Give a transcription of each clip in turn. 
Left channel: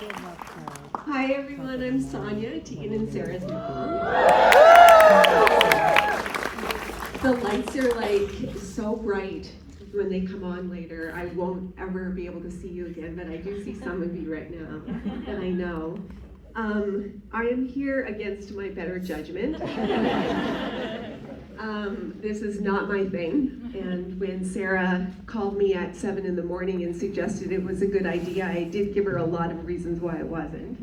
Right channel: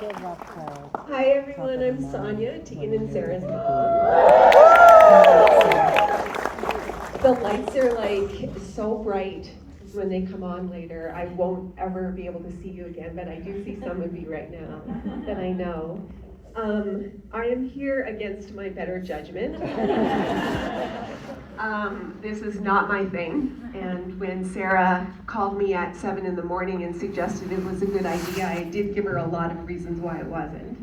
Hi everyone, I'm Sonia, Tegan and Sara's mom. The lights are like so bright when they come on later. I won't ever be able to see you again, but I do see some of you right now that I know. I am here against my better judgment. This is not my thing, and when Sara called me at 7 in the morning and suggested it was a good idea, I did give her a lot of reasons why it wasn't.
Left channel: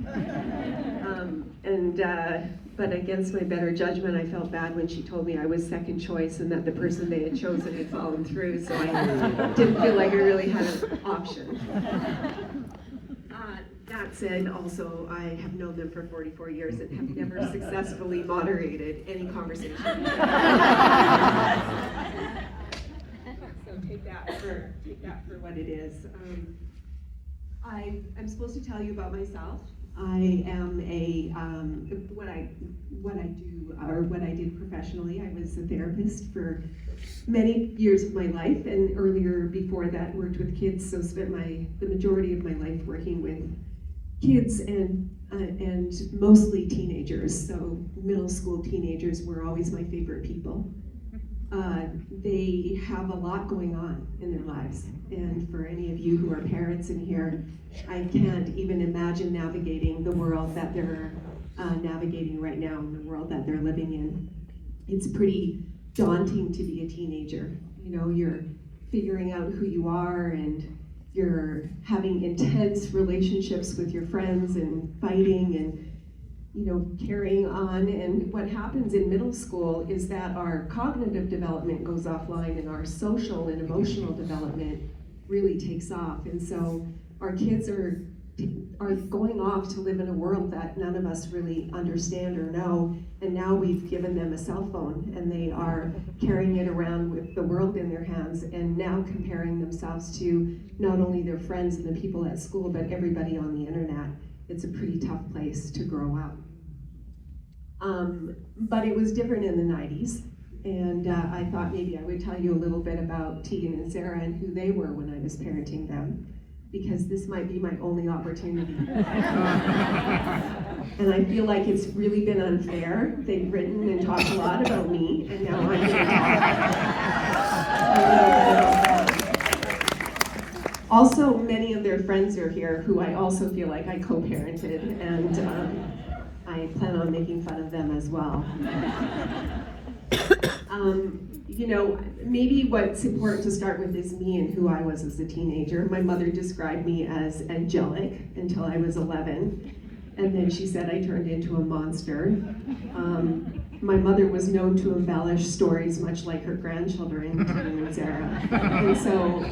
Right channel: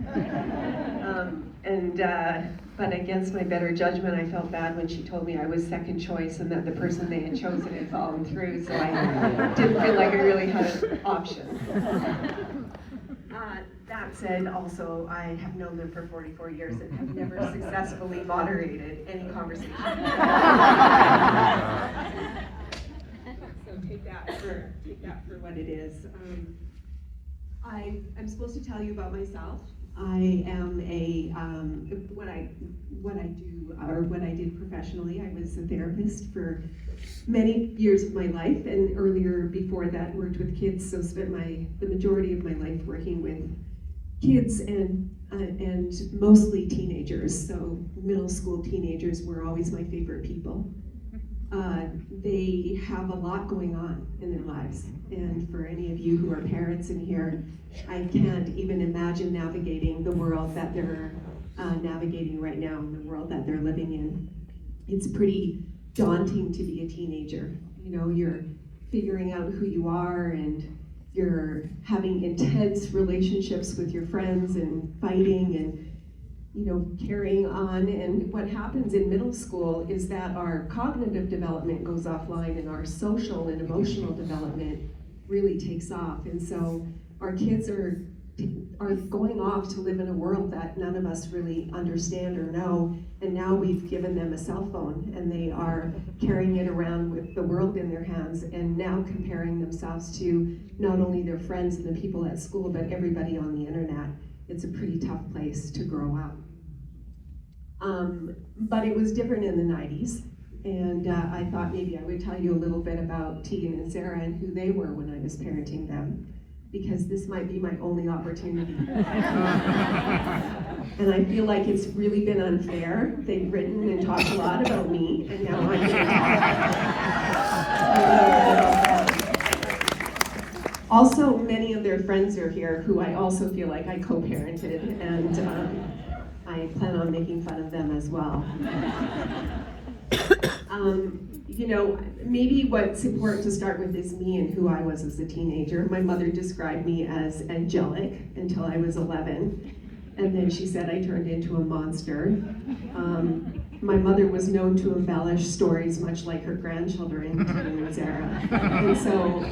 But against my better judgment, I felt bad when she told me I was second choice and that the person they had chosen had fallen through, so I didn't feel like I really had an option. That said, also, I have known them for 44 years and have never successfully moderated any conversation. So take that for what it is. I'm supposed to tell you about myself. I am what I did professionally. I was a therapist for many years of my life, and earlier before that worked with kids, so spent the majority of my life working with kids and mostly teenagers. So middle school teenagers were always my favorite people. They have a lot going on in their lives, and for any of you who are parents in here, I can't even imagine navigating the world that they're navigating right now, in the world that they're living in. It's pretty daunting to be a teenager. You know, you're figuring out who you are, and you're having intense relationships with your friends and fighting and carrying on. And what happens in middle school is that our cognitive development goes offline and our social and emotional development really takes off. And so our kids are going off to live in a world that none of us really understand or know. And now we've given them a cell phone and they are carrying it around with the world in their hands and now comparing themselves to not only their friends and the people at school, but everybody on the internet. It's a pretty tough place to grow up. But it was different in the 90s, and I thought maybe I would tell you a little bit about Tegan and Sara and who they were when I was parenting them, because this might be my only opportunity. And I feel like it's really been unfair. They've written and talked a lot about me, and now I'm also, many of their friends are here who I also feel like I co-parented, and I plan on making fun of them as well. Maybe what's important to start with is me and who I was as a teenager. My mother described me as angelic until I was 11, and then she said I turned into a monster. My mother was known to embellish stories much like her grandchildren, Tegan and Sara, and so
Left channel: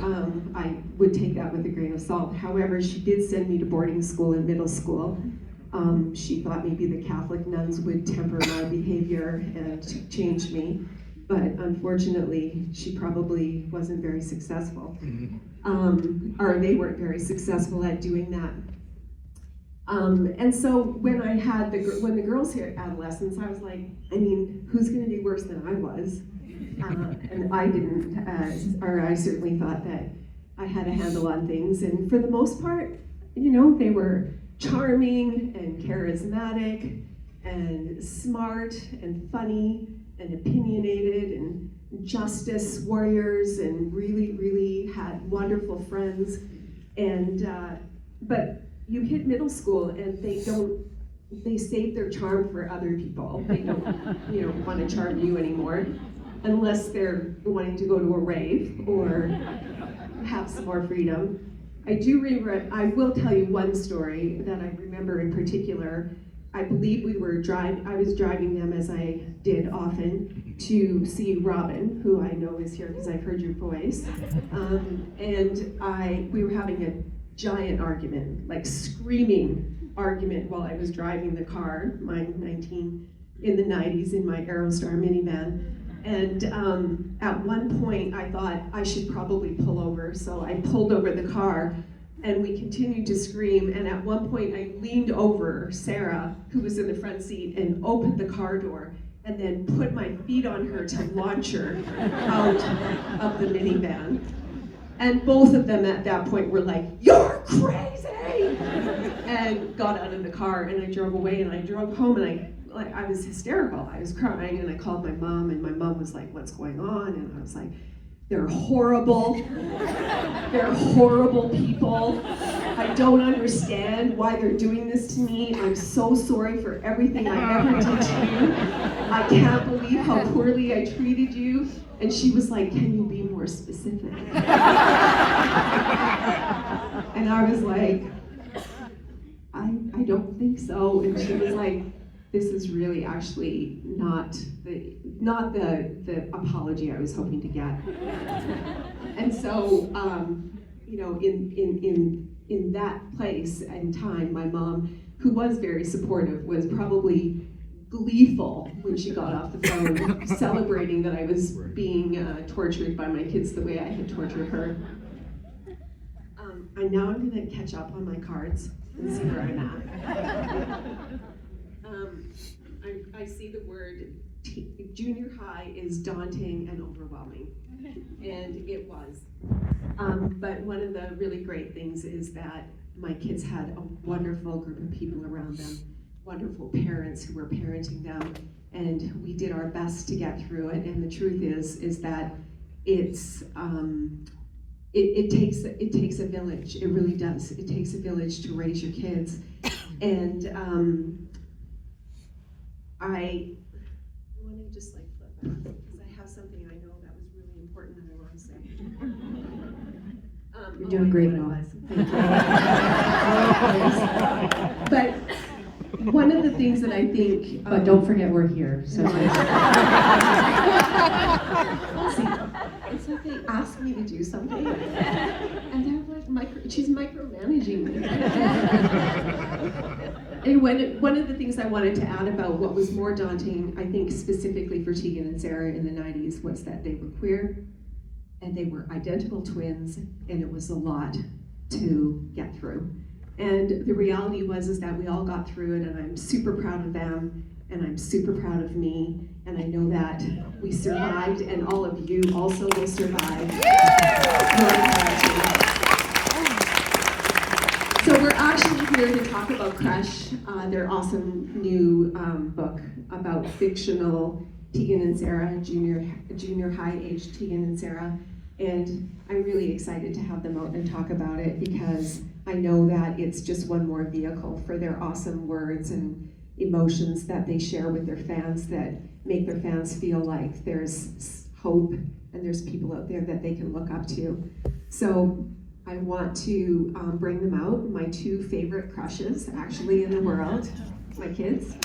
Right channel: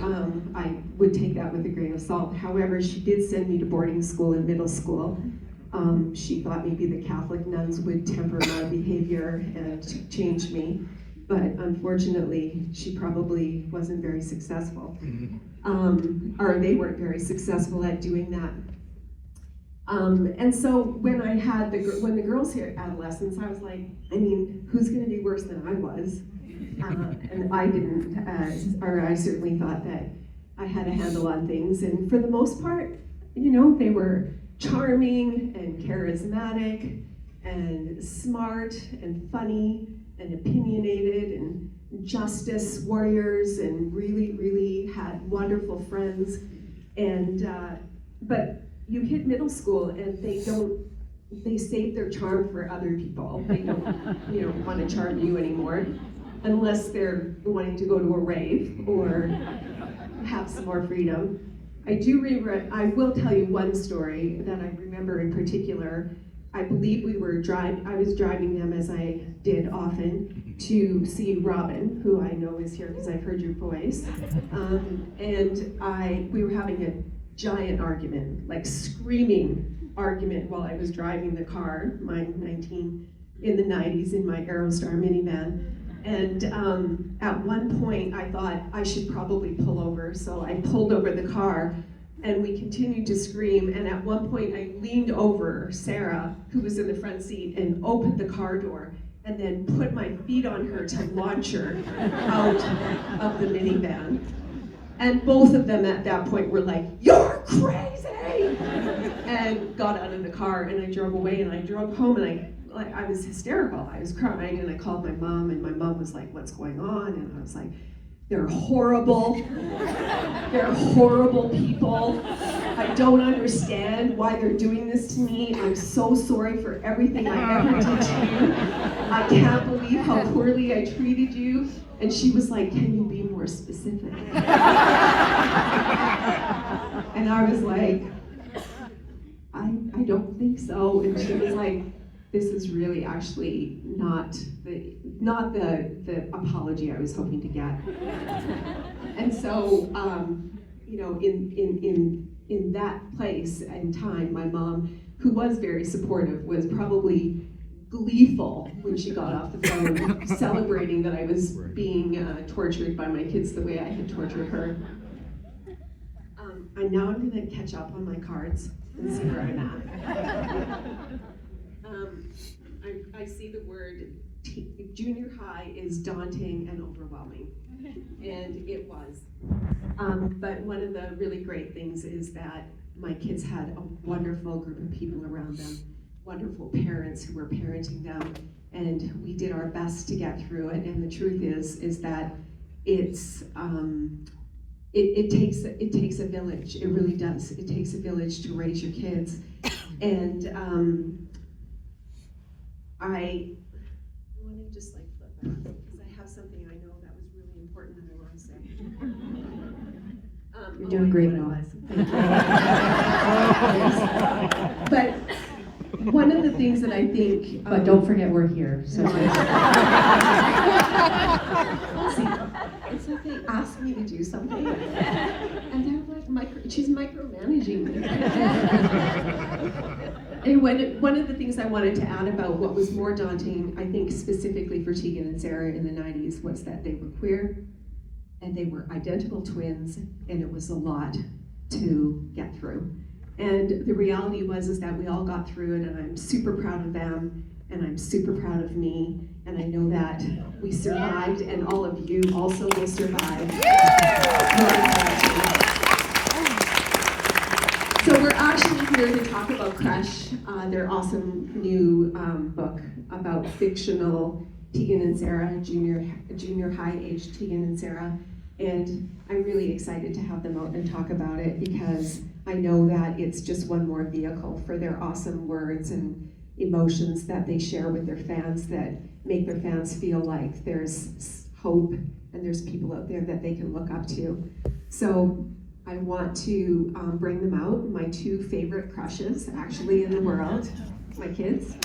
I would take that with a grain of salt. However, she did send me to boarding school in middle school. She thought maybe the Catholic nuns would temper my behavior and change me, but unfortunately, she probably wasn't very successful. Or they weren't very successful at doing that. And so when the girls hit adolescence, I was like, who's going to be worse than I was? And I didn't, or I certainly thought that I had a handle on things. And for the most part, they were charming and charismatic and smart and funny and opinionated and justice warriors and really, really had wonderful friends. And but you hit middle school and they save their charm for other people. They don't want to charm you anymore unless they're wanting to go to a rave or have some more freedom. I will tell you one story that I remember in particular. I believe I was driving them, as I did often, to see Robin, who I know is here because I've heard your voice. And we were having a giant argument, like screaming argument while I was driving the car, my 19 in the 90s in my Aerostar minivan. And at one point I thought I should probably pull over, so I pulled over the car and we continued to scream, and at one point I leaned over Sara, who was in the front seat, and opened the car door and then put my feet on her to launch her out of the minivan. And both of them at that point were like, "You're crazy!" and got out of the car, and I drove away, and I drove home, and I was hysterical. I was crying, and I called my mom, and my mom was like, "What's going on?" And I was like, "They're horrible. They're horrible people. I don't understand why they're doing this to me. I'm so sorry for everything I ever did to you. I can't believe how poorly I treated you." And she was like, "Can you be more specific?" And I was like, I don't think so. And she was like, "This is really actually not the apology I was hoping to get." And so, you know, in that place and time, my mom, who was very supportive, was probably gleeful when she got off the phone, celebrating that I was being tortured by my kids the way I had tortured her. And now I'm going to catch up on my cards and see where I'm at. I see the word junior high is daunting and overwhelming, and it was. But one of the really great things is that my kids had a wonderful group of people around them, wonderful parents who were parenting them, and we did our best to get through it. And the truth is that it's it takes a village. It really does. It takes a village to raise your kids, and I want to just like flip that because I have something I know that was really important that I want to say. You're doing great, Mom. But one of the things that I think, but don't forget we're here. So it's like they asked me to do something, and they're like, she's micromanaging me. And one of the things I wanted to add about what was more daunting, I think specifically for Tegan and Sara in the 90s, was that they were queer, and they were identical twins, and it was a lot to get through. And the reality was that we all got through it, and I'm super proud of them, and I'm super proud of me, and I know that we survived, and all of you also will survive. So we're actually here to talk about Crush, their awesome new book about fictional Tegan and Sara, junior high age Tegan and Sara. And I'm really excited to have them out and talk about it because I know that it's just one more vehicle for their awesome words and emotions that they share with their fans that make their fans feel like there's hope and there's people out there that they can look up to. So I want to bring them out, my two favorite crushes actually in the world, my kids.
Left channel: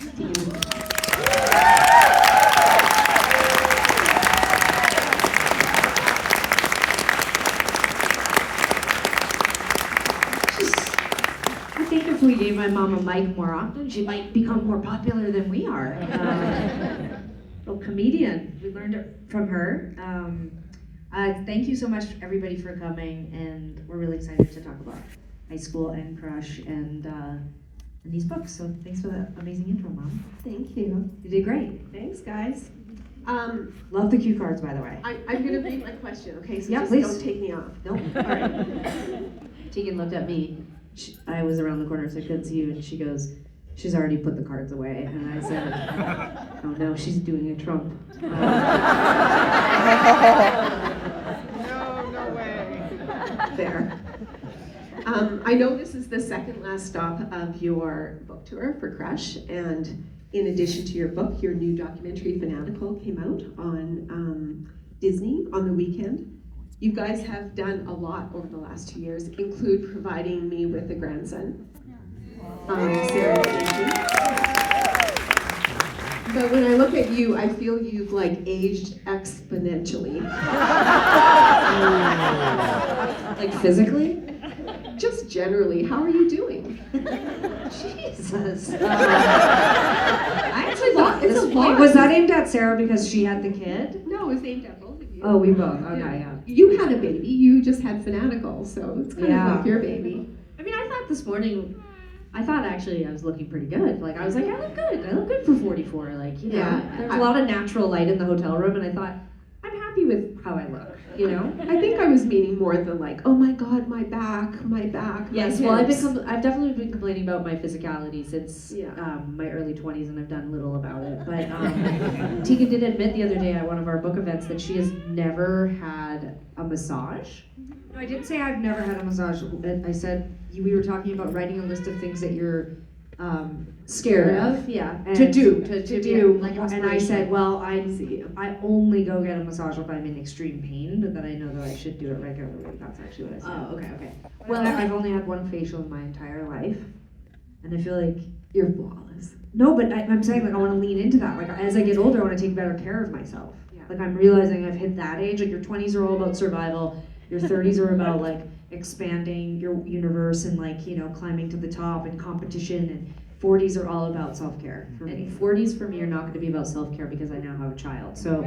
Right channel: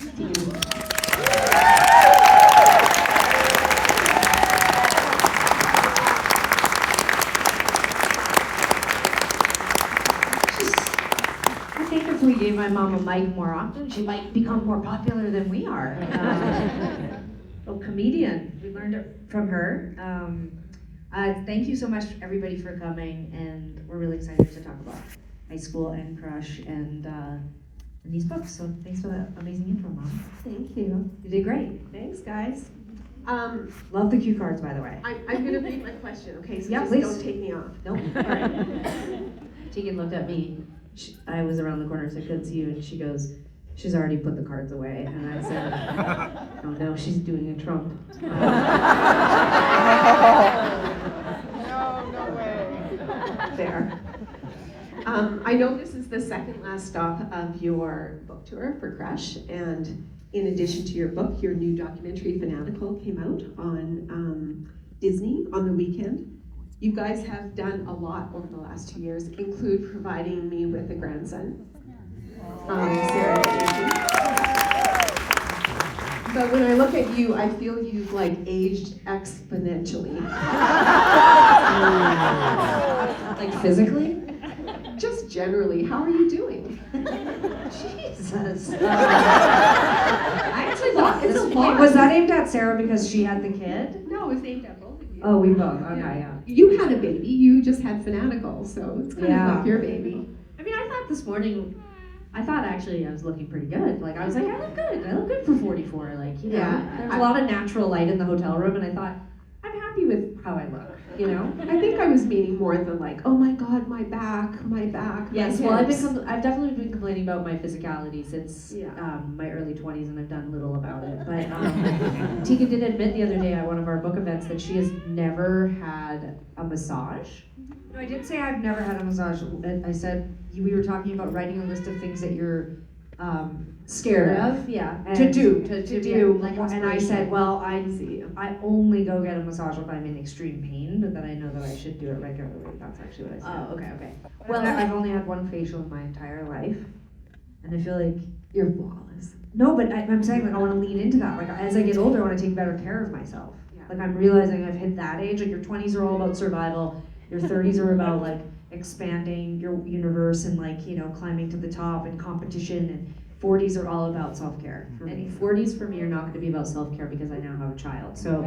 If we gave my mom a mic more often, she might become more popular than we are. Comedian, we learned it from her. Thank you so much, everybody, for coming, and we're really excited to talk about high school and Crush and these books. So thanks for that amazing intro, Mom. Thank you. You did great. Thanks, guys. Love the cue cards, by the way. I'm going to read my question, okay? So yeah, just please. Don't take me off. Nope. All right. Tegan looked at me. I was around the corner, so I couldn't see you, and she goes, "She's already put the cards away." And I said, "Oh no, she's doing a Trump." No way. There. I know this is the second last stop of your book tour for Crush, and in addition to your book, your new documentary, Fanatical, came out on Disney on the weekend. You guys have done a lot over the last 2 years, include providing me with a grandson, Sarah. But when I look at you, I feel you've like aged exponentially. Like physically? Just generally, how are you doing? Jesus. I actually thought it's a Wait, lot. was that aimed at Sarah because she had the kid? No, it's aimed at both of you. Oh, we both. Okay, yeah. You had a baby. You just had Fanatical, so it's kind of like your baby. I mean, I thought this morning, actually I was looking pretty good. Like, I was like, I look good. I look good for 44. Like, you know, Yeah. there's a lot of natural light in the hotel room, and I thought, I'm happy with how I look. you know? I think I was meaning more than like, oh my God, my back, my Yes, hips. well, I've definitely been complaining about my physicality since Yeah. my early 20s, and I've done little about it. But Tegan did admit the other day at one of our book events that she has never had a massage. No, I didn't say I've never had a massage. I said we were talking about writing a list of things that you're scared of. Yeah. To do. Like, and I said, well, I only go get a massage if I'm in extreme pain, but that I know that I should do it regularly. That's actually what I said. Oh, okay. Well, I've only had one facial in my entire life, and I feel like You're flawless. no, but I'm saying like I want to lean into that. Like as I get older, I want to take better care of myself. Yeah. Like I'm realizing I've hit that age. Like your 20s are all about survival. Your 30s are about like expanding your universe and like, you know, climbing to the top and competition, and 40s are all about self-care. And 40s for me are not going to be about self-care because I now have a child. So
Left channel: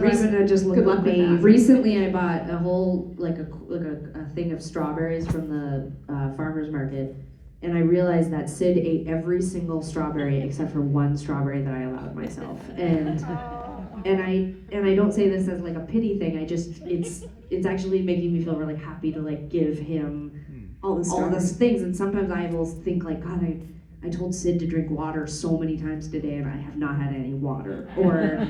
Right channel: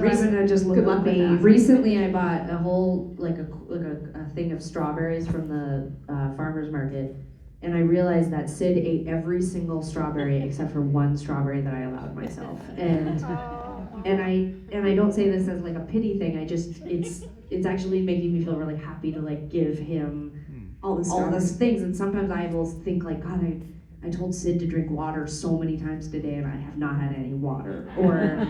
Raven just looked at me. Recently I bought a whole like a thing of strawberries from the farmer's market, and I realized that Sid ate every single strawberry except for one strawberry that I allowed myself. And I don't say this as like a pity thing. I just it's actually making me feel really happy to like give him all those things. And sometimes I will think like, God, I told Sid to drink water so many times today and I have not had any water. Or,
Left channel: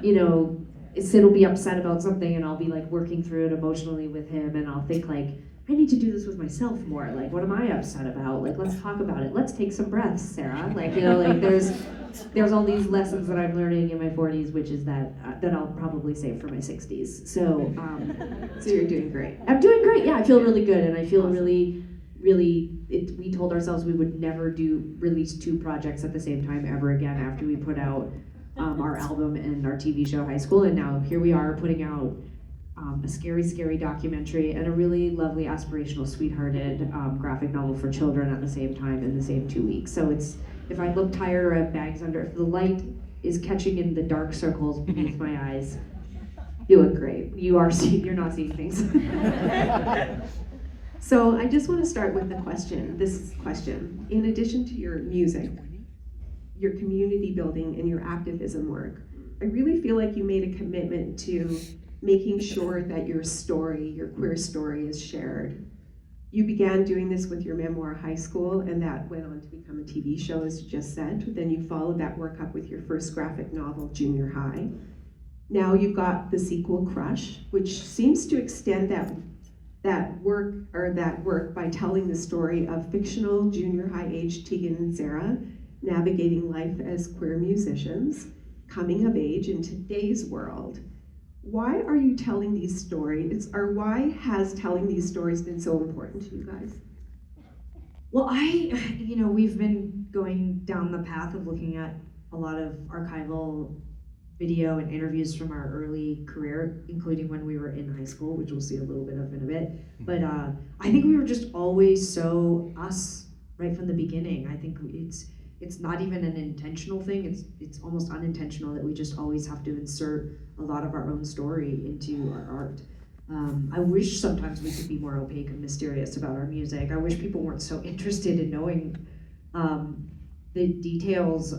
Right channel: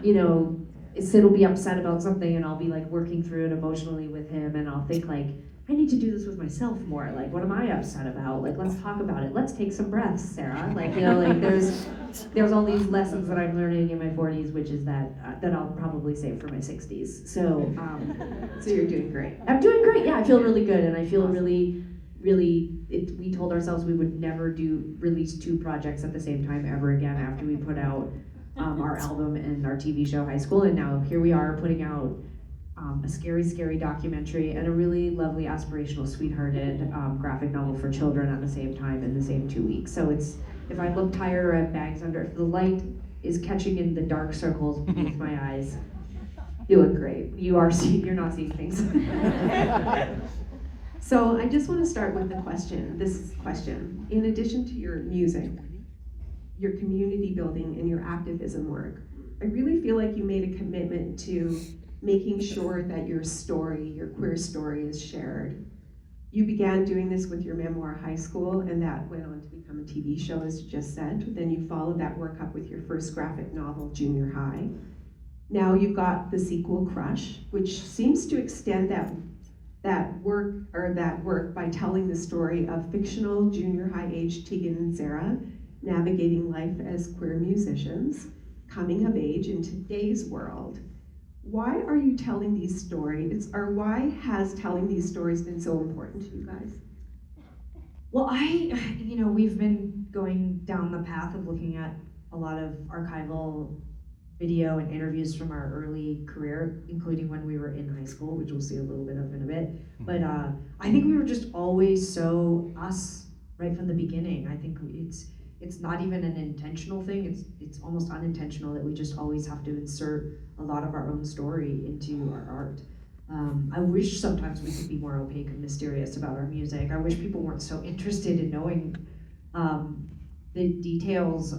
you know, Sid will be upset about something and I'll be like working through it emotionally with him, and I'll think like, I need to do this with myself more. Like, what am I upset about? Like, let's talk about it. Let's take some breaths, Sarah. Like, you know, like there's all these lessons that I'm learning in my 40s, which is that I'll probably save for my 60s. So, So you're doing great. I'm doing great. Yeah, I feel really good, and I feel really. We told ourselves we would never release 2 projects at the same time ever again after we put out our album and our TV show High School, and now here we are putting out a scary documentary and a really lovely aspirational sweethearted graphic novel for children at the same time in the same 2 weeks. So it's, if I look tired or have bags under, if the light is catching in the dark circles beneath my eyes, you look great. You're not seeing things. So I just want to start with this question. In addition to your music, your community building, and your activism work, I really feel like you made a commitment to making sure that your story, your queer story, is shared. You began doing this with your memoir, High School, and that went on to become a TV show, as you just said. Then you followed that work up with your first graphic novel, Junior High. Now you've got the sequel, Crush, which seems to extend that work by telling the story of fictional junior high age Tegan and Sara navigating life as queer musicians, coming of age in today's world. Why are you telling these stories, or why has telling these stories been so important to you guys? Well, we've been going down the path of looking at a lot of archival video and interviews from our early career, including when we were in high school, which we'll see a little bit of in a bit. But I think we were just always so us right from the beginning. I think it's not even an intentional thing. It's almost unintentional that we just always have to insert a lot of our own story into our art. I wish sometimes we could be more opaque and mysterious about our music. I wish people weren't so interested in knowing the details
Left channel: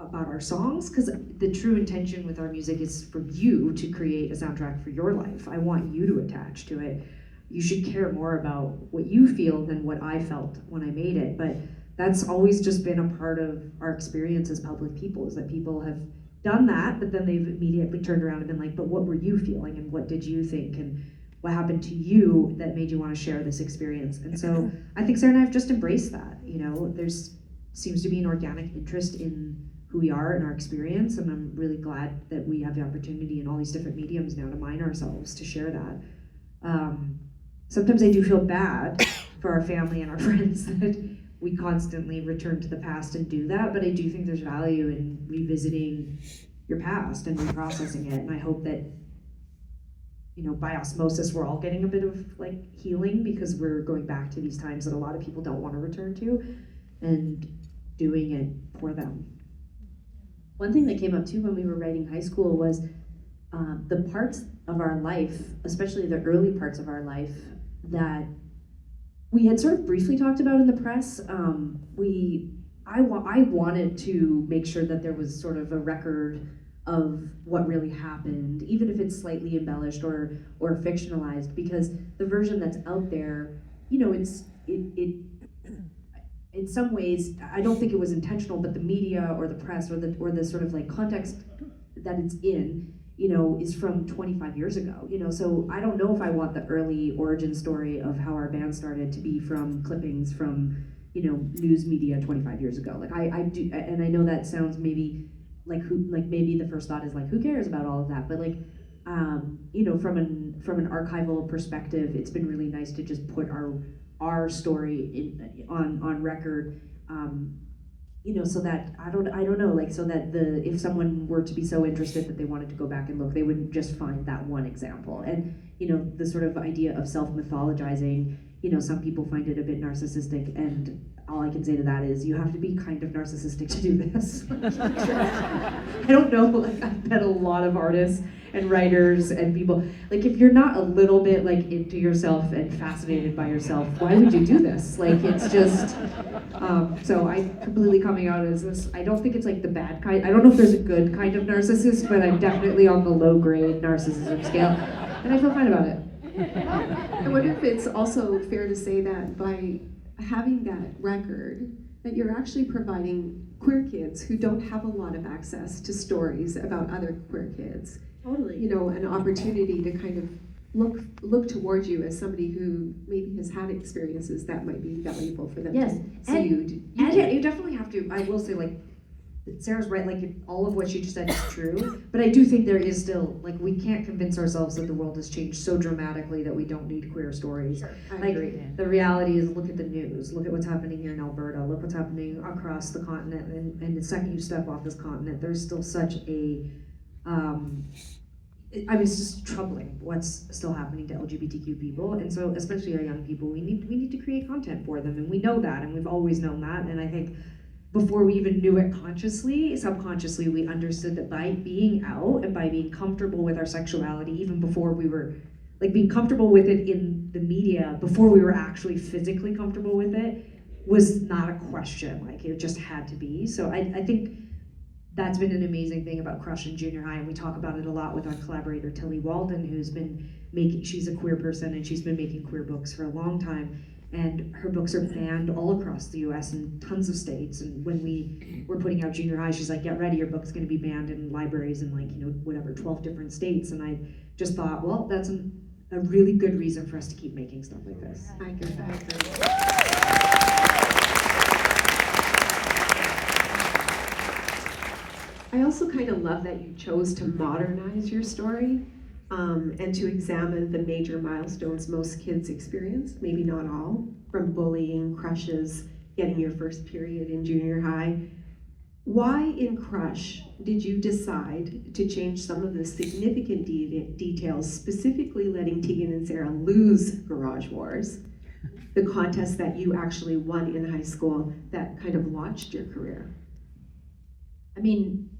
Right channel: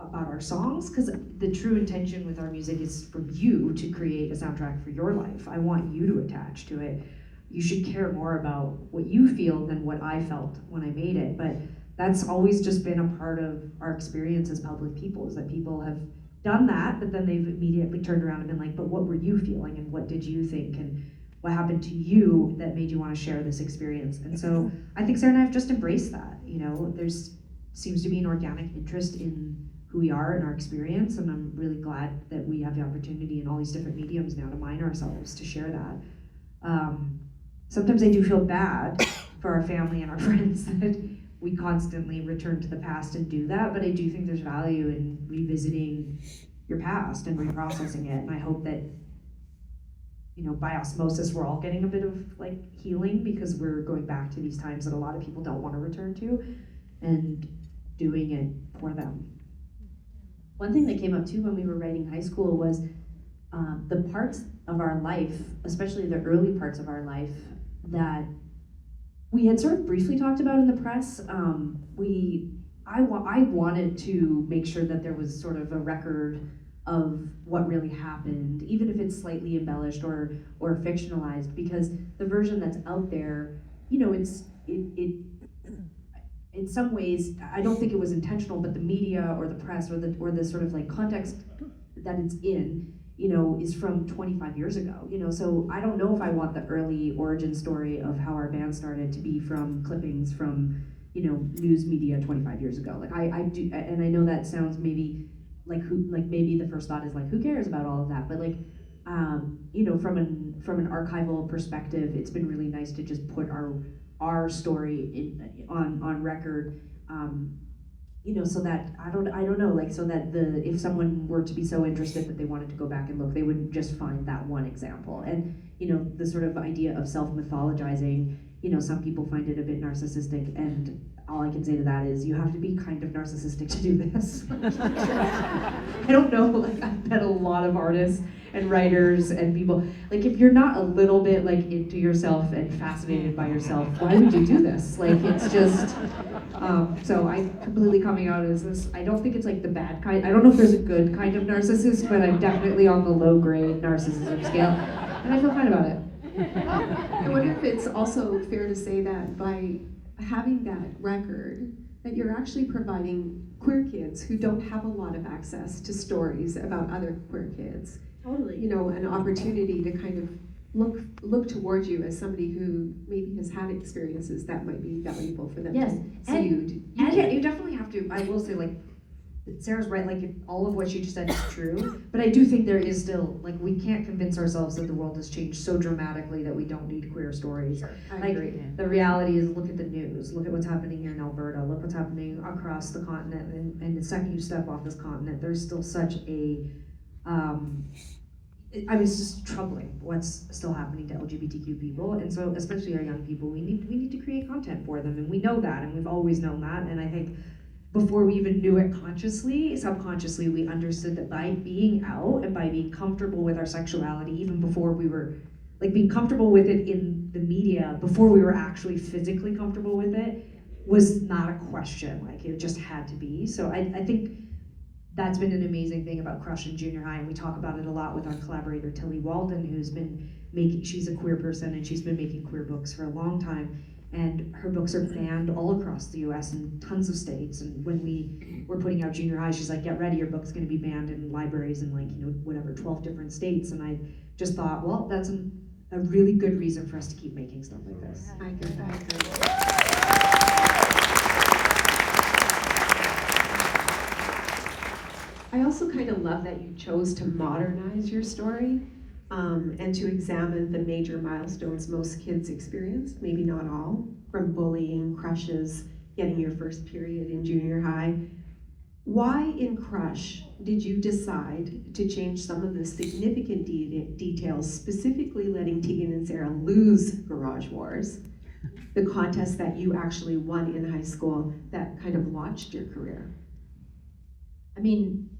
about our songs, because the true intention with our music is for you to create a soundtrack for your life. I want you to attach to it. You should care more about what you feel than what I felt when I made it. But that's always just been a part of our experience as public people, is that people have done that, but then they've immediately turned around and been like, but what were you feeling, and what did you think, and what happened to you that made you want to share this experience? And so I think Sarah and I have just embraced that. You know, there's seems to be an organic interest in who we are and our experience, and I'm really glad that we have the opportunity in all these different mediums now to mine ourselves, to share that. Sometimes I do feel bad for our family and our friends that we constantly return to the past and do that, but I do think there's value in revisiting your past and reprocessing it, and I hope that, you know, by osmosis we're all getting a bit of like healing, because we're going back to these times that a lot of people don't want to return to, and doing it for them. One thing that came up too when we were writing High School was the parts of our life, especially the early parts of our life, that we had sort of briefly talked about in the press. I wanted to make sure that there was sort of a record of what really happened, even if it's slightly embellished or fictionalized, because the version that's out there, you know, it in some ways, I don't think it was intentional, but the media or the press or the sort of like context that it's in, you know, is from 25 years ago, you know, so I don't know if I want the early origin story of how our band started to be from clippings from, you know, news media 25 years ago. Like I do, and I know that sounds maybe like maybe the first thought is like, who cares about all of that? But like, you know, from an archival perspective, it's been really nice to just put our story on record, you know, so that I don't know, like, so that if someone were to be so interested that they wanted to go back and look, they would just find that one example. And you know, the sort of idea of self-mythologizing, you know, some people find it a bit narcissistic, and all I can say to that is you have to be kind of narcissistic to do this. I don't know, like, I bet a lot of artists and writers and people, like, if you're not a little bit like into yourself and fascinated by yourself, why would you do this? Like, it's just, so I completely coming out as this, I don't think it's like the bad kind, I don't know if there's a good kind of narcissist, but I'm definitely on the low grade narcissism scale, and I feel fine about it. I wonder if it's also fair to say that by having that record, that you're actually providing queer kids who don't have a lot of access to stories about other queer kids, Totally. you know, an opportunity to kind of look towards you as somebody who maybe has had experiences that might be valuable for them. Yes, to see you definitely have to. I will say, like, Sarah's right. Like, all of what she just said is true, but I do think there is still, like, we can't convince ourselves that the world has changed so dramatically that we don't need queer stories. I Like, agree. the reality is, look at the news. Look at what's happening here in Alberta. Look what's happening across the continent. And the second you step off this continent, there's still such a I mean, it's just troubling what's still happening to LGBTQ people, and so especially our young people, we need to create content for them, and we know that, and we've always known that, and I think before we even knew it consciously, subconsciously, we understood that by being out and by being comfortable with our sexuality, even before we were, like, being comfortable with it in the media, before we were actually physically comfortable with it, was not a question. Like, it just had to be. So I think that's been an amazing thing about Crush in junior high, and we talk about it a lot with our collaborator Tilly Walden, who's been she's a queer person, and she's been making queer books for a long time, and her books are banned all across the US in tons of states. And when we were putting out junior high, she's like, get ready, your book's gonna be banned in libraries in, like, you know, whatever, 12 different states. And I just thought, well, that's a really good reason for us to keep making stuff like this. I agree. I also kind of love that you chose to modernize your story, and to examine the major milestones most kids experience, maybe not all, from bullying, crushes, getting your first period in junior high. Why in Crush did you decide to change some of the significant details, specifically letting Tegan and Sara lose Garage Wars, the contest that you actually won in high school that kind of launched your career? I mean,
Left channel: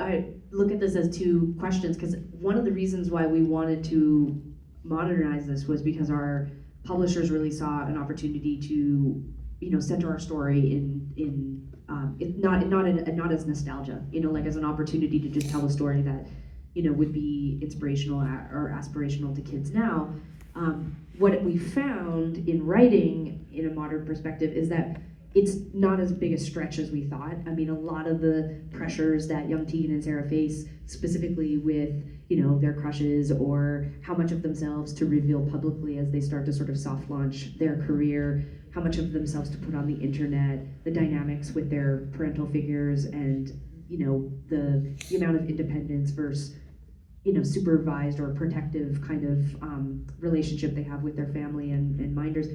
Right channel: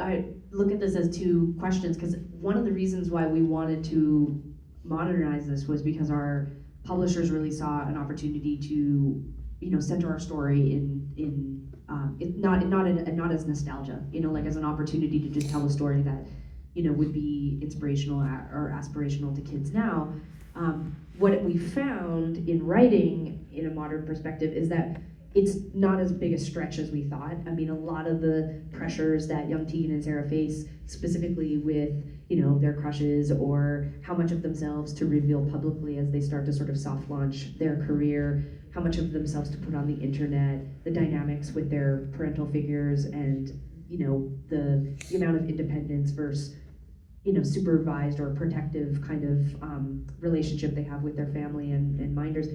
I look at this as two questions, because one of the reasons why we wanted to modernize this was because our publishers really saw an opportunity to, you know, center our story not as nostalgia, you know, like as an opportunity to just tell a story that, you know, would be inspirational or aspirational to kids now. What we found in writing in a modern perspective is that it's not as big a stretch as we thought. I mean, a lot of the pressures that young Tegan and Sara face, specifically with, you know, their crushes or how much of themselves to reveal publicly as they start to sort of soft launch their career, how much of themselves to put on the internet, the dynamics with their parental figures, and, you know, the amount of independence versus, you know, supervised or protective kind of relationship they have with their family and minders.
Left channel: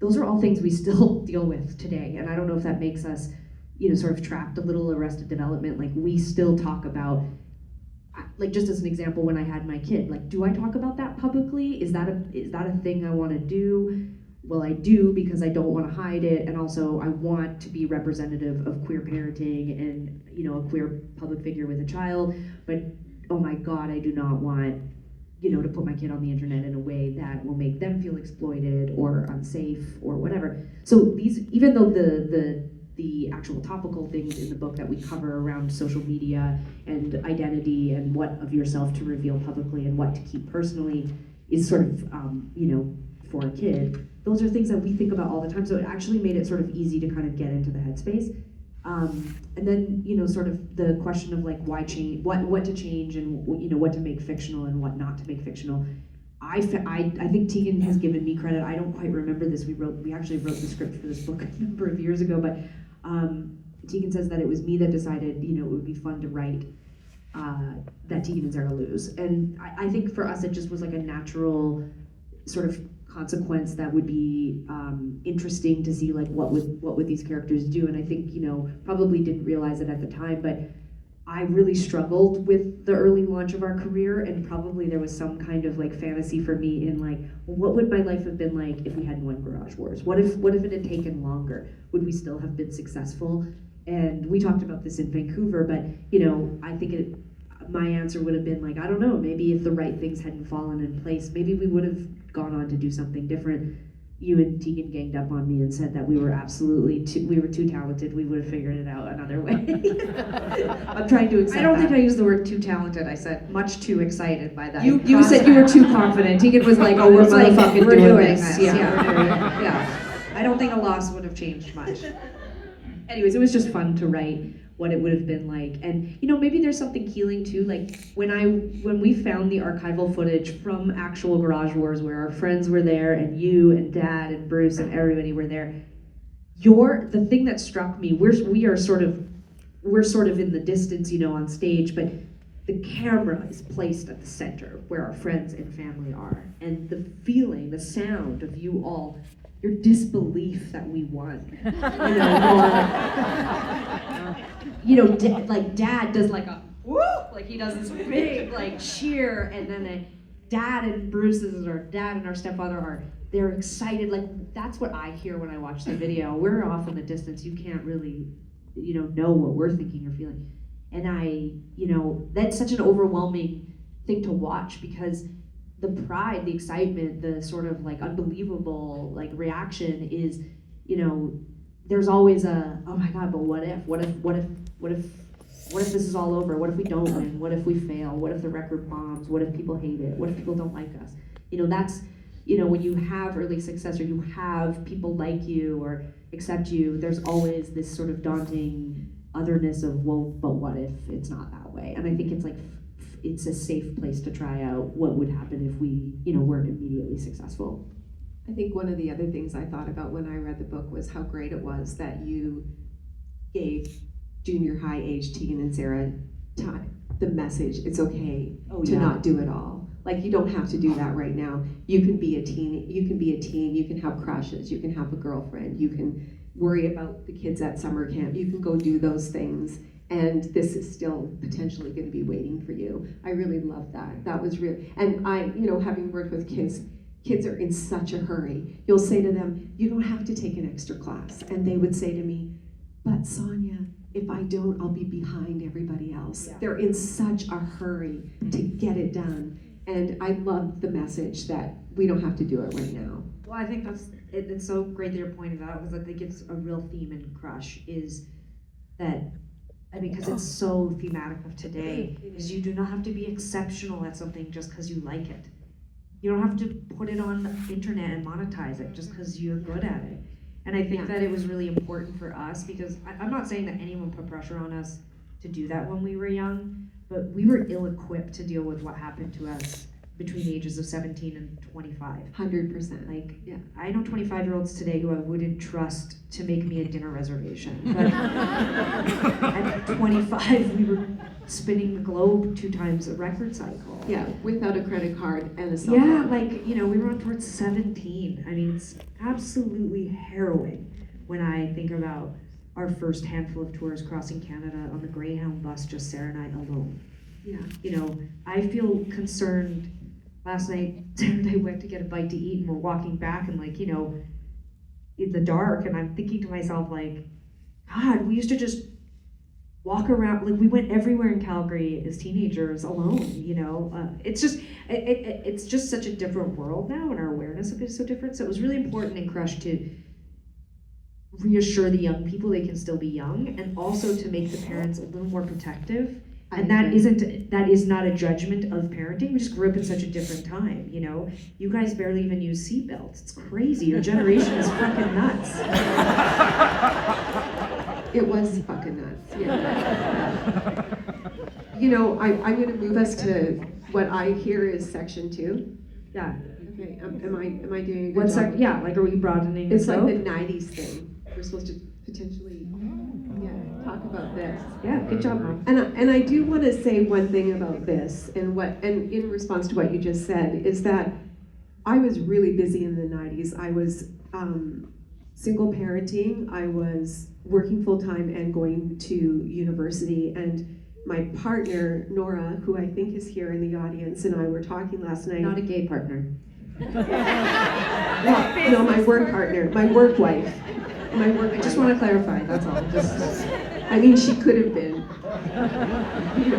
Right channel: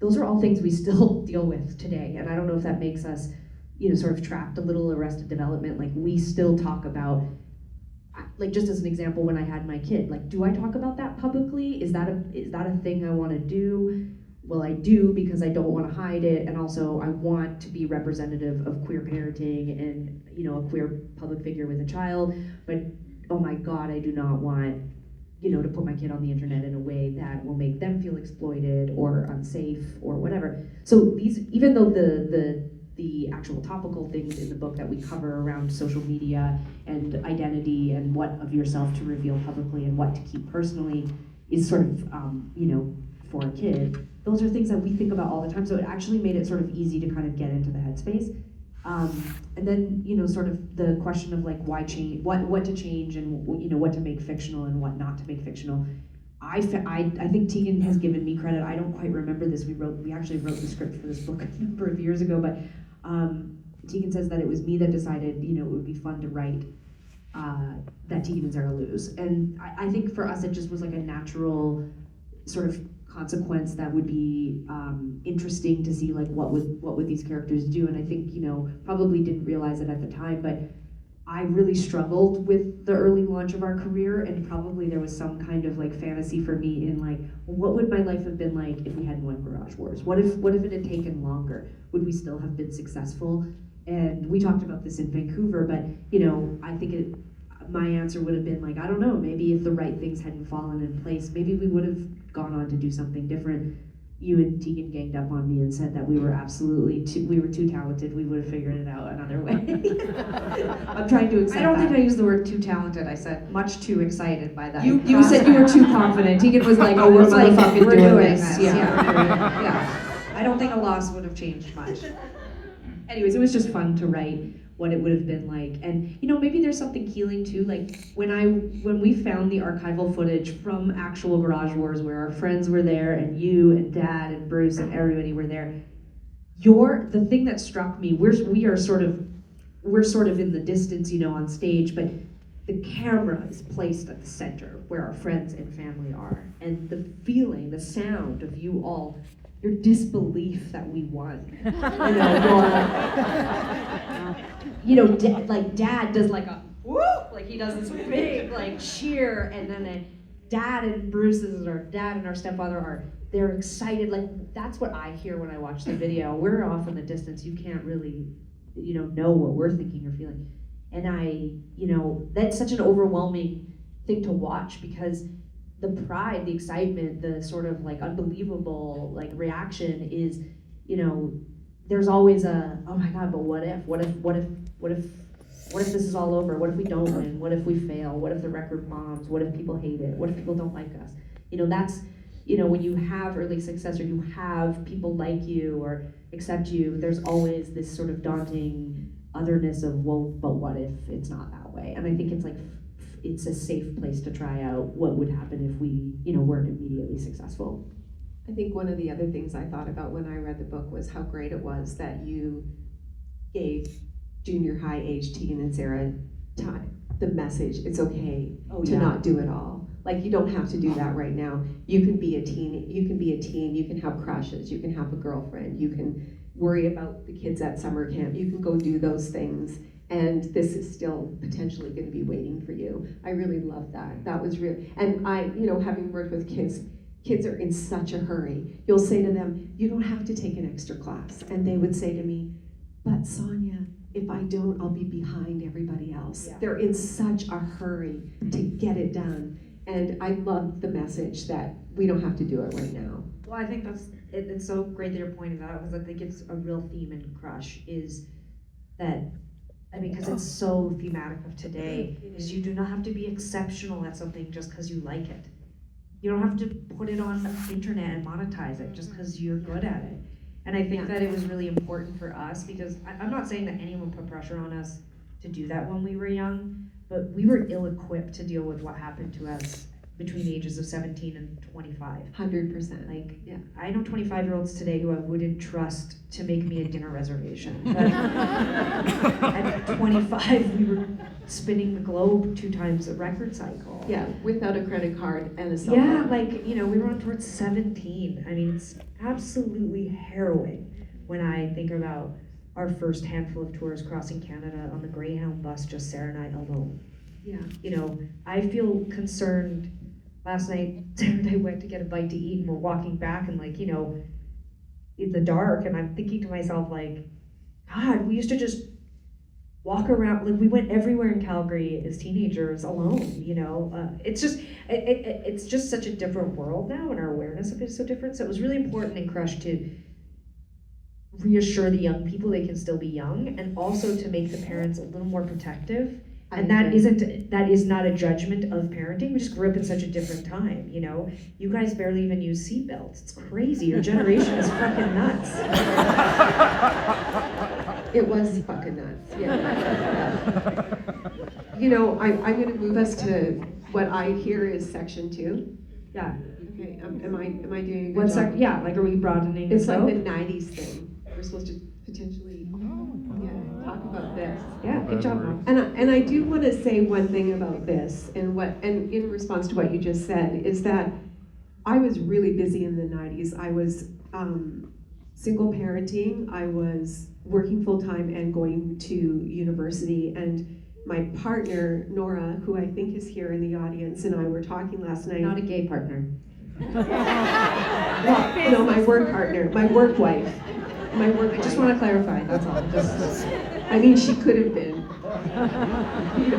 Those are all things we still deal with today, and I don't know if that makes us, you know, sort of trapped a little Arrested Development. Like, we still talk about, like, just as an example, when I had my kid, like, do I talk about that publicly? Is that a thing I want to do? Well, I do, because I don't want to hide it, and also I want to be representative of queer parenting and, you know, a queer public figure with a child. But oh my God, I do not want, you know, to put my kid on the internet in a way that will make them feel exploited or unsafe or whatever. So these, even though the the actual topical things in the book that we cover around social media and identity and what of yourself to reveal publicly and what to keep personally is sort of, for a kid. Those are things that we think about all the time, so it actually made it sort of easy to kind of get into the headspace. And then, sort of the question of like why change, what to change, and what to make fictional and what not to make fictional. I think Tegan has given me credit. I don't quite remember this. We actually wrote the script for this book a number of years ago, but Tegan says that it was me that decided, it would be fun to write that Tegan and Sara lose. And I think for us, it just was like a natural sort of consequence that would be interesting to see, like what would these characters do. And I think, probably didn't realize it at the time, but I really struggled with the early launch of our career, and probably there was some kind of like fantasy for me in like, well, what would my life have been like if we hadn't won Garage Wars? What if it had taken longer? Would we still have been successful? And we talked about this in Vancouver, but I think my answer would have been like, I don't know, maybe if the right things hadn't fallen in place, maybe we would have gone on to do something different. You and Tegan ganged up on me and said that we were too talented, we would have figured it out another way. I'm trying to accept I don't that. think I used the word too talented. I said much too excited by that. You said you were too confident. Tegan was like, oh, we're gonna fucking we're do doing this. this. Yeah. I don't think a loss would have changed much. Anyways, it was just fun to write what it would have been like. And maybe there's something healing too, like when we found the archival footage from actual Garage Wars where our friends were there and you and Dad and Bruce and everybody were there, the thing that struck me, we're sort of in the distance, on stage, but the camera is placed at the center where our friends and family are. And the feeling, the sound of you all, your disbelief that we won. Like Dad does like a whoop, like he does this big like cheer, and then Dad and Bruce's, or Dad and our stepfather they're excited. Like that's what I hear when I watch the video. We're off in the distance. You can't really, know what we're thinking or feeling. And that's such an overwhelming thing to watch, because the pride, the excitement, the sort of like unbelievable like reaction is, there's always a, oh my God, but what if this is all over? What if we don't win? What if we fail? What if the record bombs? What if people hate it? What if people don't like us? That's, when you have early success or you have people like you or accept you, there's always this sort of daunting otherness of, well, but what if it's not that way? And I think it's like, it's a safe place to try out what would happen if we, weren't immediately successful. I think one of the other things I thought about when I read the book was how great it was that you gave junior high age Tegan and Sara time, the message, it's okay to not do it all. Like, you don't have to do that right now. You can be a teen, you can have crushes, you can have a girlfriend, you can worry about the kids at summer camp, you can go do those things, and this is still potentially going to be waiting for you. I really love that. That was real. And I, having worked with kids are in such a hurry. You'll say to them, you don't have to take an extra class. And they would say to me, but Sonia, if I don't, I'll be behind everybody else. Yeah. They're in such a hurry to get it done. And I love the message that we don't have to do it right now. Well, I think it's so great that you're pointing that out, because I think it's a real theme in Crush, is that, because it's so thematic of today, is you do not have to be exceptional at something just because you like it. You don't have to put it on the internet and monetize it just because you're good at it. And I think that it was really important for us, because I'm not saying that anyone put pressure on us to do that when we were young, but we were ill-equipped to deal with what happened to us between the ages of 17 and 25. 100%. Like, yeah, I know 25-year-olds today who I wouldn't trust to make me a dinner reservation. But at 25, we were spinning the globe 2 times a record cycle. Yeah, without a credit card and a cell Yeah, phone. like, we were on towards 17. I mean, it's absolutely harrowing when I think about our first handful of tours crossing Canada on the Greyhound bus, just Sara and I alone. Yeah. I feel concerned. Last night, Sara and I went to get a bite to eat, and we're walking back, and in the dark, and I'm thinking to myself, like, God, we used to just walk around, like, we went everywhere in Calgary as teenagers alone, it's just such a different world now, and our awareness of it is so different. So it was really important in Crush to reassure the young people they can still be young, and also to make the parents a little more protective. And that is not a judgment of parenting. We just grew up in such a different time, you know? You guys barely even use seatbelts. It's crazy. Your generation is fucking nuts. It was fucking nuts, yeah. You know, I'm gonna move us to what I hear is section 2. Yeah. Okay, am I doing a good What's job? that? Yeah, like, are we broadening It's the like the scope? 90s thing. We're supposed to potentially, talk about this. Yeah, good job, Mom. And I do want to say one thing about this, and in response to what you just said, is that I was really busy in the 90s. I was single parenting. I was working full time and going to university. And my partner Nora, who I think is here in the audience, and I were talking last night. Not a gay partner. No, my work partner, my work wife. I just want to clarify, that's all. I mean, she could have been.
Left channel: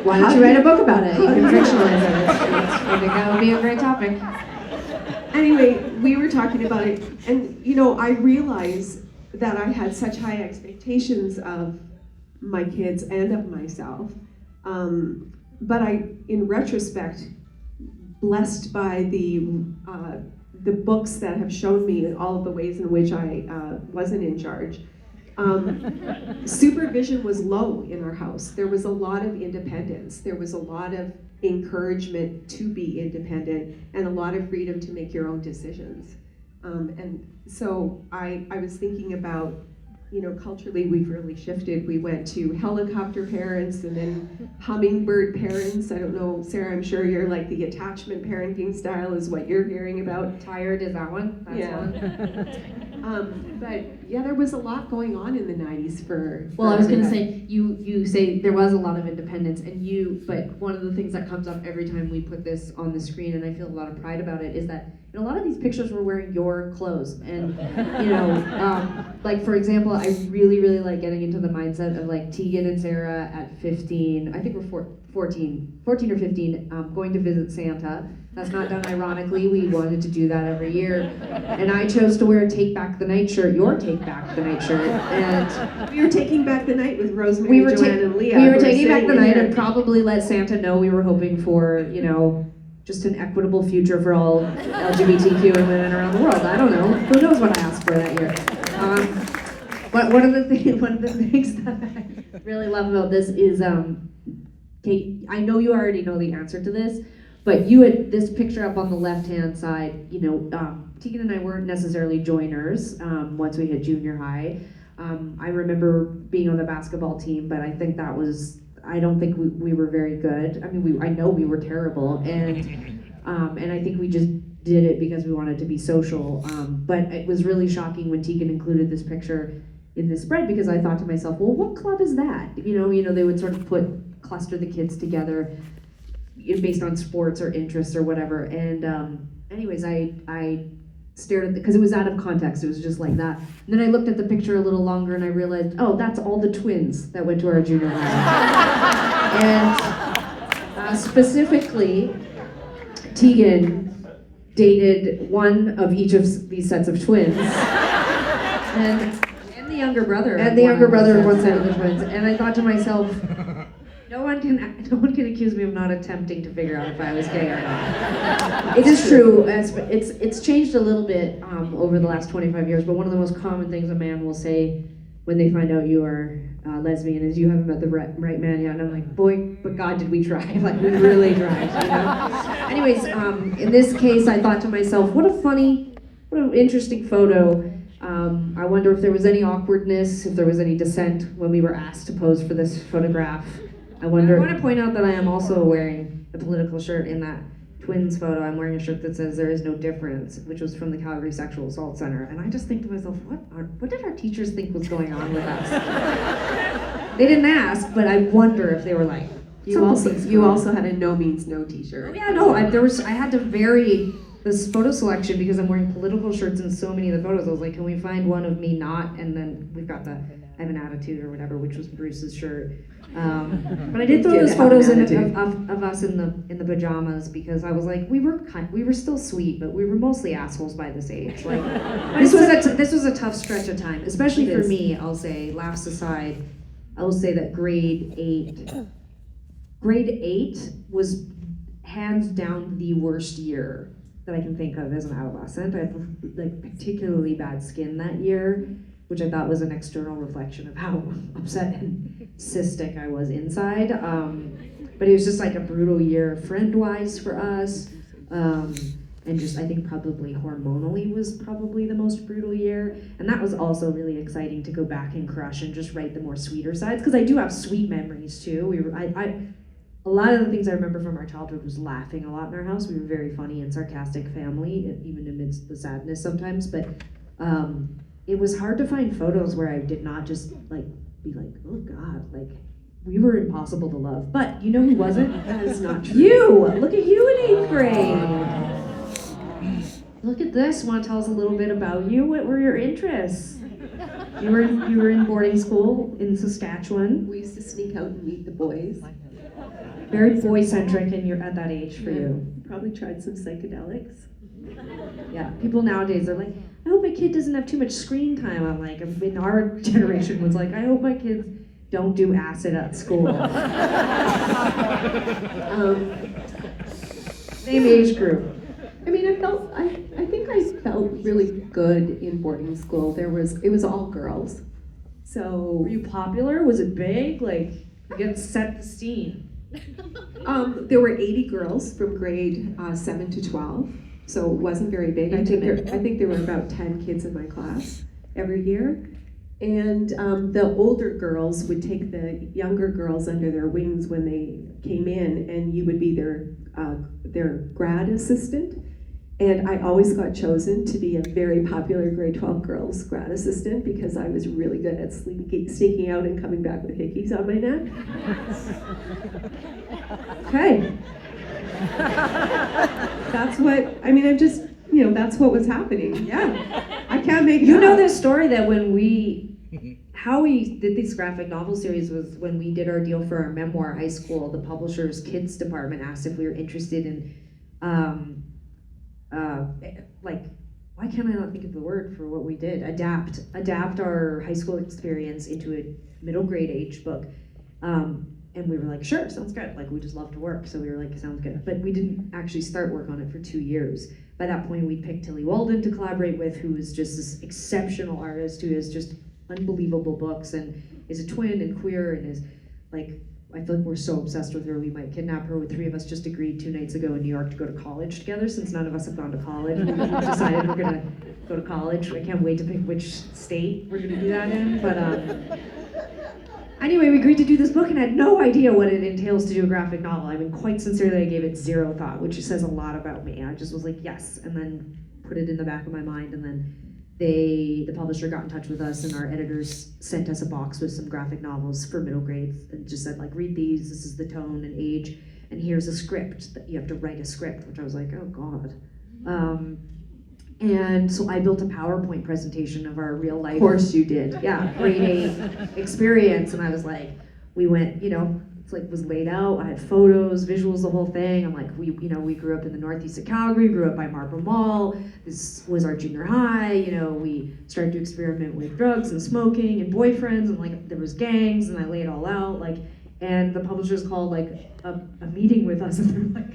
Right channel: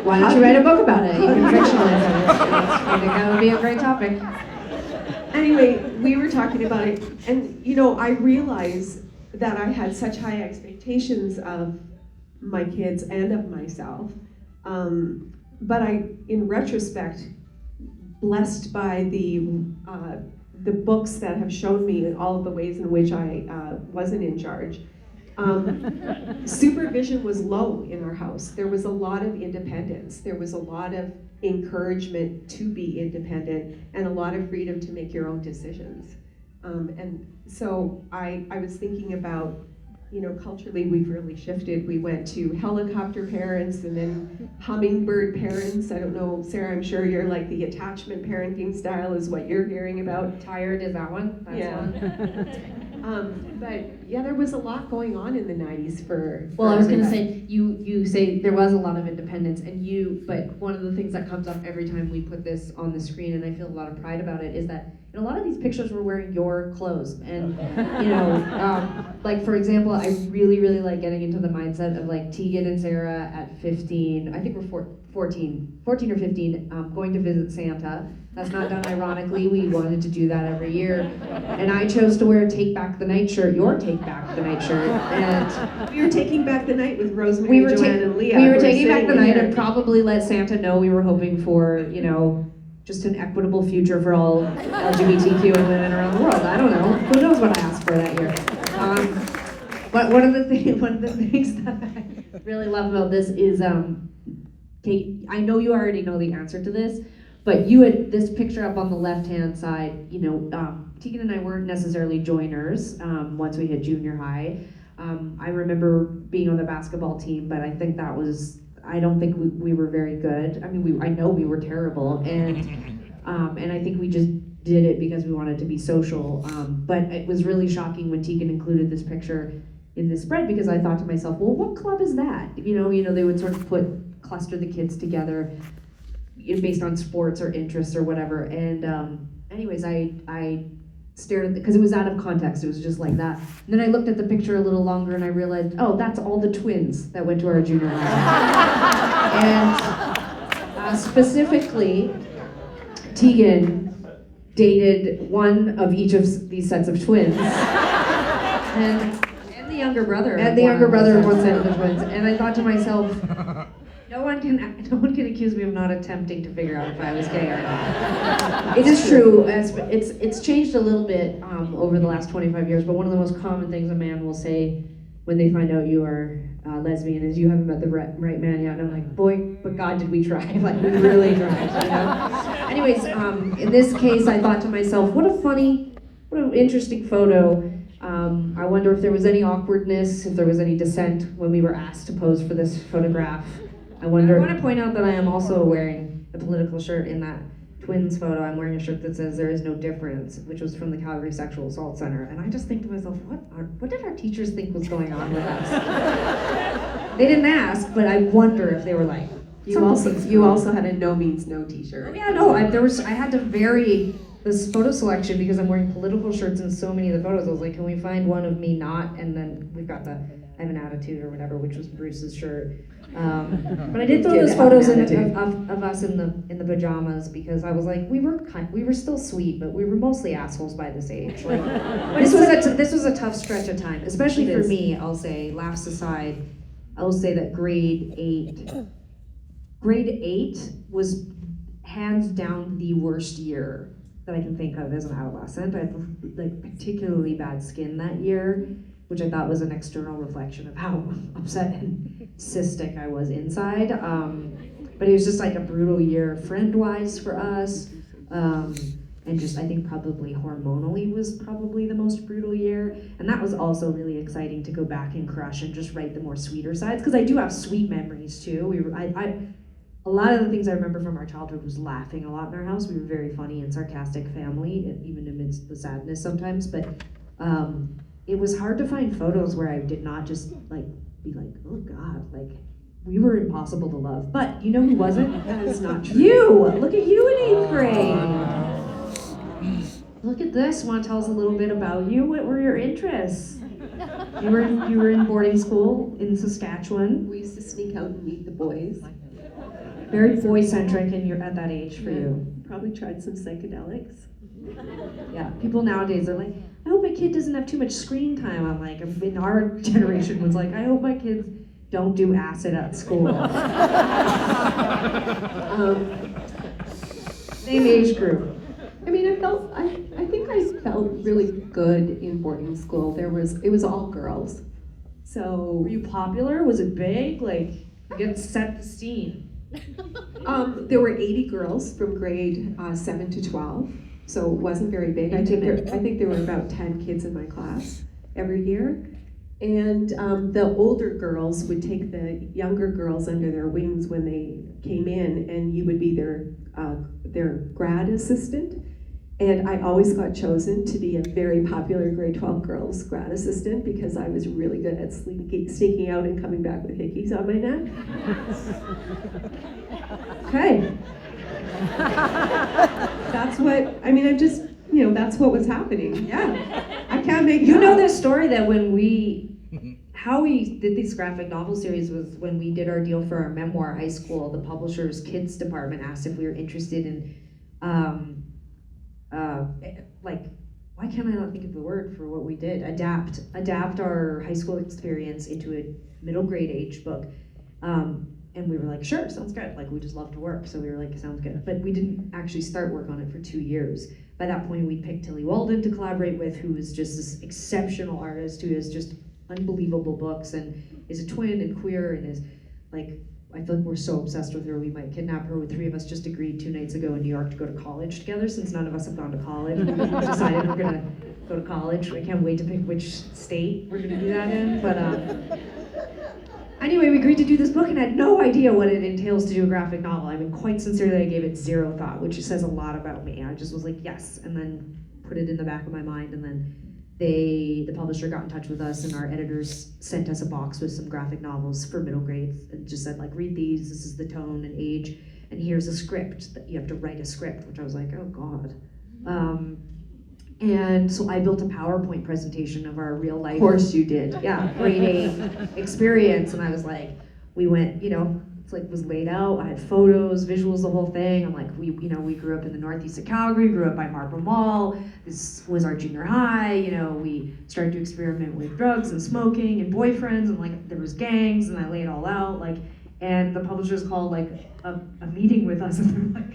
Why don't you write a book about it? You can fictionalize it. I think that would be a great topic. Anyway, we were talking about it, and you know, I realized that I had such high expectations of my kids and of myself. But in retrospect, blessed by the books that have shown me all of the ways in which I wasn't in charge. Supervision was low in our house. There was a lot of independence. There was a lot of encouragement to be independent and a lot of freedom to make your own decisions. And so I was thinking about, you know, culturally we've really shifted. We went to helicopter parents and then hummingbird parents. I don't know, Sarah, I'm sure you're like the attachment parenting style is what you're hearing about. Tired, is that one? That's Yeah. one. But yeah, there was a lot going on in the 90s for Well, I was gonna everybody. say, you say there was a lot of independence, but one of the things that comes up every time we put this on the screen, and I feel a lot of pride about it, is that in a lot of these pictures we're wearing your clothes, and you know, like for example, I really, really like getting into the mindset of like Tegan and Sara at 15, I think we're 14 or 15, going to visit Santa. That's not done ironically, we wanted to do that every year. And I chose to wear a Take Back the Night shirt, your Take Back the Night shirt. And We were taking back the night with Rosemary, Joanne, and Leah. we were We're taking back sitting the night here. and probably let Santa know we were hoping for, you know, just an equitable future for all LGBTQ women around the world. I don't know. Who knows what I asked for that year. But one of the things that I really love about this is, Kate, I know you already know the answer to this, but you had this picture up on the left-hand side, you know, Tegan and I weren't necessarily joiners once we hit junior high. I remember being on the basketball team, but I think that was, I don't think we were very good. I mean, I know we were terrible, and I think we just did it because we wanted to be social. But it was really shocking when Tegan included this picture in the spread, because I thought to myself, well, what club is that? You know, they would sort of cluster the kids together based on sports or interests or whatever. And anyways, I stared at because it was out of context. It was just like that. And then I looked at the picture a little longer and I realized, oh, that's all the twins that went to our junior high. And specifically, Tegan dated one of each of these sets of twins. And the younger brother. And the younger brother of one set of the twins. And I thought to myself, no one can accuse me of not attempting to figure out if I was gay or not. It is true, it's changed a little bit over the last 25 years, but one of the most common things a man will say when they find out you are lesbian is, you haven't met the right man yet. And I'm like, boy, but God, did we try. Like, we really tried, you know? Anyways, in this case, I thought to myself, what an interesting photo. I wonder if there was any awkwardness, if there was any dissent when we were asked to pose for this photograph. I want to point out that I am also wearing a political shirt in that twins photo. I'm wearing a shirt that says "There is no difference," which was from the Calgary Sexual Assault Center. And I just think to myself, what did our teachers think was going on with us? They didn't ask, but I wonder if they were like, You also had a no means no t-shirt. yeah, no, I had to vary this photo selection because I'm wearing political shirts in so many of the photos. I was like, can we find one of me not? And then we've got I have an attitude or whatever, which was Bruce's shirt. But I did throw those photos of us in the pajamas because I was like, we were still sweet, but we were mostly assholes by this age. Like, this was a tough stretch of time, especially for me. I'll say, laughs aside, I will say that grade 8 was hands down the worst year that I can think of as an adolescent. I had like particularly bad skin that year, which I thought was an external reflection of how upset and cystic I was inside. But it was just like a brutal year friend-wise for us. And just, I think probably hormonally was probably the most brutal year. And that was also really exciting to go back and crush and just write the more sweeter sides, because I do have sweet memories too. A lot of the things I remember from our childhood was laughing a lot in our house. We were a very funny and sarcastic family, even amidst the sadness sometimes. But it was hard to find photos where I did not just like be like, oh God, like we were impossible to love. But you know who wasn't? That is not true. You! Look at you in 8th grade. Look at this. Want to tell us a little bit about you? What were your interests? You were in boarding school in Saskatchewan. We used to sneak out and meet the boys. Very boy-centric at that age for you. Probably tried some psychedelics. Yeah, people nowadays are like, I hope my kid doesn't have too much screen time. I'm like, in our generation was like, I hope my kids don't do acid at school. Same age group. I mean, I think I felt really good in boarding school. It was all girls. So Were you popular? Was it big? Like, you get to set the scene. there were 80 girls from grade 7 to 12, so it wasn't very big. I think there were about 10 kids in my class every year. And the older girls would take the younger girls under their wings when they came in, and you would be their grad assistant. And I always got chosen to be a very popular grade 12 girls grad assistant because I was really good at sneaking out and coming back with hickeys on my neck. Okay. That's what, I mean, that's what was happening. Yeah. I can't make You it know up. this story that how we did this graphic novel series was when we did our deal for our memoir high school, the publisher's kids department asked if we were interested in, why can't I not think of the word for what we did? Adapt our high school experience into a middle grade age book. And we were like, sure, sounds good. Like, we just love to work. So we were like, sounds good. But we didn't actually start work on it for 2 years. By that point, we picked Tilly Walden to collaborate with, who is just this exceptional artist who has just unbelievable books and is a twin and queer and is like, I feel like we're so obsessed with her, we might kidnap her. 3 of us just agreed 2 nights ago in New York to go to college together, since none of us have gone to college. We decided we're gonna go to college. I can't wait to pick which state we're gonna do that in. But anyway, we agreed to do this book and had no idea what it entails to do a graphic novel. I mean, quite sincerely, I gave it 0 thought, which says a lot about me. I just was like, yes, and then put it in the back of my mind, and then the publisher got in touch with us, and our editors sent us a box with some graphic novels for middle grades and just said, like, read these, this is the tone and age, and here's a script that you have to write a script, which I was like, oh God. And so I built a PowerPoint presentation of our real life. Of course you did. Yeah, grade 8 experience, and I was like, we went, it's like was laid out. I had photos, visuals, the whole thing. I'm like, we grew up in the northeast of Calgary, grew up by Marble Mall. This was our junior high. We started to experiment with drugs and smoking and boyfriends, and like there was gangs, and I laid it all out. Like, and the publishers called like a meeting with us, and they're like,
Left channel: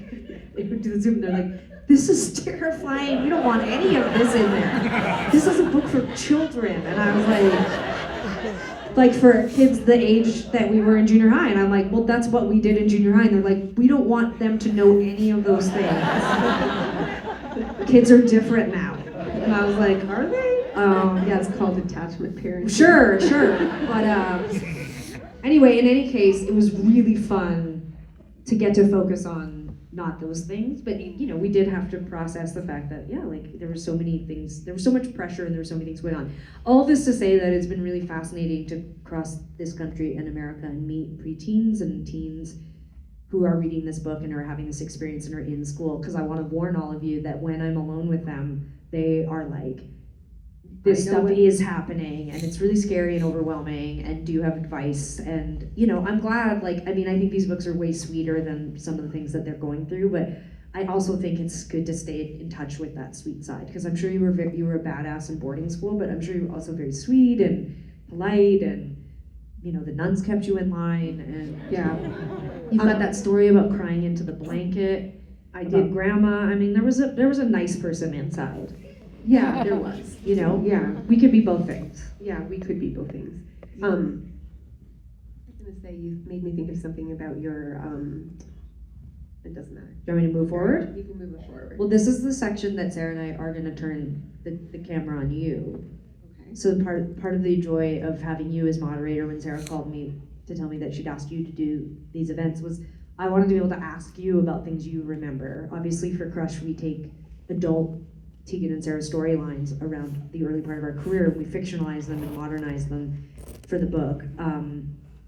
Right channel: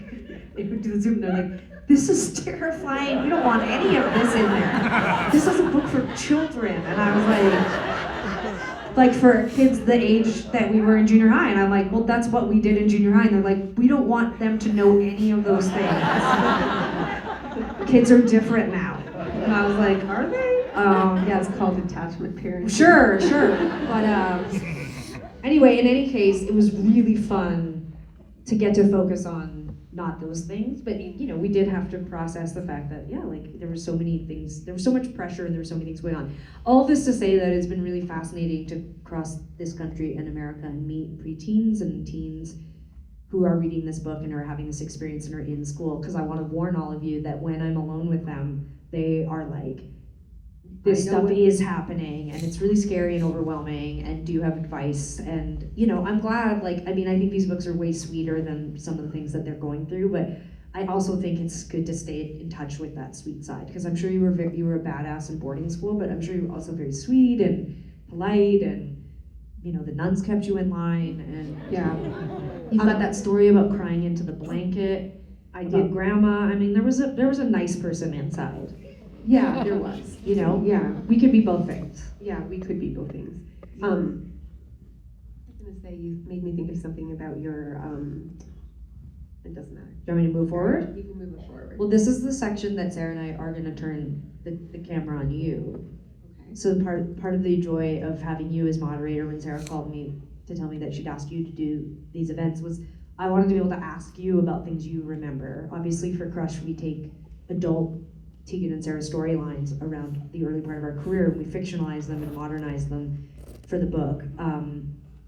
they would do the Zoom. They're like, this is terrifying. We don't want any of this in there. This is a book for children. And I was like for kids the age that we were in junior high. And I'm like, well, that's what we did in junior high. And they're like, we don't want them to know any of those things. Kids are different now. And I was like, are they? Yeah, it's called attachment parenting. Sure. But anyway, in any case, it was really fun to get to focus on not those things, but we did have to process the fact that there were so many things, there was so much pressure, and there were so many things going on. All this to say that it's been really fascinating to cross this country and America and meet preteens and teens who are reading this book and are having this experience and are in school, because I want to warn all of you that when I'm alone with them, they are like this stuff is happening and it's really scary and overwhelming, and do you have advice? And I'm glad, I think these books are way sweeter than some of the things that they're going through, but I also think it's good to stay in touch with that sweet side, because I'm sure you were a badass in boarding school, but I'm sure you were also very sweet and polite, and the nuns kept you in line, and you've got that story about crying into the blanket. I did grandma. I mean, there was a nice person inside. Yeah, there was. We could be both things. Yeah, we could be both things. I was gonna say, you made me think of something about your, it doesn't matter. Do you want me to move forward? You can move it forward. Well, this is the section that Sarah and I are going to turn the camera on you. Okay. So part of the joy of having you as moderator, when Sarah called me to tell me that she'd asked you to do these events, was I wanted to be able to ask you about things you remember. Obviously for Crush, we take adult Tegan and Sara storylines around the early part of our career, and we fictionalize them and modernize them for the book.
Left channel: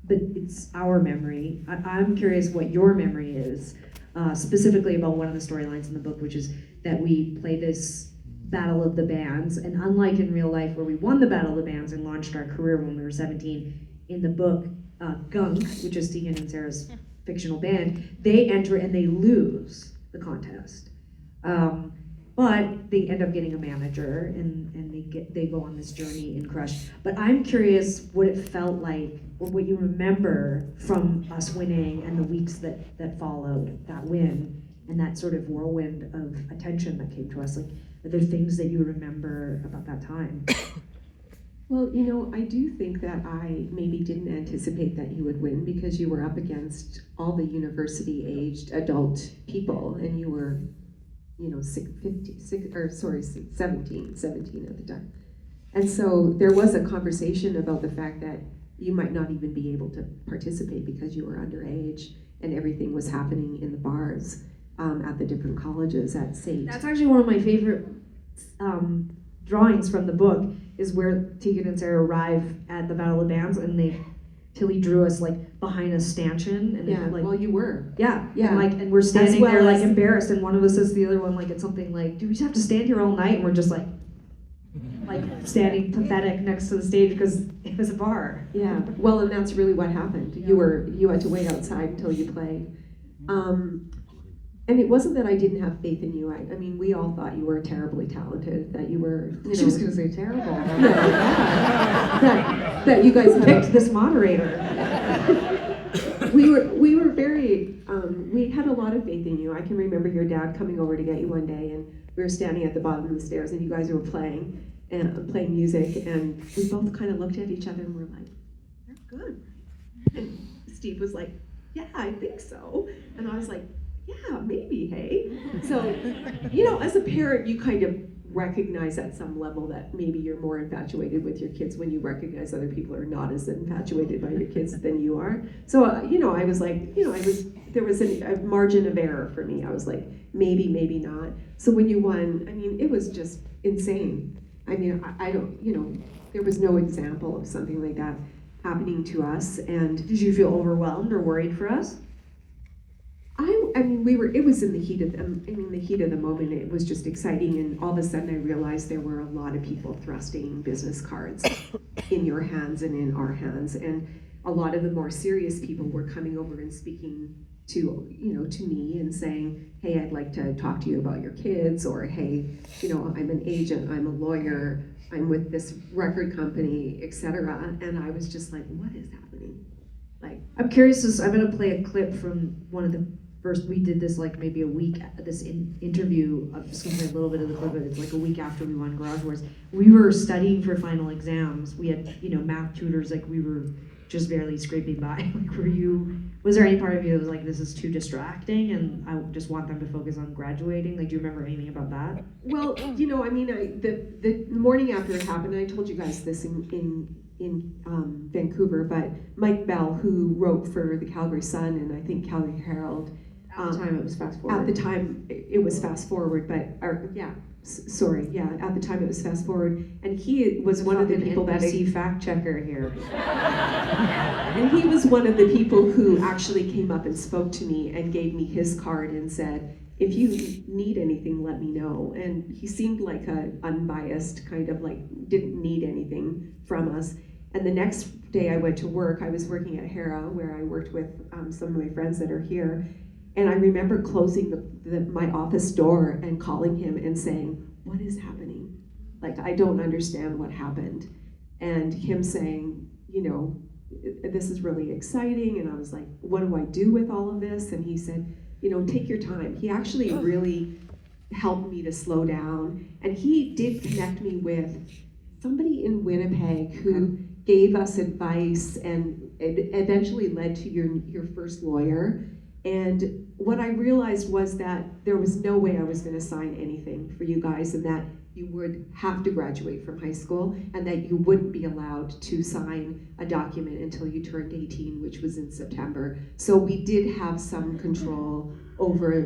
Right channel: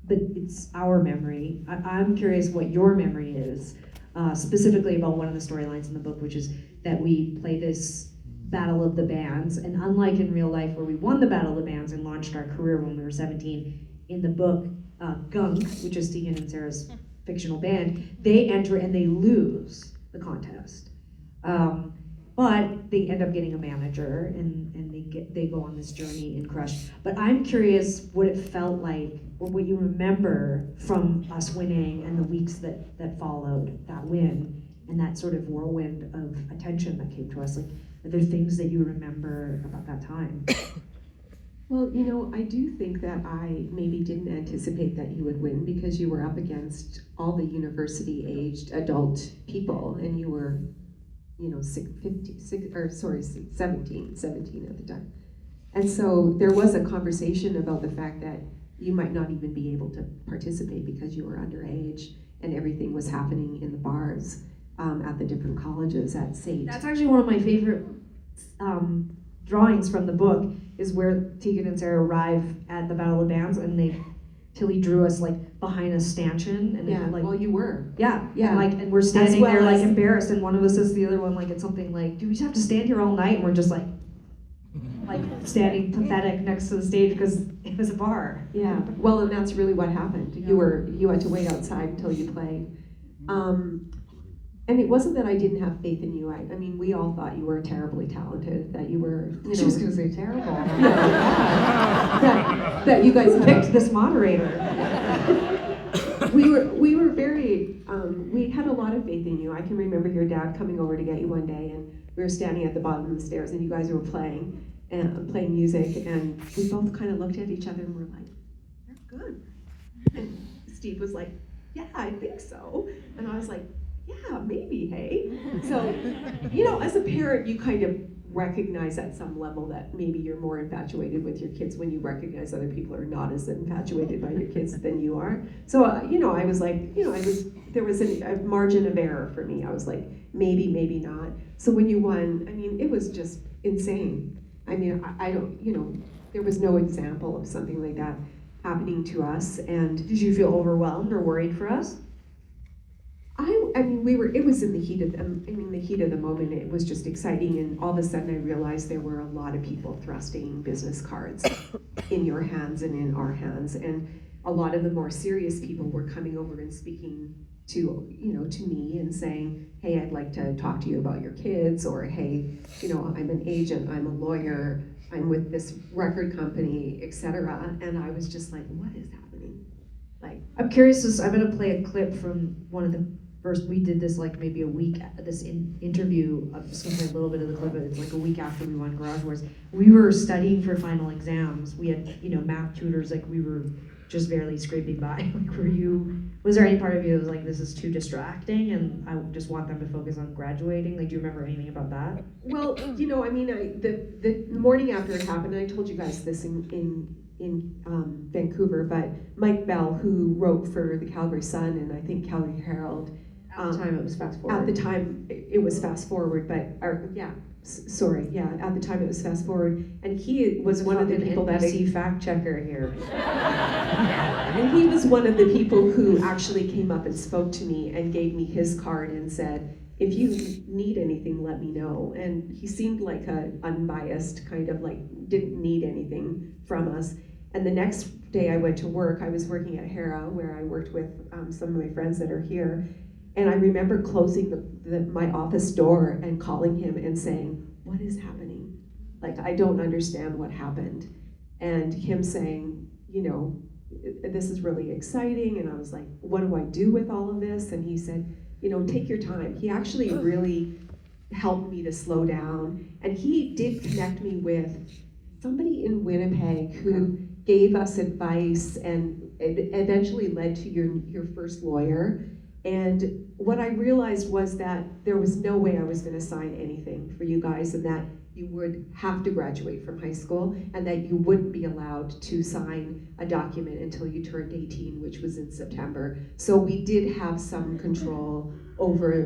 But it's our memory. I'm curious what your memory is, specifically about one of the storylines in the book, which is that we play this Battle of the Bands, and unlike in real life where we won the Battle of the Bands and launched our career when we were 17, in the book, Gunk, which is Tegan and Sara's fictional band, they enter and they lose the contest. But they end up getting a manager, and they go on this journey in Crush. But I'm curious what it felt like, or what you remember from us winning and the weeks that followed that win, and that sort of whirlwind of attention that came to us. Like, are there things that you remember about that time? Well, I do think that I maybe didn't anticipate that you would win, because you were up against all the university-aged adult people, and you were 17 at the time. And so there was a conversation about the fact that you might not even be able to participate because you were underage, and everything was happening in the bars at the different colleges at St. That's actually one of my favorite drawings from the book, is where Tegan and Sara arrive at the Battle of the Bands, and Tilly drew us behind a stanchion, and well, you were. Yeah. And we're As standing well there as- embarrassed, and one of us says to the other one it's something like, "Do we just have to stand here all night?" And we're just standing pathetic next to the stage because it was a bar. Yeah, well, and that's really what happened. You had to wait outside until you played. And it wasn't that I didn't have faith in you. I mean, we all thought you were terribly talented, that you were, She was going to say terrible. that you guys Picked this moderator. we were very, we had a lot of faith in you. I can remember your dad coming over to get you one day, and we were standing at the bottom of the stairs, and you guys were playing music, and we both kind of looked at each other and were like, "You're good." And Steve was like, "Yeah, I think so." And I was like, "Yeah, maybe, hey." So, as a parent, you kind of recognize at some level that maybe you're more infatuated with your kids when you recognize other people are not as infatuated by your kids than you are. So, I was like, there was a margin of error for me. I was like, maybe not. So when you won, I mean, it was just insane. I mean, I don't, there was no example of something like that happening to us. And Did you feel overwhelmed or worried for us? I mean, it was in the heat of the moment. It was just exciting, and all of a sudden I realized there were a lot of people thrusting business cards in your hands and in our hands, and a lot of the more serious people were coming over and speaking to me and saying, "Hey, I'd like to talk to you about your kids," or, "Hey, I'm an agent, I'm a lawyer, I'm with this record company, etc." And I was just like, "What is happening?" I'm curious, I'm going to play a clip from one of the first, we did this maybe a week, this interview, I'm just going to play a little bit of the clip, but it's a week after we won Garage Wars. We were studying for final exams. We had, math tutors, we were just barely scraping by. Was there any part of you that was this is too distracting and I just want them to focus on graduating? Do you remember anything about that? Well, the morning after it happened, I told you guys this in Vancouver, but Mike Bell, who wrote for the Calgary Sun and I think Calgary Herald, At the time it was fast forward. At the time it was fast forward, but at the time it was fast forward, and he was one of the people that fact checker here. and he was one of the people who actually came up and spoke to me and gave me his card and said, if you need anything, let me know. And he seemed like a unbiased, kind of like didn't need anything from us. And the next day I went to work. I was working at Hera, where I worked with some of my friends that are here. And I remember closing my office door and calling him and saying, "What is happening? Like, I don't understand what happened." And him saying, "You know, this is really exciting." And I was like, "What do I do with all of this?" And he said, "You know, take your time." He actually really helped me to slow down. And he did connect me with somebody in Winnipeg who gave us advice, and it eventually led to your first lawyer. And what I realized was that there was no way I was going to sign anything for you guys, and that you would have to graduate from high school, and that you wouldn't be allowed to sign a document until you turned 18, which was in September. So we did have some control over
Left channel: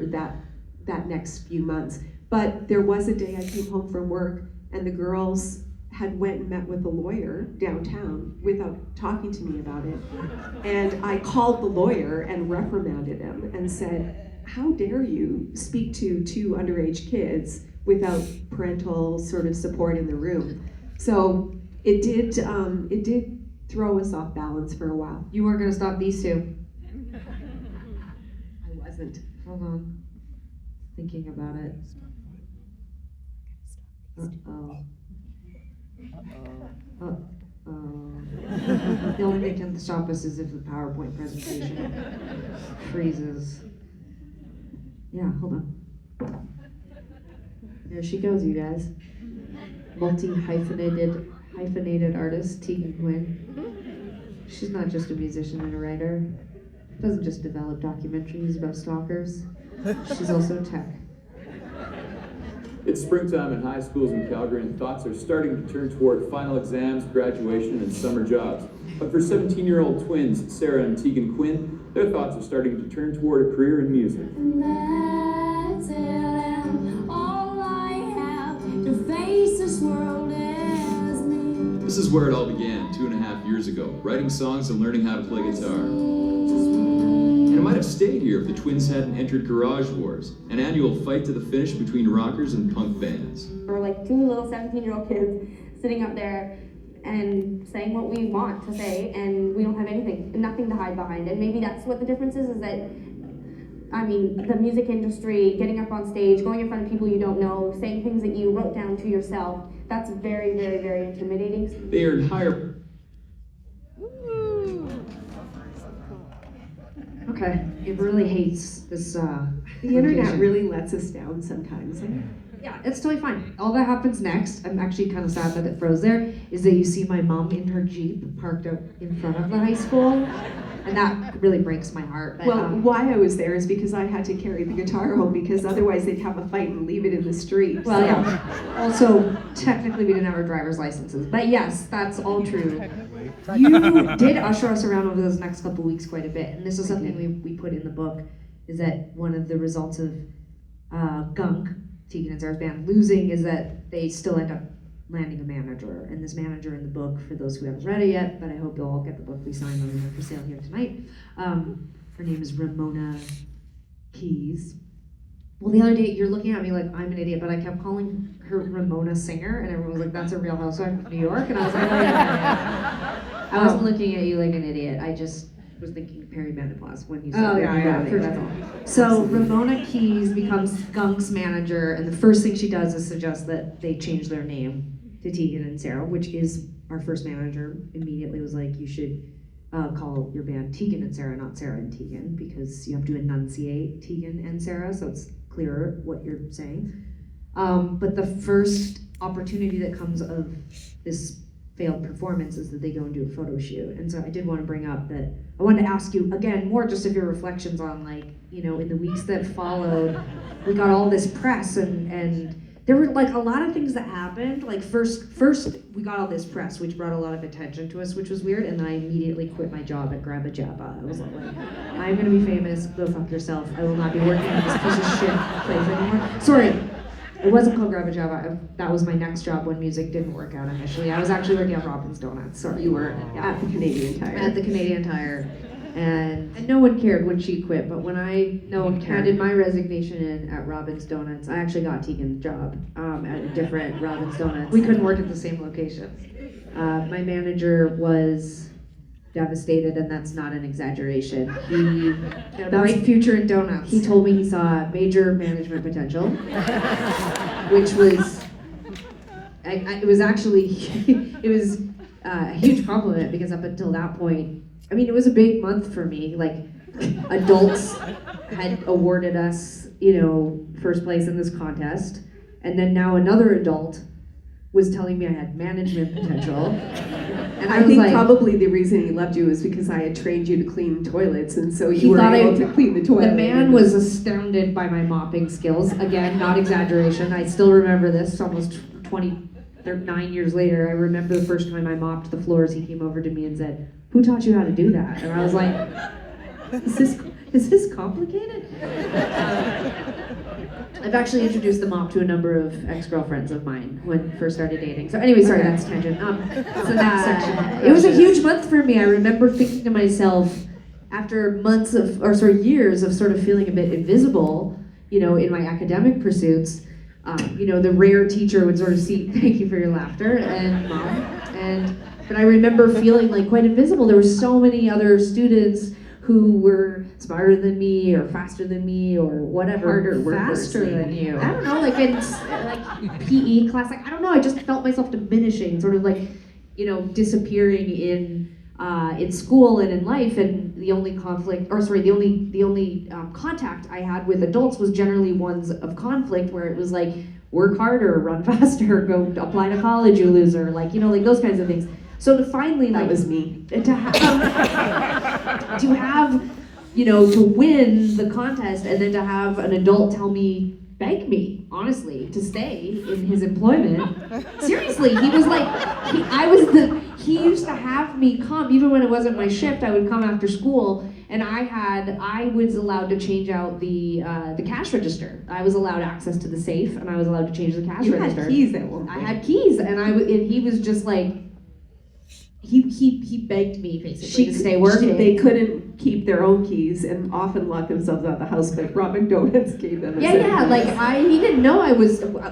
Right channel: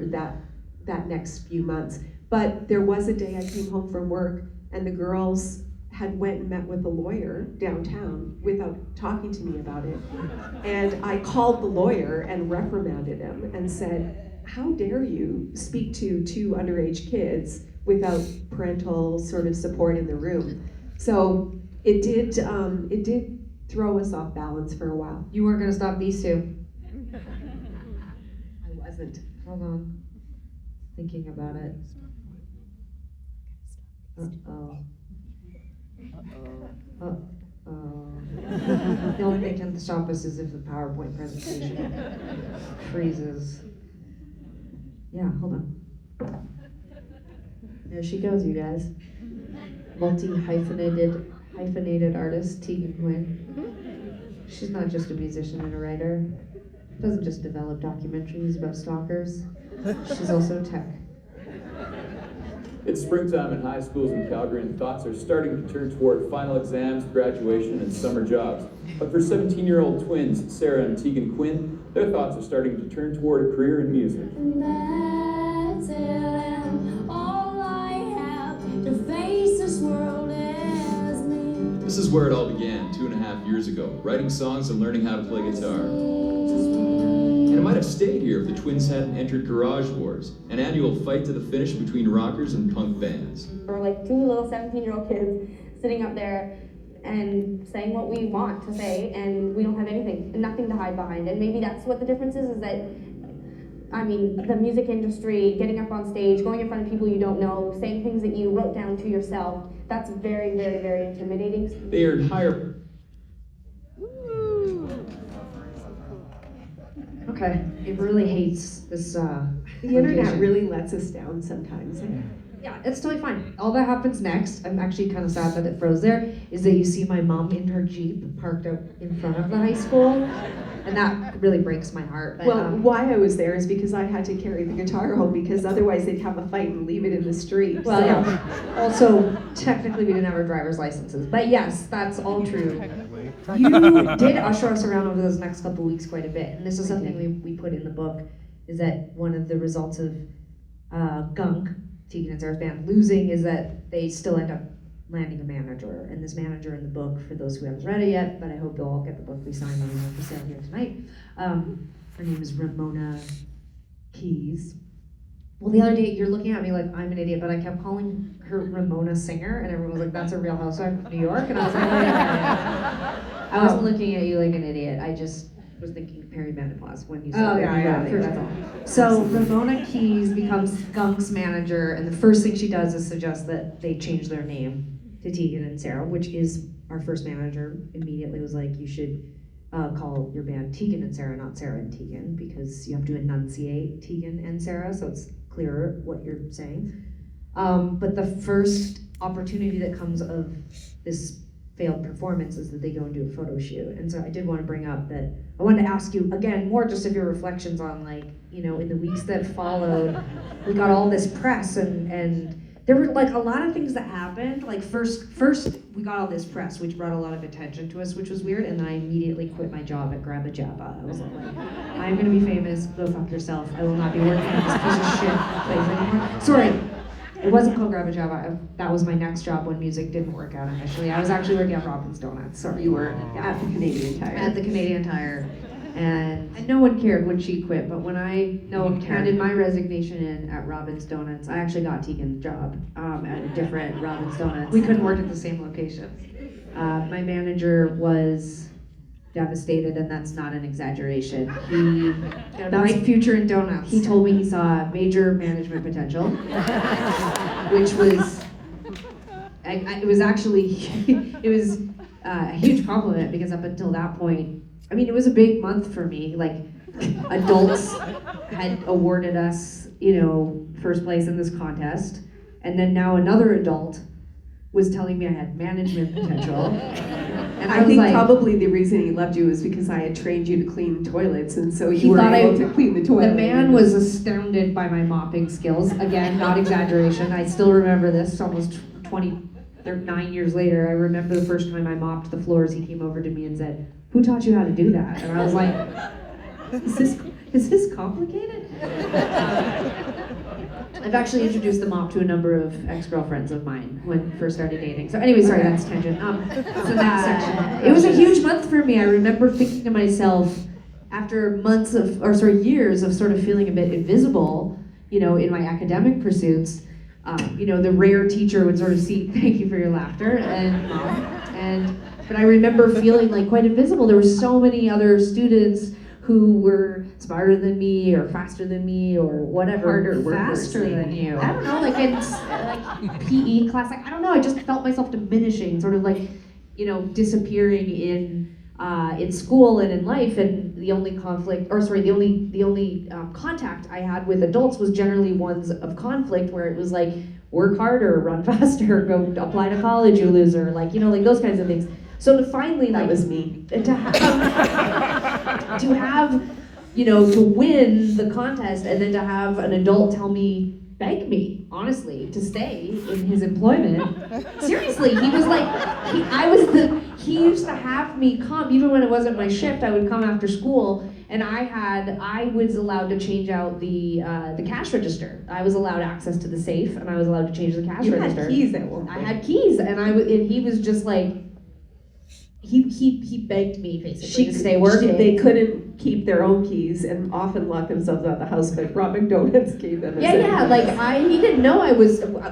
that next few months. But there was a day I came home from work, and the girls had went and met with the lawyer downtown without talking to me about it. And I called the lawyer and reprimanded him and said, "How dare you speak to two underage kids without parental sort of support in the room?" So it did throw us off balance for a while. You weren't gonna stop these two. I wasn't. Hold on. Thinking about it. Uh-oh. The only thing that can stop us is if the PowerPoint presentation freezes. Yeah, hold on. There she goes, you guys. Hyphenated artist, Tegan Quinn. She's not just a musician and a writer. Doesn't just develop documentaries about stalkers. She's also tech. It's springtime in high schools in Calgary, and thoughts are starting to turn toward final exams, graduation, and summer jobs. But for 17-year-old twins, Sara and Tegan Quinn, their thoughts are starting to turn toward a career in music. And that's it, and all I have to face this world as me. This is where it all began 2.5 years ago, writing songs and learning how to play guitar. And it might have stayed here if the twins hadn't entered Garage Wars, an annual fight to the finish between rockers and punk bands. We're like two little 17-year-old kids sitting up there and saying what we want to say, and we don't have anything, nothing to hide behind. And maybe that's what the difference is that, I mean, the music industry, getting up on stage, going in front of people you don't know, saying things that you wrote down to yourself, that's very, very, very intimidating. They earned higher. Okay, it really hates this, The internet really lets us down sometimes. Yeah, it's totally fine. All that happens next, I'm actually kind of sad that it froze there, is that you see my mom in her Jeep parked out in front of the high school, and that really breaks my heart. But, Well, why I was there is because I had to carry the guitar home, because otherwise they'd have a fight and leave it in the street. well, yeah. Also, technically we didn't have our driver's licenses, but yes, that's all true. You did usher us around over those next couple of weeks quite a bit, and this is something we put in the book, is that one of the results of Gunk, Tegan and Sara's band, losing is that they still end up landing a manager. And this manager in the book, for those who haven't read it yet, but I hope you'll all get the book we signed on the sale here tonight. Her name is Ramona Keys. Well, the other day, you're looking at me like I'm an idiot, but I kept calling her Ramona Singer, and everyone was like, "That's a Real Housewife of New York," and I was like, "Wait a minute." I wasn't looking at you like an idiot. I just was thinking of Perry Menopause when you said Oh, yeah, for sure. So Ramona Keys becomes Gunk's manager, and the first thing she does is suggest that they change their name to Tegan and Sara, which is our first manager immediately was like, you should call your band Tegan and Sara, not Sara and Tegan, because you have to enunciate Tegan and Sara, so it's clearer what you're saying. But the first opportunity that comes of this failed performance is that they go and do a photo shoot. And so I did want to bring up that I wanted to ask you again more just of your reflections on, like, you know, in the weeks that followed, we got all this press and there were like a lot of things that happened. Like first we got all this press, which brought a lot of attention to us, which was weird. And then I immediately quit my job at Grabba Jabba. I was like, I'm gonna be famous. Go fuck yourself. I will not be working on this piece of shit place anymore. Sorry. It wasn't called Grabba Jabba. That was my next job when music didn't work out initially. I was actually working at Robin's Donuts. So You were at the Canadian Tire. at the Canadian Tire. And no one cared when she quit, but when I handed my resignation in at Robin's Donuts, I actually got Tegan's job at a different Robin's Donuts. We couldn't work at the same location. My manager was devastated, and that's not an exaggeration. He had a bright future in donuts. He told me he saw major management potential, which was, it was actually, it was a huge compliment, because up until that point, I mean, it was a big month for me. Like, adults had awarded us, first place in this contest, and then now another adult was telling me I had management potential. And I was think like, probably the reason he loved you was because I had trained you to clean toilets, and so He you were thought able to clean the toilet. the man was astounded by my mopping skills. Again, not exaggeration. I still remember this almost 29 years later. I remember the first time I mopped the floors, he came over to me and said, "Who taught you how to do that?" And I was like, is this complicated? I've actually introduced the mop to a number of ex-girlfriends of mine when we first started dating. So anyway, sorry, that's tangent. So next section. It was a huge month for me. I remember thinking to myself, after years of sort of feeling a bit invisible, in my academic pursuits, the rare teacher would sort of see, thank you for your laughter, but I remember feeling like quite invisible. There were so many other students who were smarter than me or faster than me or whatever. Faster than you. I don't know, like in PE class, I don't know, I just felt myself diminishing, sort of like, disappearing in school and in life, and the only contact I had with adults was generally ones of conflict, where it was like, work harder, run faster, go apply to college, you loser, like those kinds of things. So to finally, That was me. to win the contest, and then to have an adult beg me, honestly, to stay in his employment. Seriously, he was like, he used to have me come, even when it wasn't my shift, I would come after school, and I was allowed to change out the cash register. I was allowed access to the safe, and I was allowed to change the cash register. Had keys at one point. I had keys, and he was just like, he begged me basically to stay working. They couldn't keep their own keys and often locked themselves out of the house, but Robin Donuts gave them. He didn't know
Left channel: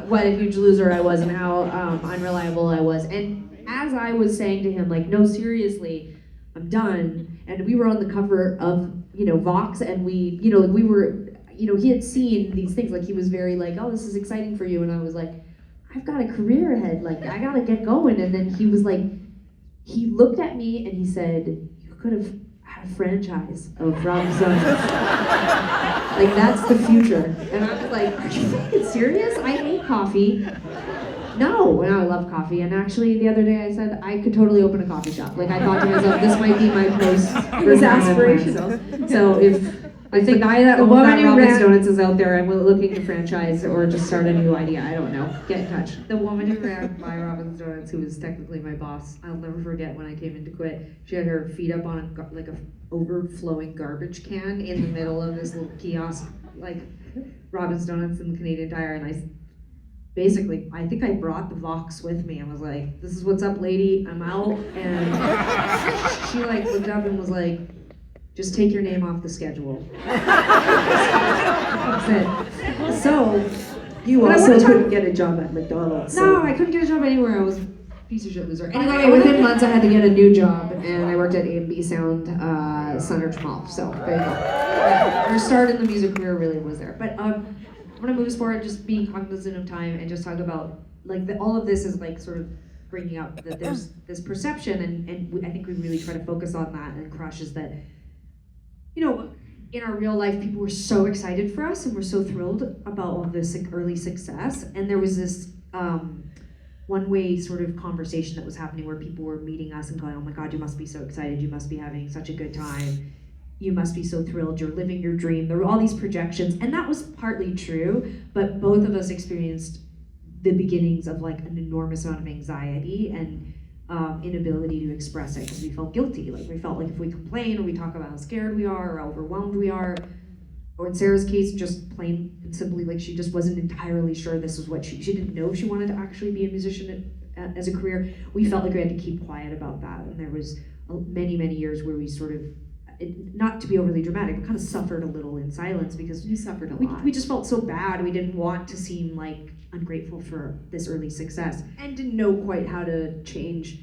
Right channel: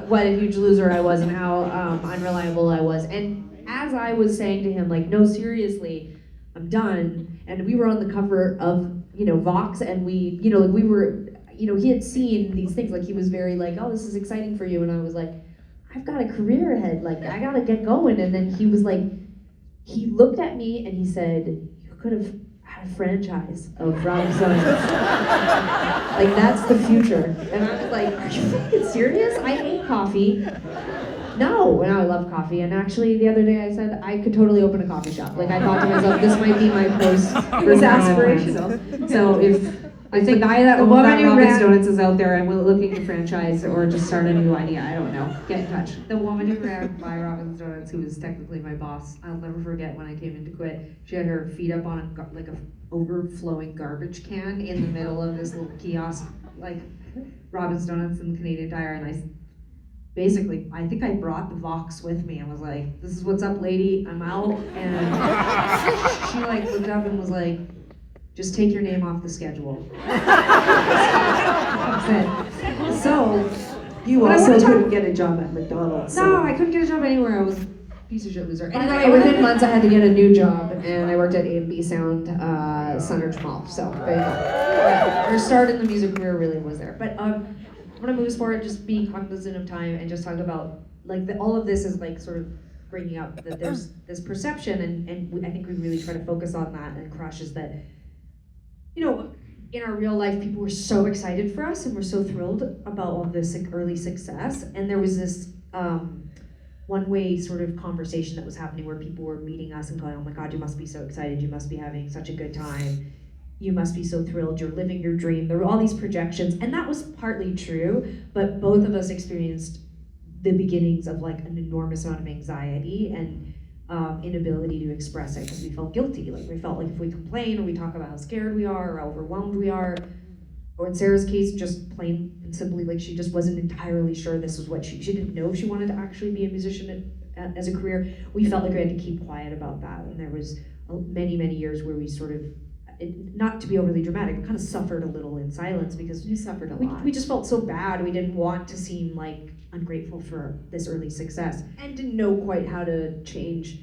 what a huge loser I was and how unreliable I was. And as I was saying to him, like, no, seriously, I'm done. And we were on the cover of, Vox, and we were, he had seen these things, like he was very like, oh, this is exciting for you. And I was like, I've got a career ahead, like I gotta get going. And then he was like, he looked at me and he said, you could have had a franchise of Robin's Donuts. Like, that's the future. And I was like, are you fucking serious? I hate coffee. No, and I love coffee. And actually, the other day I said I could totally open a coffee shop. Like, I thought to myself, this might be my post. It was aspirational. So if the guy that owns that Robin's Donuts is out there, I'm looking to franchise or just start a new idea. I don't know. Get in touch. The woman who ran my Robin's Donuts, who was technically my boss, I'll never forget when I came in to quit. She had her feet up on a overflowing garbage can in the middle of this little kiosk, like Robin's Donuts and the Canadian Tire, and I think I brought the Vox with me and was like, this is what's up, lady, I'm out. And she looked up and was like, just take your name off the schedule. So, You also couldn't get a job at McDonald's. no, I couldn't get a job anywhere. I was a piece of shit loser. Anyway, within months I had to get a new job, and I worked at A&B Sound, Sunridge Mall. So there you go. Yeah, your start in the music career really was there. But I'm gonna move us forward, just being cognizant of time, and just talk about all of this is sort of bringing up that there's this perception, and I think we really try to focus on that and Crush is that, in our real life, people were so excited for us and were so thrilled about all this early success. And there was this one-way sort of conversation that was happening where people were meeting us and going, oh my God, you must be so excited. You must be having such a good time. You must be so thrilled. You're living your dream. There were all these projections. And that was partly true, but both of us experienced the beginnings of an enormous amount of anxiety and inability to express it because we felt guilty. We felt like if we complain or we talk about how scared we are or how overwhelmed we are, or in Sarah's case, just plain and simply she just wasn't entirely sure this was what she didn't know if she wanted to actually be a musician as a career. We felt like we had to keep quiet about that, and there was many years where we sort of not to be overly dramatic, but kind of suffered a little in silence because You suffered a we, lot. we just felt so bad. We didn't want to seem like ungrateful for this early success and didn't know quite how to change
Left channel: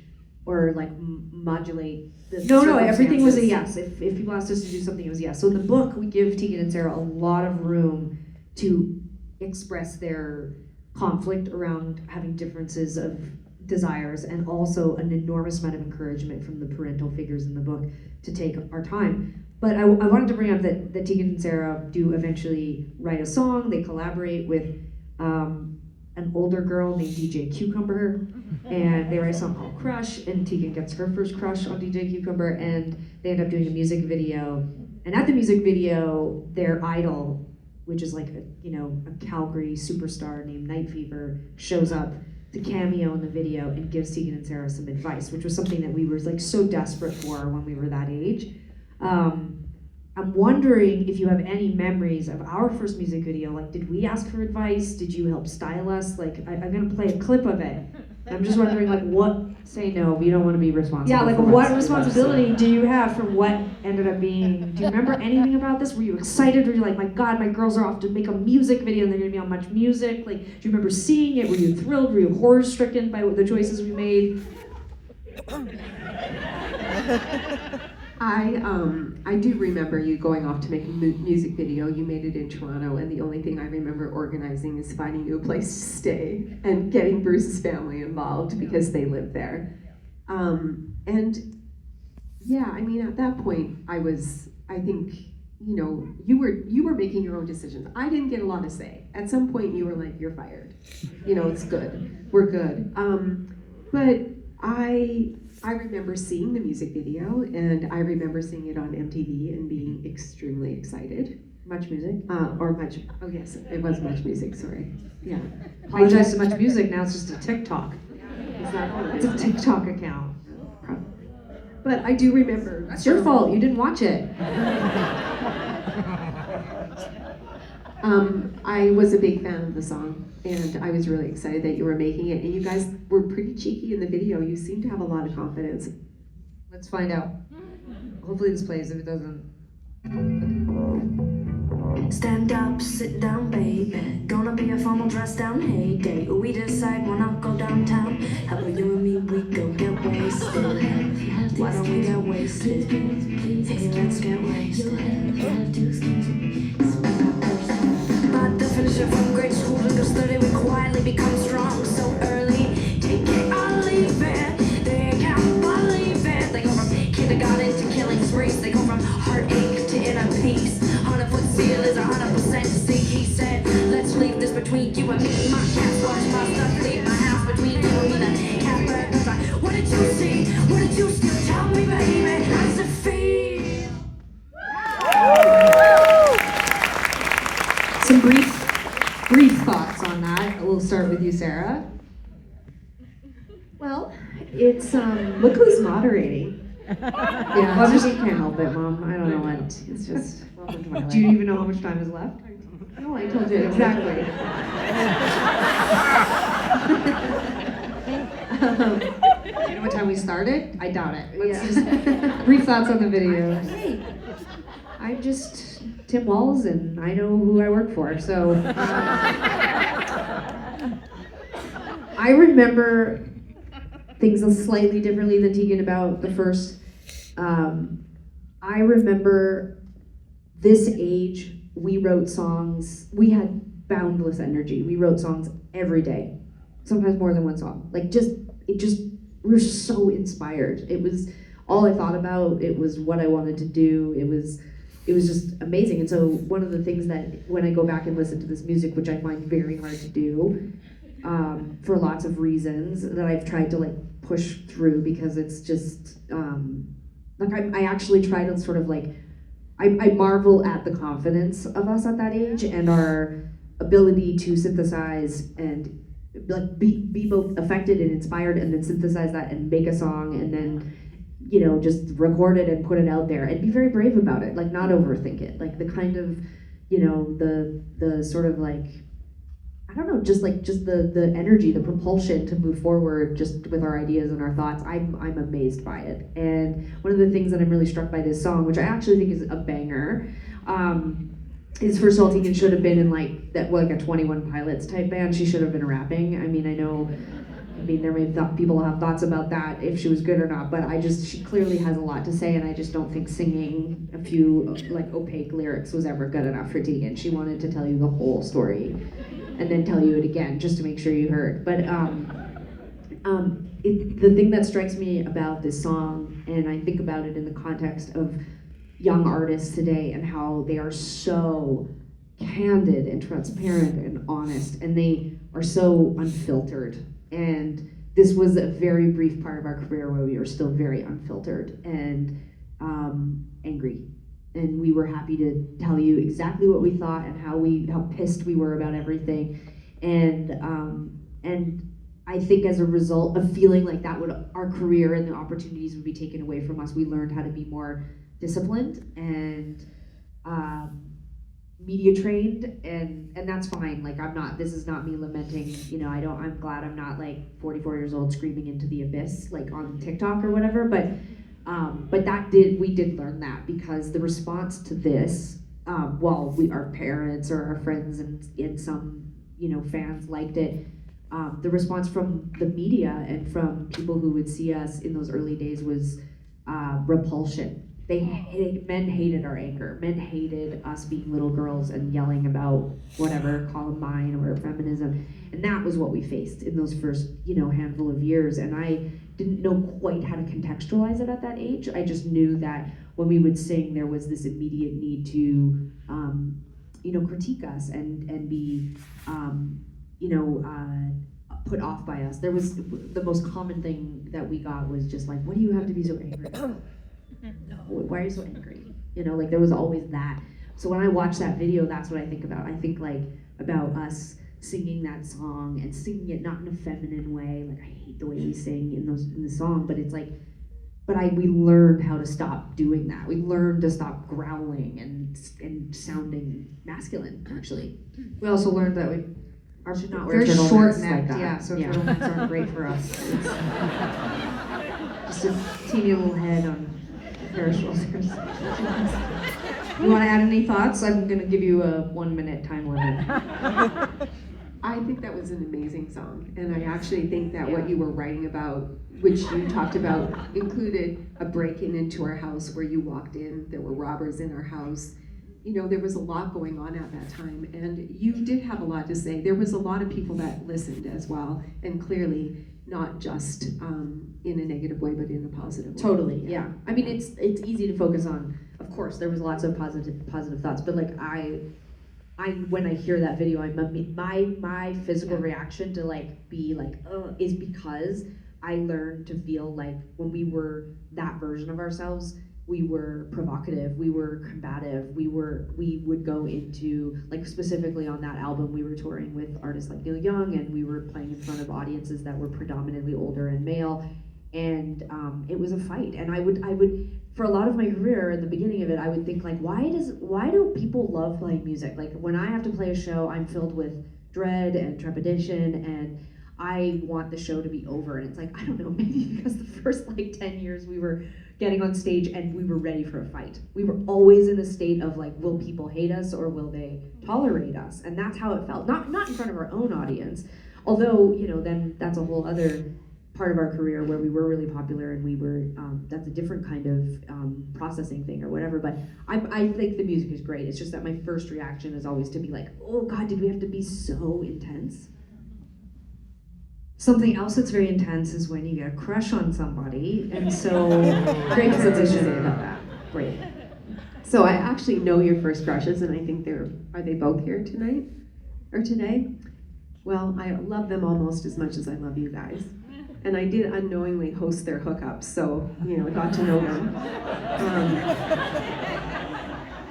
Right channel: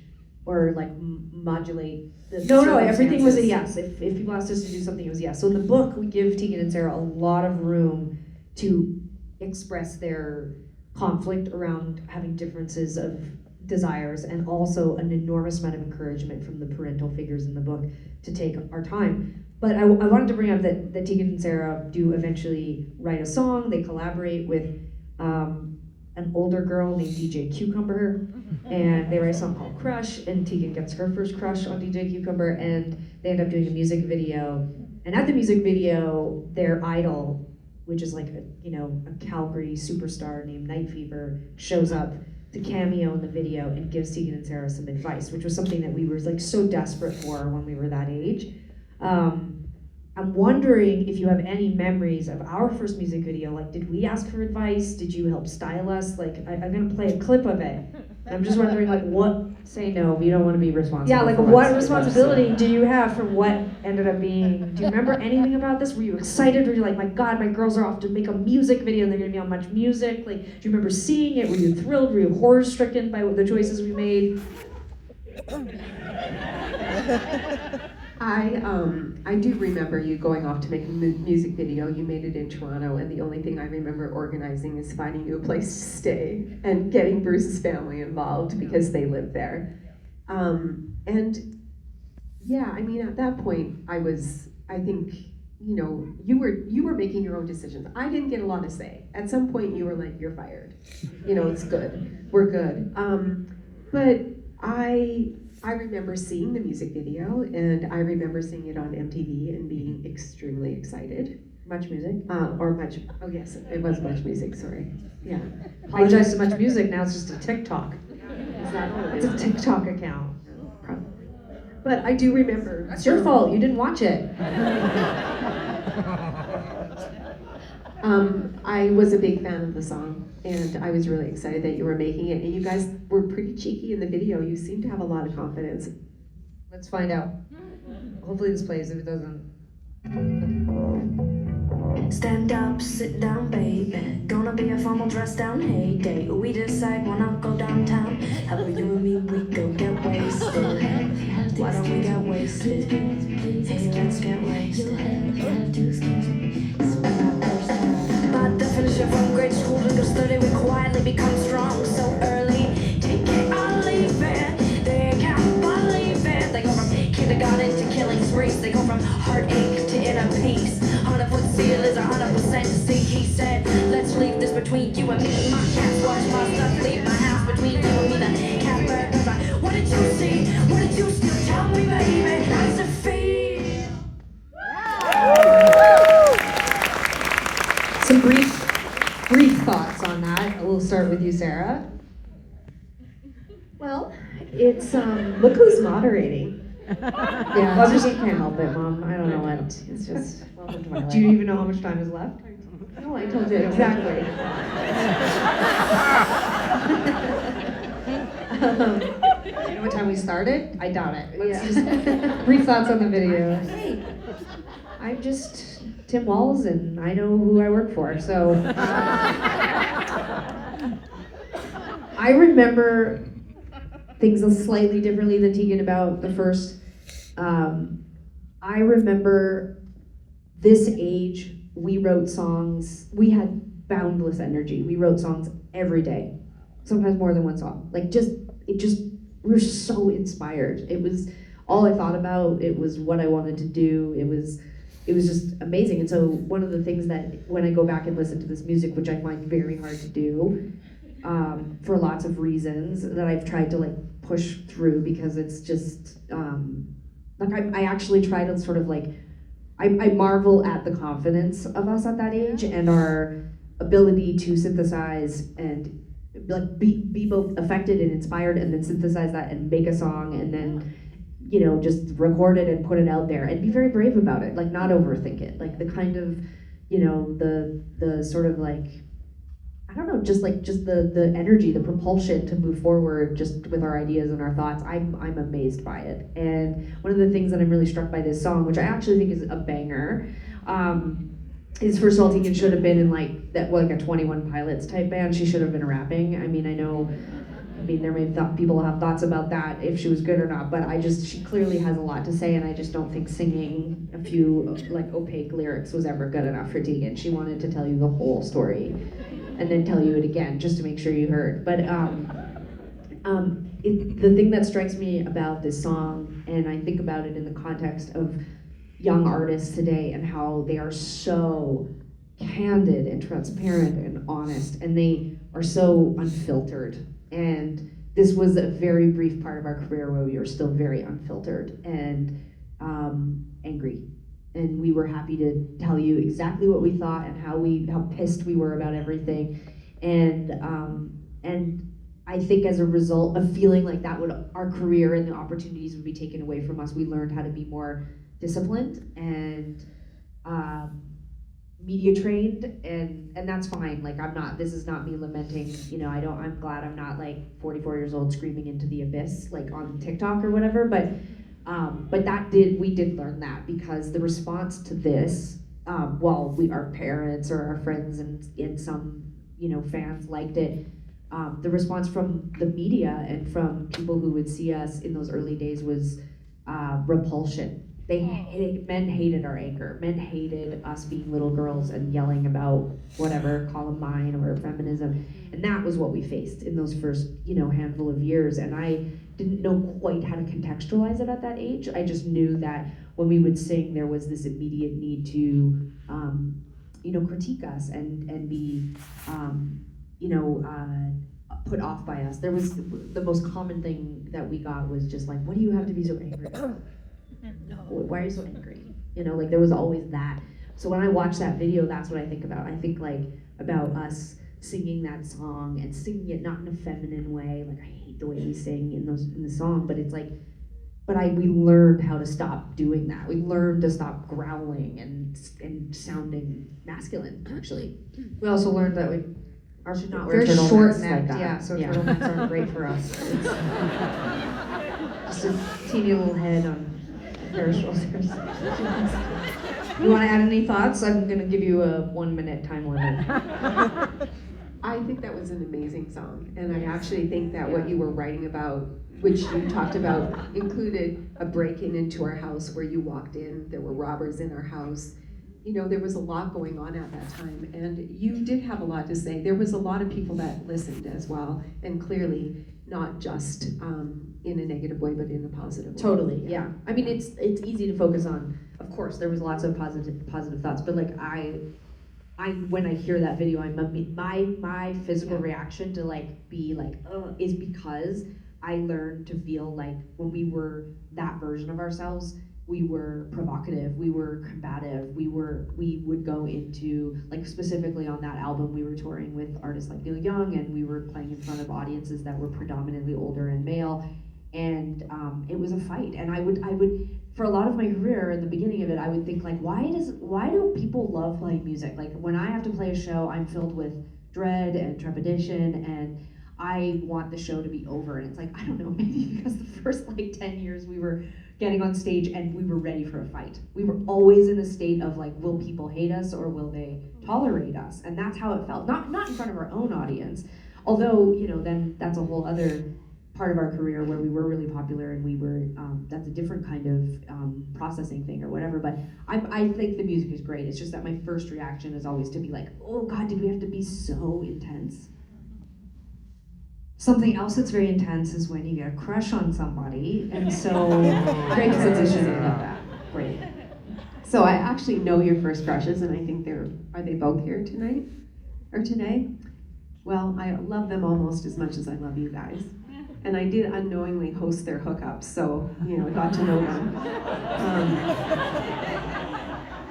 or like modulate the No, everything was a yes. If people asked us to do something, it was yes. So in the book, we give Tegan and Sara a lot of room to express their conflict around having differences of desires, and also an enormous amount of encouragement from the parental figures in the book to take our time. But I wanted to bring up that Tegan and Sara do eventually write a song. They collaborate with an older girl named DJ Cucumber, and they write a song called Crush, and Tegan gets her first crush on DJ Cucumber, and they end up doing a music video. And at the music video, their idol, which is like a Calgary superstar named Night Fever, shows up to cameo in the video and gives Tegan and Sara some advice, which was something that we were like so desperate for when we were that age. I'm wondering if you have any memories of our first music video. Like, did we ask for advice? Did you help style us? Like, I'm gonna play a clip of it. I'm just wondering, like, what? Say no. You don't want to be responsible. Yeah, like, what responsibility do you have for what ended up being? Do you remember anything about this? Were you excited? Were you like, my God, my girls are off to make a music video and they're gonna be on Much Music? Like, do you remember seeing it? Were you thrilled? Were you horror-stricken by the choices we made? I do remember you going off to make a music video. You made it in Toronto, and the only thing I remember organizing is finding you a place to stay and getting Bruce's family involved because they live there. And yeah, I mean, at that point, I think, you were making your own decisions. I didn't get a lot to say. At some point, you were like, you're fired. It's good. We're good. But I remember seeing the music video, and I remember seeing it on MTV and being extremely excited. Much Music? Oh yes, it was Much Music, sorry. Yeah. Apologize to Much Music, now it's just a TikTok. It's a TikTok account. But I do remember. That's your fault, you didn't watch it. I was a big fan of the song, and I was really excited that you were making it, and you guys were pretty cheeky in the video. You seemed to have a lot of confidence. Let's find out. Hopefully this plays. If it doesn't. Stand up, sit down, baby. Gonna be a formal dress down heyday. We decide we'll not go downtown. How about you and me, we go get wasted. Why don't we get wasted? Hey, let's get wasted. My definition from grade school understood it. We quietly become strong so early. Take it or leave it. They can't believe it. They go from kindergarten to killing springs. They go from heartache to inner peace. 100-foot seal is 100% see. He said, let's leave this between you and me. My cat's going to lost up. Leave my house between you and me. The cat back. What did you see? What did you see? Tell me, baby. How's it feel? Some brief thoughts on that. We'll start with you, Sarah. Well, it's look who's moderating. Yeah, well, just you can't help it, Mom. I don't know what. It's just. Do you even know how much time is left? No, I told you exactly. You know what time we started? I doubt it. Let's just brief thoughts on the video. Hey, I'm just Tim Walls, and I know who I work for. So I remember things slightly differently than Tegan about the first. I remember this age, we wrote songs. We had boundless energy. We wrote songs every day, sometimes more than one song. Like we were so inspired. It was all I thought about. It was what I wanted to do. It was just amazing. And so one of the things that when I go back and listen to this music, which I find very hard to do, for lots of reasons that I've tried to like push through because it's just I actually try to sort of like I marvel at the confidence of us at that age and our ability to synthesize and like be both affected and inspired and then synthesize that and make a song and then just record it and put it out there and be very brave about it, like not overthink it, like the kind of the sort of like I don't know, just the energy, the propulsion to move forward just with our ideas and our thoughts. I'm amazed by it. And one of the things that I'm really struck by this song, which I actually think is a banger, is first of all, Tegan should have been in like a 21 Pilots type band. She should have been rapping. I mean, there may be people have thoughts about that if she was good or not, but she clearly has a lot to say, and I just don't think singing a few like opaque lyrics was ever good enough for Tegan. She wanted to tell you the whole story and then tell you it again just to make sure you heard. But the thing that strikes me about this song, and I think about it in the context of young artists today and how they are so candid and transparent and honest, and they are so unfiltered. And this was a very brief part of our career where we were still very unfiltered and angry. And we were happy to tell you exactly what we thought and how pissed we were about everything. And I think as a result of feeling like our career and the opportunities would be taken away from us, we learned how to be more disciplined and media trained, and that's fine. Like, this is not me lamenting, I'm glad I'm not like 44 years old screaming into the abyss like on TikTok or whatever, but we did learn that, because the response to this, while our parents or our friends and some fans liked it, the response from the media and from people who would see us in those early days was repulsion. Men hated our anger. Men hated us being little girls and yelling about whatever, Columbine or feminism. And that was what we faced in those first, handful of years. And I didn't know quite how to contextualize it at that age. I just knew that when we would sing, there was this immediate need to, critique us and be, put off by us. There was the most common thing that we got was just like, what do you have to be so angry about? Why are you so angry? There was always that. So when I watch that video, that's what I think about. I think about us singing that song and singing it not in a feminine way. Like, I hate the way we sing in the song, but it's like, we learned how to stop doing that. We learned to stop growling and sounding masculine, actually. We also learned that our should not wear very short turtlenecks neck, like that. yeah, so turtlenecks aren't great for us. Just a teeny little head on their shoulders. You want to add any thoughts? I'm going to give you a 1 minute time limit. I think that was an amazing song, and I actually think that what you were writing about, which you talked about, included a break-in into our house where you walked in, there were robbers in our house. There was a lot going on at that time, and you did have a lot to say. There was a lot of people that listened as well, and clearly not just in a negative way, but in a positive way. Totally, yeah. I mean, it's easy to focus on. Of course, there was lots of positive thoughts, but like when I hear that video, my physical reaction to is because I learned to feel like when we were that version of ourselves, we were provocative, we were combative, we would go into, like, specifically on that album, we were touring with artists like Neil Young, and we were playing in front of audiences that were predominantly older and male, and it was a fight. And I would, for a lot of my career, at the beginning of it, I would think, like, why do people love playing music? Like, when I have to play a show, I'm filled with dread and trepidation, and I want the show to be over. And it's like, I don't know, maybe because the first 10 years we were getting on stage and we were ready for a fight. We were always in a state of like, will people hate us or will they tolerate us? And that's how it felt. Not in front of our own audience, although, then that's a whole other part of our career where we were really popular and we were, that's a different kind of processing thing or whatever. But I think the music is great. It's just that my first reaction is always to be like, oh God, did we have to be so intense? Something else that's very intense is when you get a crush on somebody, and so great transition about that. Great. So I actually know your first crushes, and I think are they both here tonight or today? Well, I love them almost as much as I love you guys, and I did unknowingly host their hookups, so got to know them.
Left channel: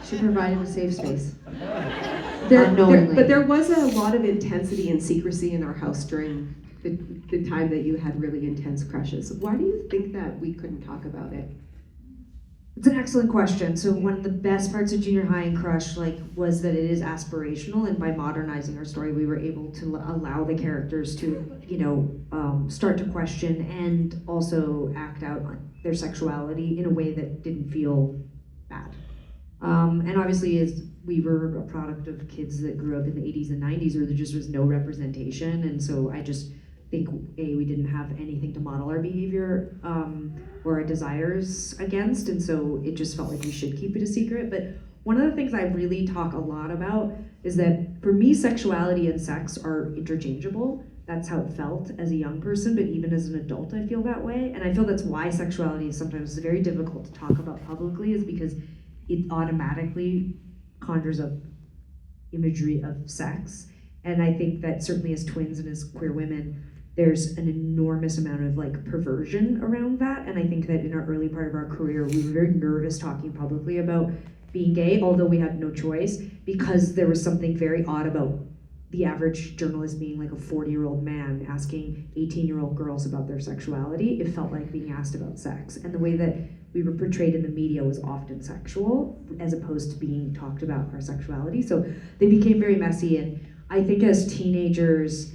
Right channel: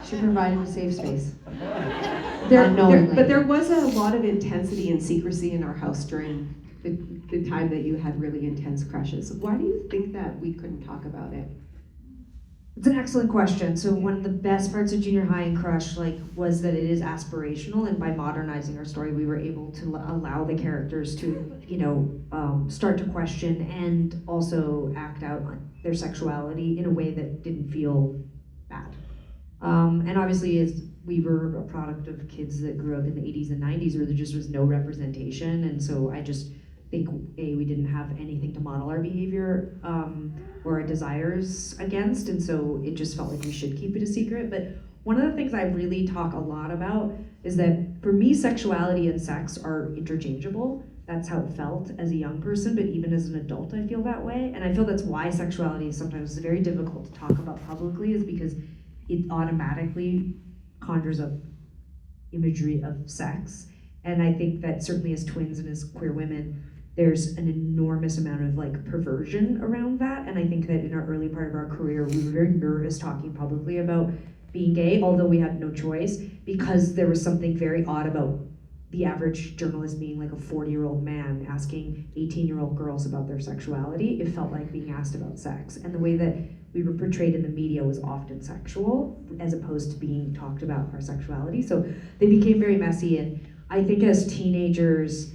She provided a safe space. But there was a lot of intensity and secrecy in our house during the time that you had really intense crushes. Why do you think that we couldn't talk about it? It's an excellent question. So one of the best parts of junior high and Crush was that it is aspirational, and by modernizing our story, we were able to allow the characters to, start to question and also act out their sexuality in a way that didn't feel bad. And obviously, as we were a product of kids that grew up in the 80s and 90s where there just was no representation, and so I just think we didn't have anything to model our behavior or our desires against, and so it just felt like we should keep it a secret. But one of the things I really talk a lot about is that for me, sexuality and sex are interchangeable. That's how it felt as a young person, but even as an adult, I feel that way. And I feel that's why sexuality is sometimes very difficult to talk about publicly, is because it automatically conjures up imagery of sex. And I think that certainly as twins and as queer women, there's an enormous amount of perversion around that. And I think that in our early part of our career, we were very nervous talking publicly about being gay, although we had no choice, because there was something very odd about the average journalist being like a 40-year-old man asking 18-year-old girls about their sexuality. It felt like being asked about sex. And the way that we were portrayed in the media was often sexual, as opposed to being talked about our sexuality. So they became very messy. And I think as teenagers,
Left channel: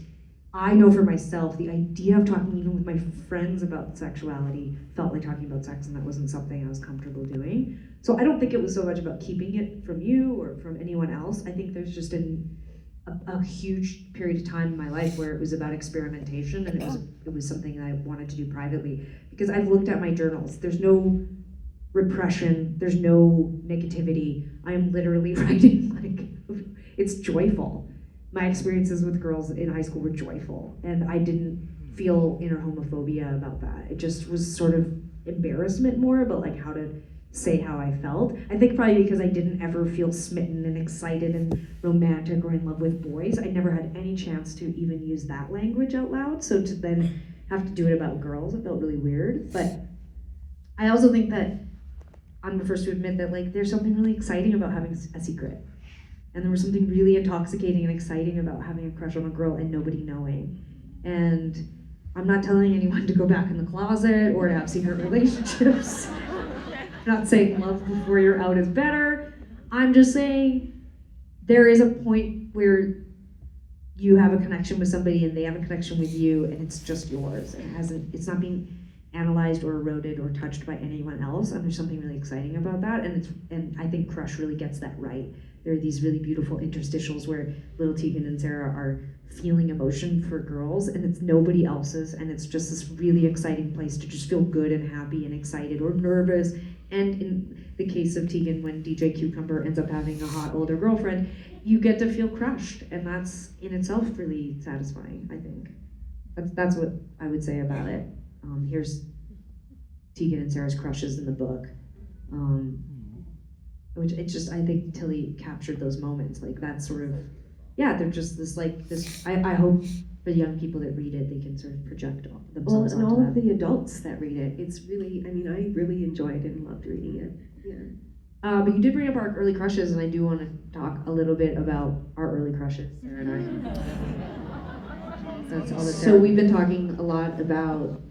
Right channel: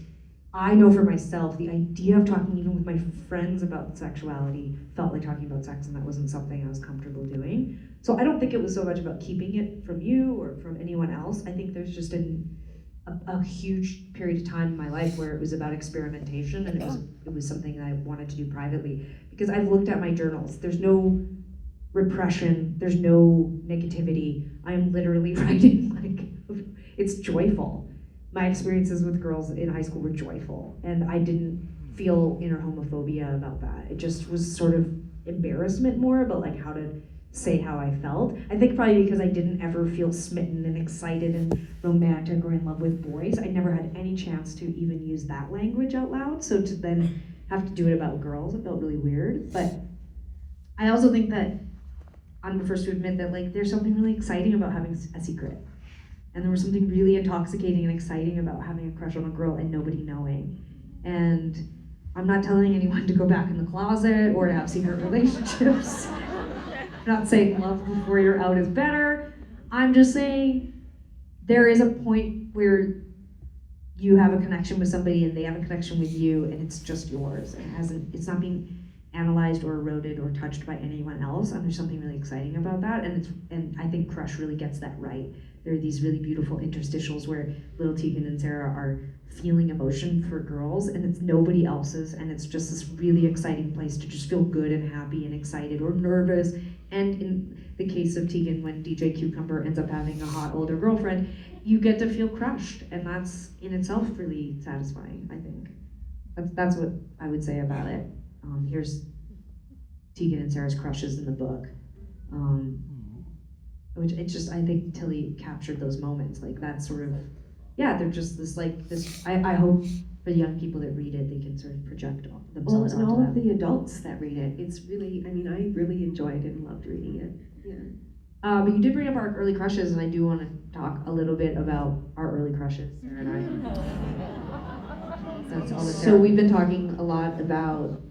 I know for myself, the idea of talking even with my friends about sexuality felt like talking about sex, and that wasn't something I was comfortable doing. So I don't think it was so much about keeping it from you or from anyone else. I think there's just a huge period of time in my life where it was about experimentation, and it was something that I wanted to do privately. Because I've looked at my journals, there's no repression, there's no negativity. I am literally writing it's joyful. My experiences with girls in high school were joyful, and I didn't feel inner homophobia about that. It just was sort of embarrassment more about how to say how I felt. I think probably because I didn't ever feel smitten and excited and romantic or in love with boys. I never had any chance to even use that language out loud. So to then have to do it about girls, it felt really weird. But I also think that I'm the first to admit that there's something really exciting about having a secret. And there was something really intoxicating and exciting about having a crush on a girl and nobody knowing. And I'm not telling anyone to go back in the closet or to have secret relationships. I'm not saying love before you're out is better. I'm just saying there is a point where you have a connection with somebody and they have a connection with you, and it's just yours. It's not being analyzed or eroded or touched by anyone else. And there's something really exciting about that. And I think Crush really gets that right. There are these really beautiful interstitials where little Tegan and Sara are feeling emotion for girls, and it's nobody else's, and it's just this really exciting place to just feel good and happy and excited or nervous. And in the case of Tegan, when DJ Cucumber ends up having a hot older girlfriend, you get to feel crushed, and that's in itself really satisfying, I think. That's what I would say about it. Here's Tegan and Sara's crushes in the book. Which it's just, I think Tilly captured those moments, that sort of, they're just this, I hope for the young people that read it, they can sort of project themselves and all onto of that. the adults that read it, it's really, I really enjoyed it and loved reading it. Yeah. But you did bring up our early crushes, and I do want to talk a little bit about our early crushes, Sarah and I. That's all So we've been talking a lot about,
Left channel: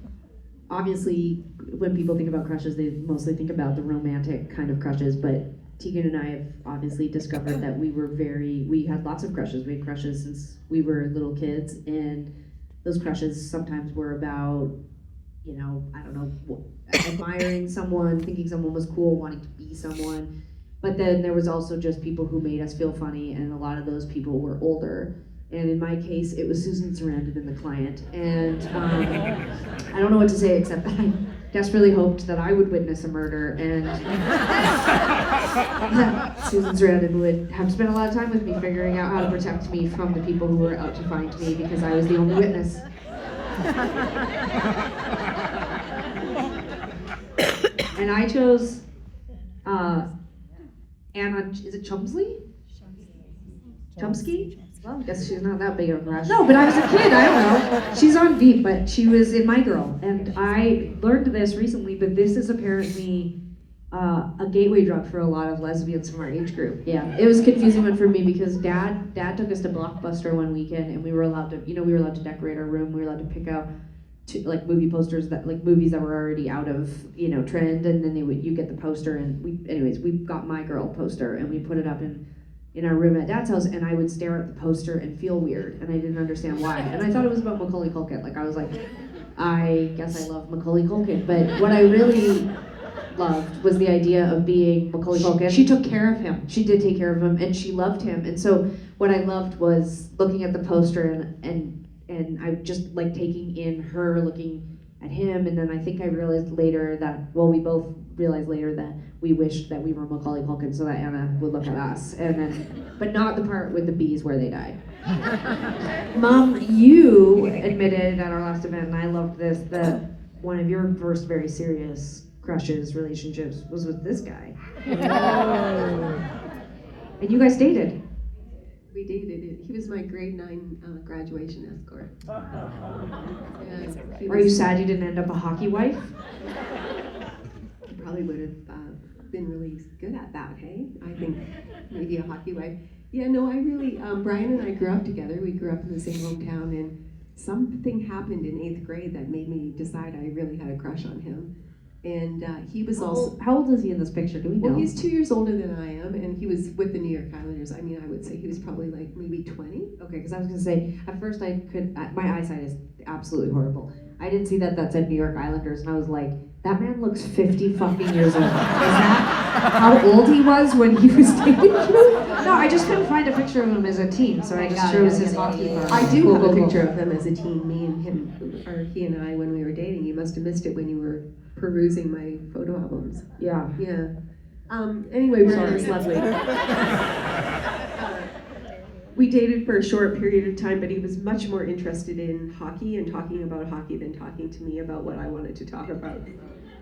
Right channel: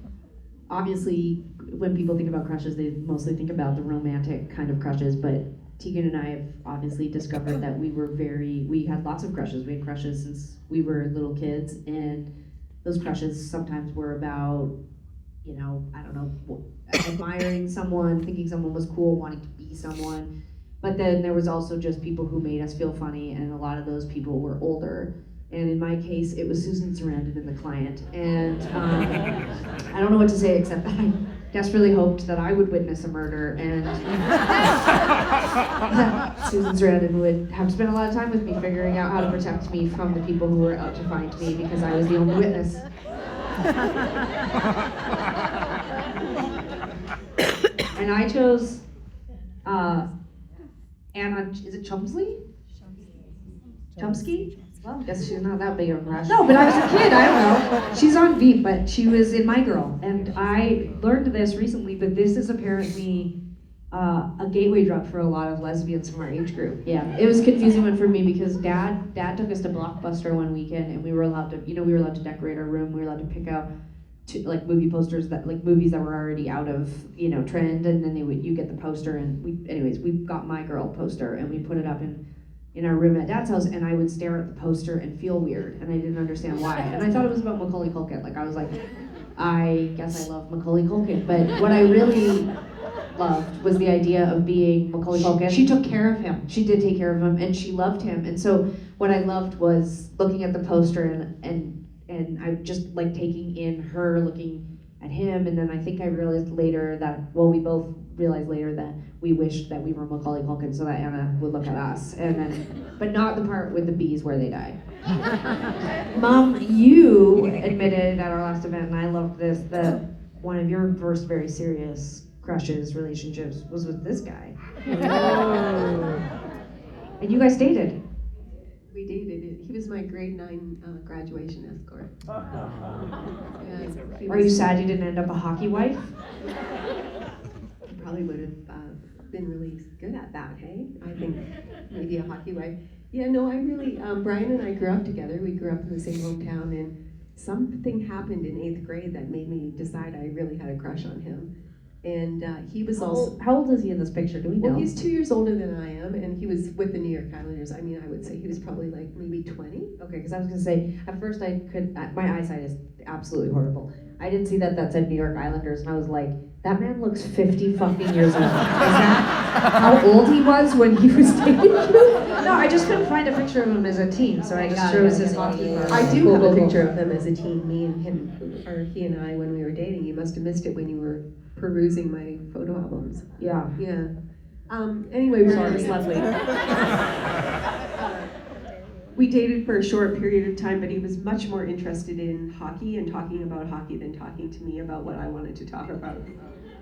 obviously, when people think about crushes, they mostly think about the romantic kind of crushes, but Tegan and I have obviously discovered that we had lots of crushes. We had crushes since we were little kids, and those crushes sometimes were about, admiring someone, thinking someone was cool, wanting to be someone. But then there was also just people who made us feel funny, and a lot of those people were older. And in my case, it was Susan Sarandon in The Client. And I don't know what to say except that I desperately hoped that I would witness a murder, and that Susan Sarandon would have to spend a lot of time with me figuring out how to protect me from the people who were out to find me because I was the only witness. And I chose Anna, is it Chumsley? Chomsky? Well, I guess she's not that big of a crush. No, but I was a kid, I don't know. She's on Veep, but she was in My Girl. And I learned this recently, but this is apparently a gateway drug for a lot of lesbians from our age group. Yeah, it was a confusing one for me because Dad took us to Blockbuster one weekend, and we were allowed to decorate our room. We were allowed to pick out like movie posters that like movies that were already out of trend, and then you get the poster, and we got My Girl poster and we put it up in our room at Dad's house, and I would stare at the poster and feel weird, and I didn't understand why, and I thought it was about Macaulay Culkin. Like I was like, I guess I love Macaulay Culkin, but what I really loved was the idea of being Macaulay Culkin. She took care of him. She did take care of him, and she loved him. And so what I loved was looking at the poster and I just like taking in her looking at him. And then I think I realized later that, well, we both realized later that we wished that we were Macaulay Culkin so that Anna would look at us. And then, but not the part with the bees where they died. Mom, you admitted at our last event, and I loved this, that one of your first very serious crushes, relationships, was with this guy. And you guys dated. We dated. He was my grade 9 graduation escort. Are you sad you didn't end up a hockey wife? He probably would have been really good at that, hey? I think maybe a hockey wife. Yeah, no, I really, Brian and I grew up together. We grew up in the same hometown, and something happened in 8th grade that made me decide I really had a crush on him. And he was also... How old is he in this picture? Do we know? Well, he's 2 years older than I am, and he was with the New York Islanders. I mean, I would say he was probably like maybe 20. Okay, because I was going to say, at first my eyesight is absolutely horrible. I didn't see that said New York Islanders, and I was like, that man looks 50 fucking years old. Is that how old he was when he was dating? No, I just couldn't find a picture of him as a teen, so I just chose his hockey card. I do have a picture of him as a teen, me and him, or he and I when we were dating. You must have missed it when you were perusing my photo albums. Yeah. Yeah. Anyway, we're lovely. We dated for a short period of time, but he was much more interested in hockey and talking about hockey than talking to me about what I wanted to talk about.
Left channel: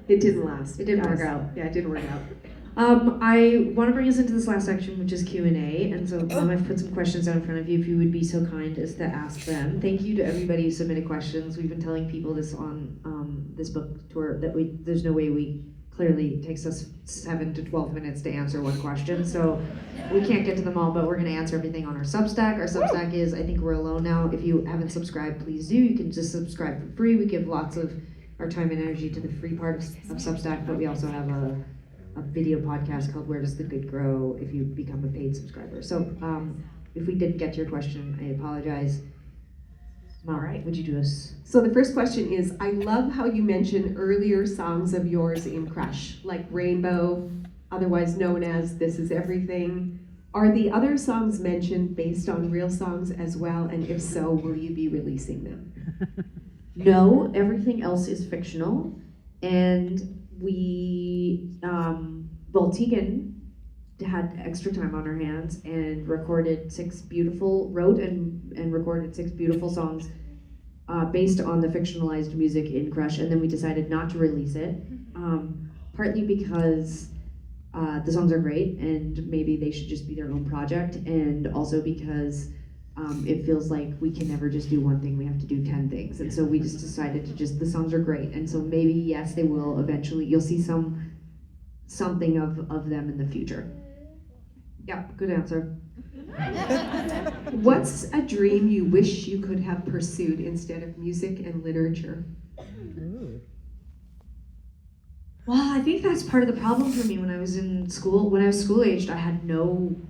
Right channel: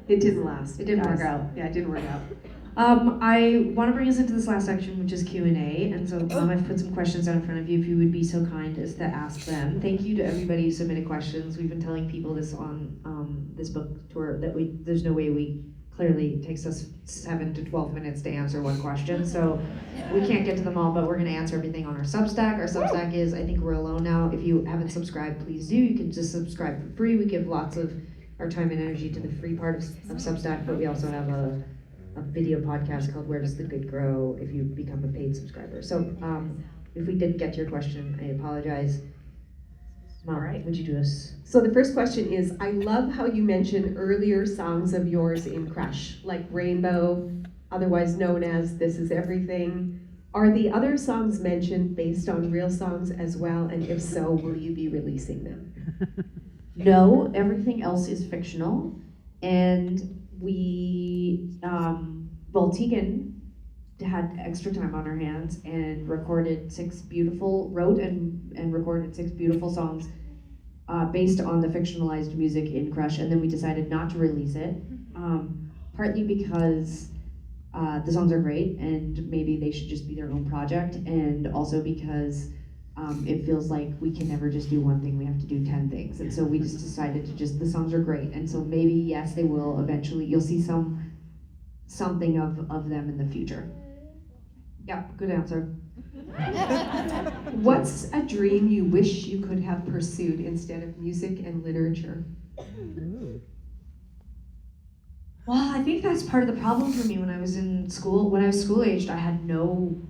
It didn't last. It didn't work out. Yeah, it didn't work out. I want to bring us into this last section, which is Q&A, and so I've put some questions out in front of you. If you would be so kind as to ask them. Thank you to everybody who submitted questions. We've been telling people this on this book tour that there's no way clearly takes us 7 to 12 minutes to answer one question, so we can't get to them all, but we're going to answer everything on our Substack. Our Substack is, I think we're alone now. If you haven't subscribed, please do. You can just subscribe for free. We give lots of our time and energy to the free part of Substack, but we also have a video podcast called Where Does the Good Grow if you become a paid subscriber. So if we didn't get to your question, I apologize. All right, would you do this? So the first question is, I love how you mentioned earlier songs of yours in Crush, like Rainbow, otherwise known as This Is Everything. Are the other songs mentioned based on real songs as well? And if so, will you be releasing them? No, everything else is fictional, and we, Tegan had extra time on her hands and wrote and recorded 6 beautiful songs based on the fictionalized music in Crush, and then we decided not to release it, partly because the songs are great and maybe they should just be their own project, and also because it feels like we can never just do one thing, we have to do 10 things, and so we just decided to the songs are great, and so maybe, yes, they will eventually, you'll see something of them in the future. Yeah, good answer. What's a dream you wish you could have pursued instead of music and literature? Well, I think that's part of the problem for me when I was in school. When I was school-aged, I had no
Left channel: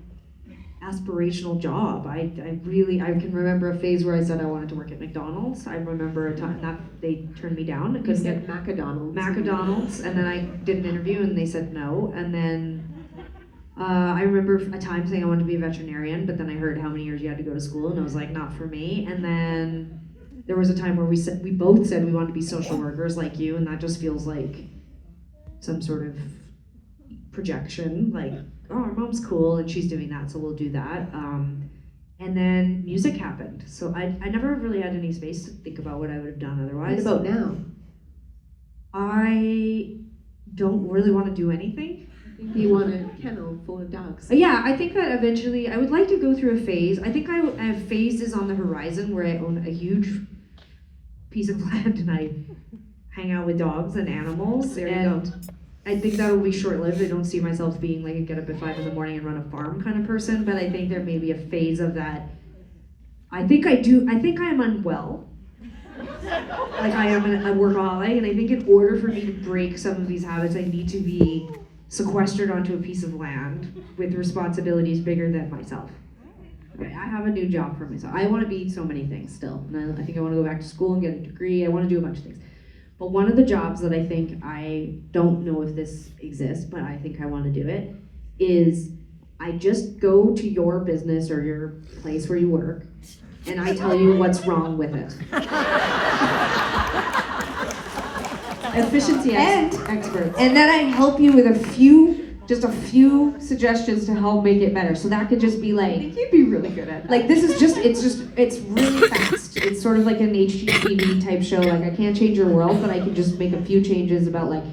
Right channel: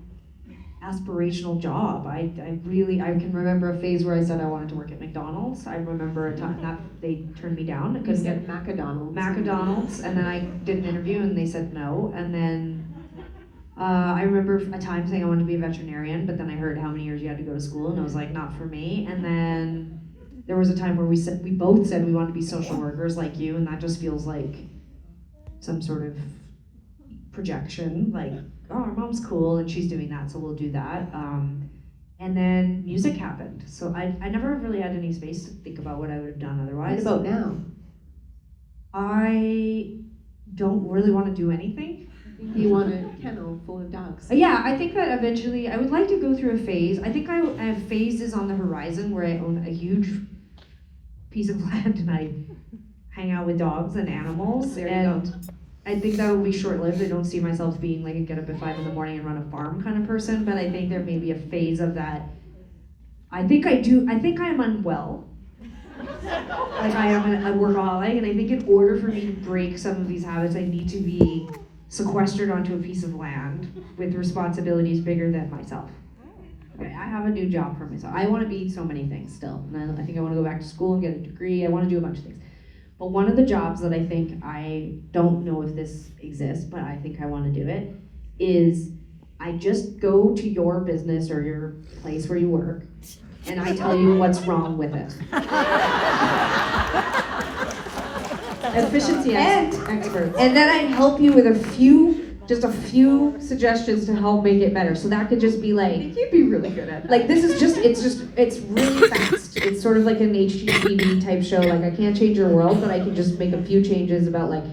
aspirational job. I can remember a phase where I said I wanted to work at McDonald's. I remember a time that they turned me down. I couldn't get McDonald's, and then I did an interview and they said no. And then I remember a time saying I wanted to be a veterinarian, but then I heard how many years you had to go to school, and I was like, not for me. And then there was a time where we both said we wanted to be social workers like you, and that just feels like some sort of projection, like, oh, our mom's cool and she's doing that, so we'll do that. And then music happened, so I never really had any space to think about what I would have done otherwise. What about now? I don't really want to do anything. You want a kennel full of dogs. Yeah, I think that eventually I would like to go through a phase. I think I have phases on the horizon where I own a huge piece of land and I hang out with dogs and animals. There you and go. I think that will be short-lived. I don't see myself being like a get up at 5 in the morning and run a farm kind of person, but I think there may be a phase of that. I think I'm unwell. like I am a workaholic, and I think in order for me to break some of these habits, I need to be sequestered onto a piece of land with responsibilities bigger than myself. Okay, I have a new job for myself. I want to be so many things still. And I think I want to go back to school and get a degree. I want to do a bunch of things. But one of the jobs that I think, I don't know if this exists, but I think I want to do it, is I just go to your business or your place where you work, and I tell you what's wrong with it. Efficiency experts. And then I help you with just a few suggestions to help make it better. So that could just be like, You'd be really good at that. like it's really fast. It's sort of like an HGTV type show. Like, I can't change your world, but I can just make a few changes about, like,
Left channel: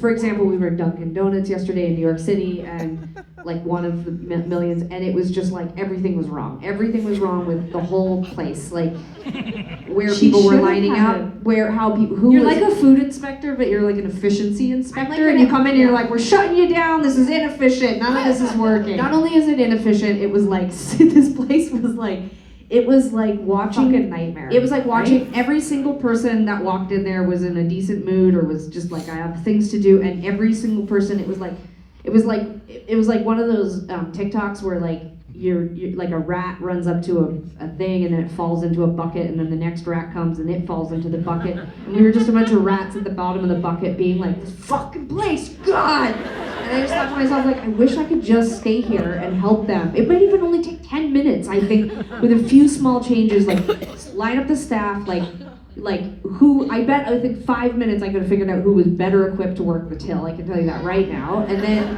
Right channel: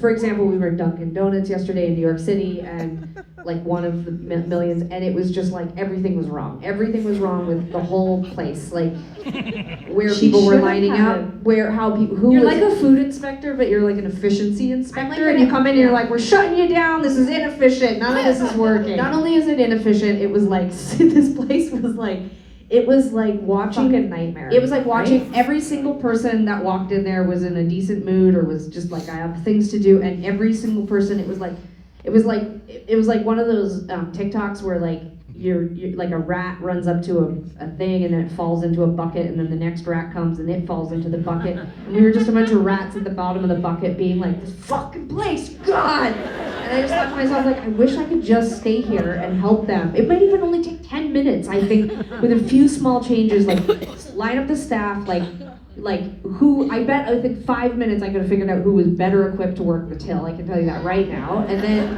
for example, we were at Dunkin' Donuts yesterday in New York City, and like one of the millions, and it was just like everything was wrong. Everything was wrong with the whole place, like where people were lining up, who You're was, like a food inspector, but you're like an efficiency inspector, like and you come in and you're like, we're shutting you down, this is inefficient, none of this is working. Not only is it inefficient, it was like this place was like, it was like watching Fucking nightmare. It was like watching every single person that walked in there was in a decent mood or was just like, I have things to do, and every single person, it was like one of those TikToks where like you're like a rat runs up to a thing and then it falls into a bucket, and then the next rat comes and it falls into the bucket, and we were just a bunch of rats at the bottom of the bucket being like, this fucking place, God! And I just thought to myself, like, I wish I could just stay here and help them. It might even only take 10 minutes, I think, with a few small changes, like line up the staff, like who, I think 5 minutes I could have figured out who was better equipped to work the till, I can tell you that right now. And then,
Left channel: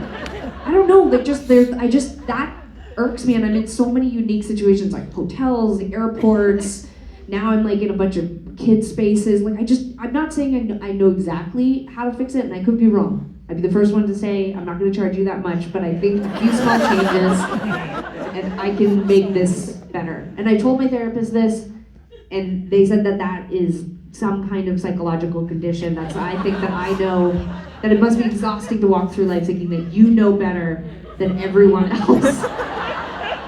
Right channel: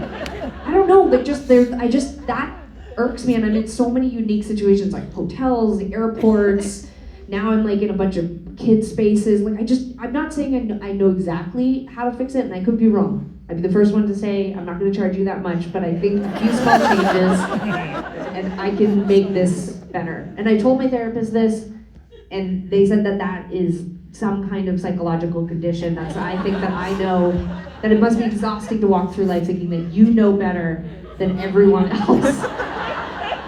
I don't know, but that irks me, and I'm in so many unique situations, like hotels, the airports, now I'm like in a bunch of kid spaces, like I'm not saying I know exactly how to fix it, and I could be wrong. I'd be the first one to say, I'm not gonna charge you that much, but I think a few small changes, and I can make this better. And I told my therapist this, and they said that is some kind of psychological condition. That's, I think that I know that it must be exhausting to walk through life thinking that you know better than everyone else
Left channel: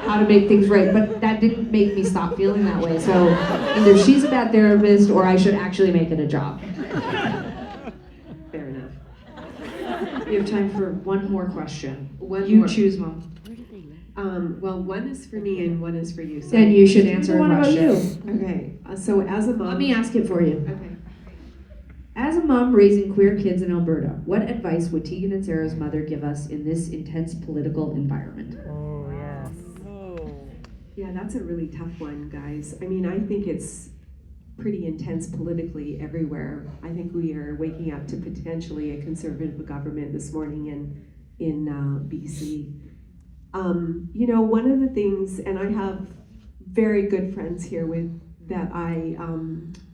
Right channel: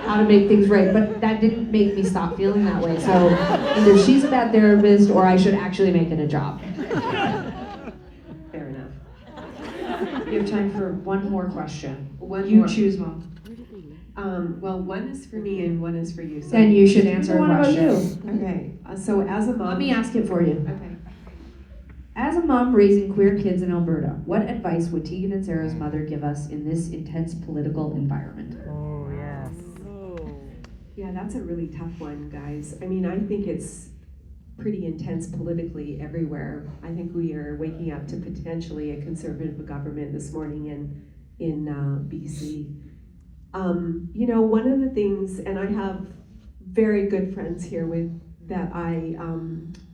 how to make things right. But that didn't make me stop feeling that way. So either she's a bad therapist or I should actually make it a job. Fair enough. We have time for one more question. One You more. choose, Mom. Well, one is for me and one is for you. So Then you should answer a What about question. Okay, so as a mom. Let me ask it for you. Okay. As a mom raising queer kids in Alberta, what advice would Tegan and Sara's mother give us in this intense political environment? Oh, yes. Yeah, that's a really tough one, guys. I mean, I think it's pretty intense politically everywhere. I think we are waking up to potentially a conservative government this morning in BC. You know, one of the things, and I have very good friends here that I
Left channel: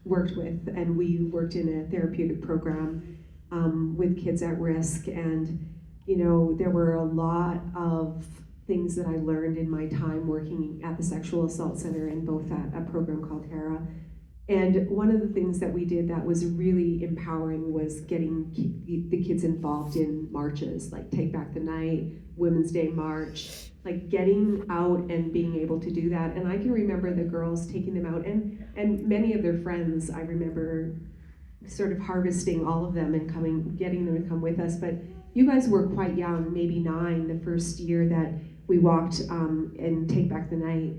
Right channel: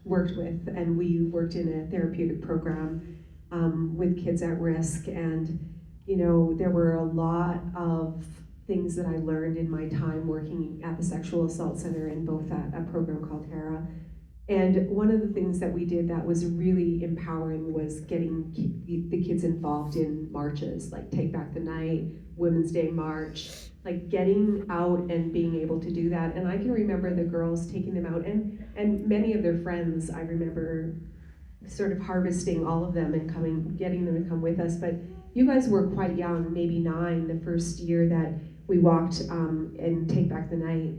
worked with, and we worked in a therapeutic program with kids at risk, and you know, there were a lot of things that I learned in my time working at the Sexual Assault Center in both at a program called ERA. And one of the things that we did that was really empowering was getting the kids involved in marches, like Take Back the Night, Women's Day March, like getting out and being able to do that. And I can remember the girls taking them out, and many of their friends, I remember sort of harvesting all of them and getting them to come with us. But you guys were quite young, maybe 9, the first year that we walked and Take Back the Night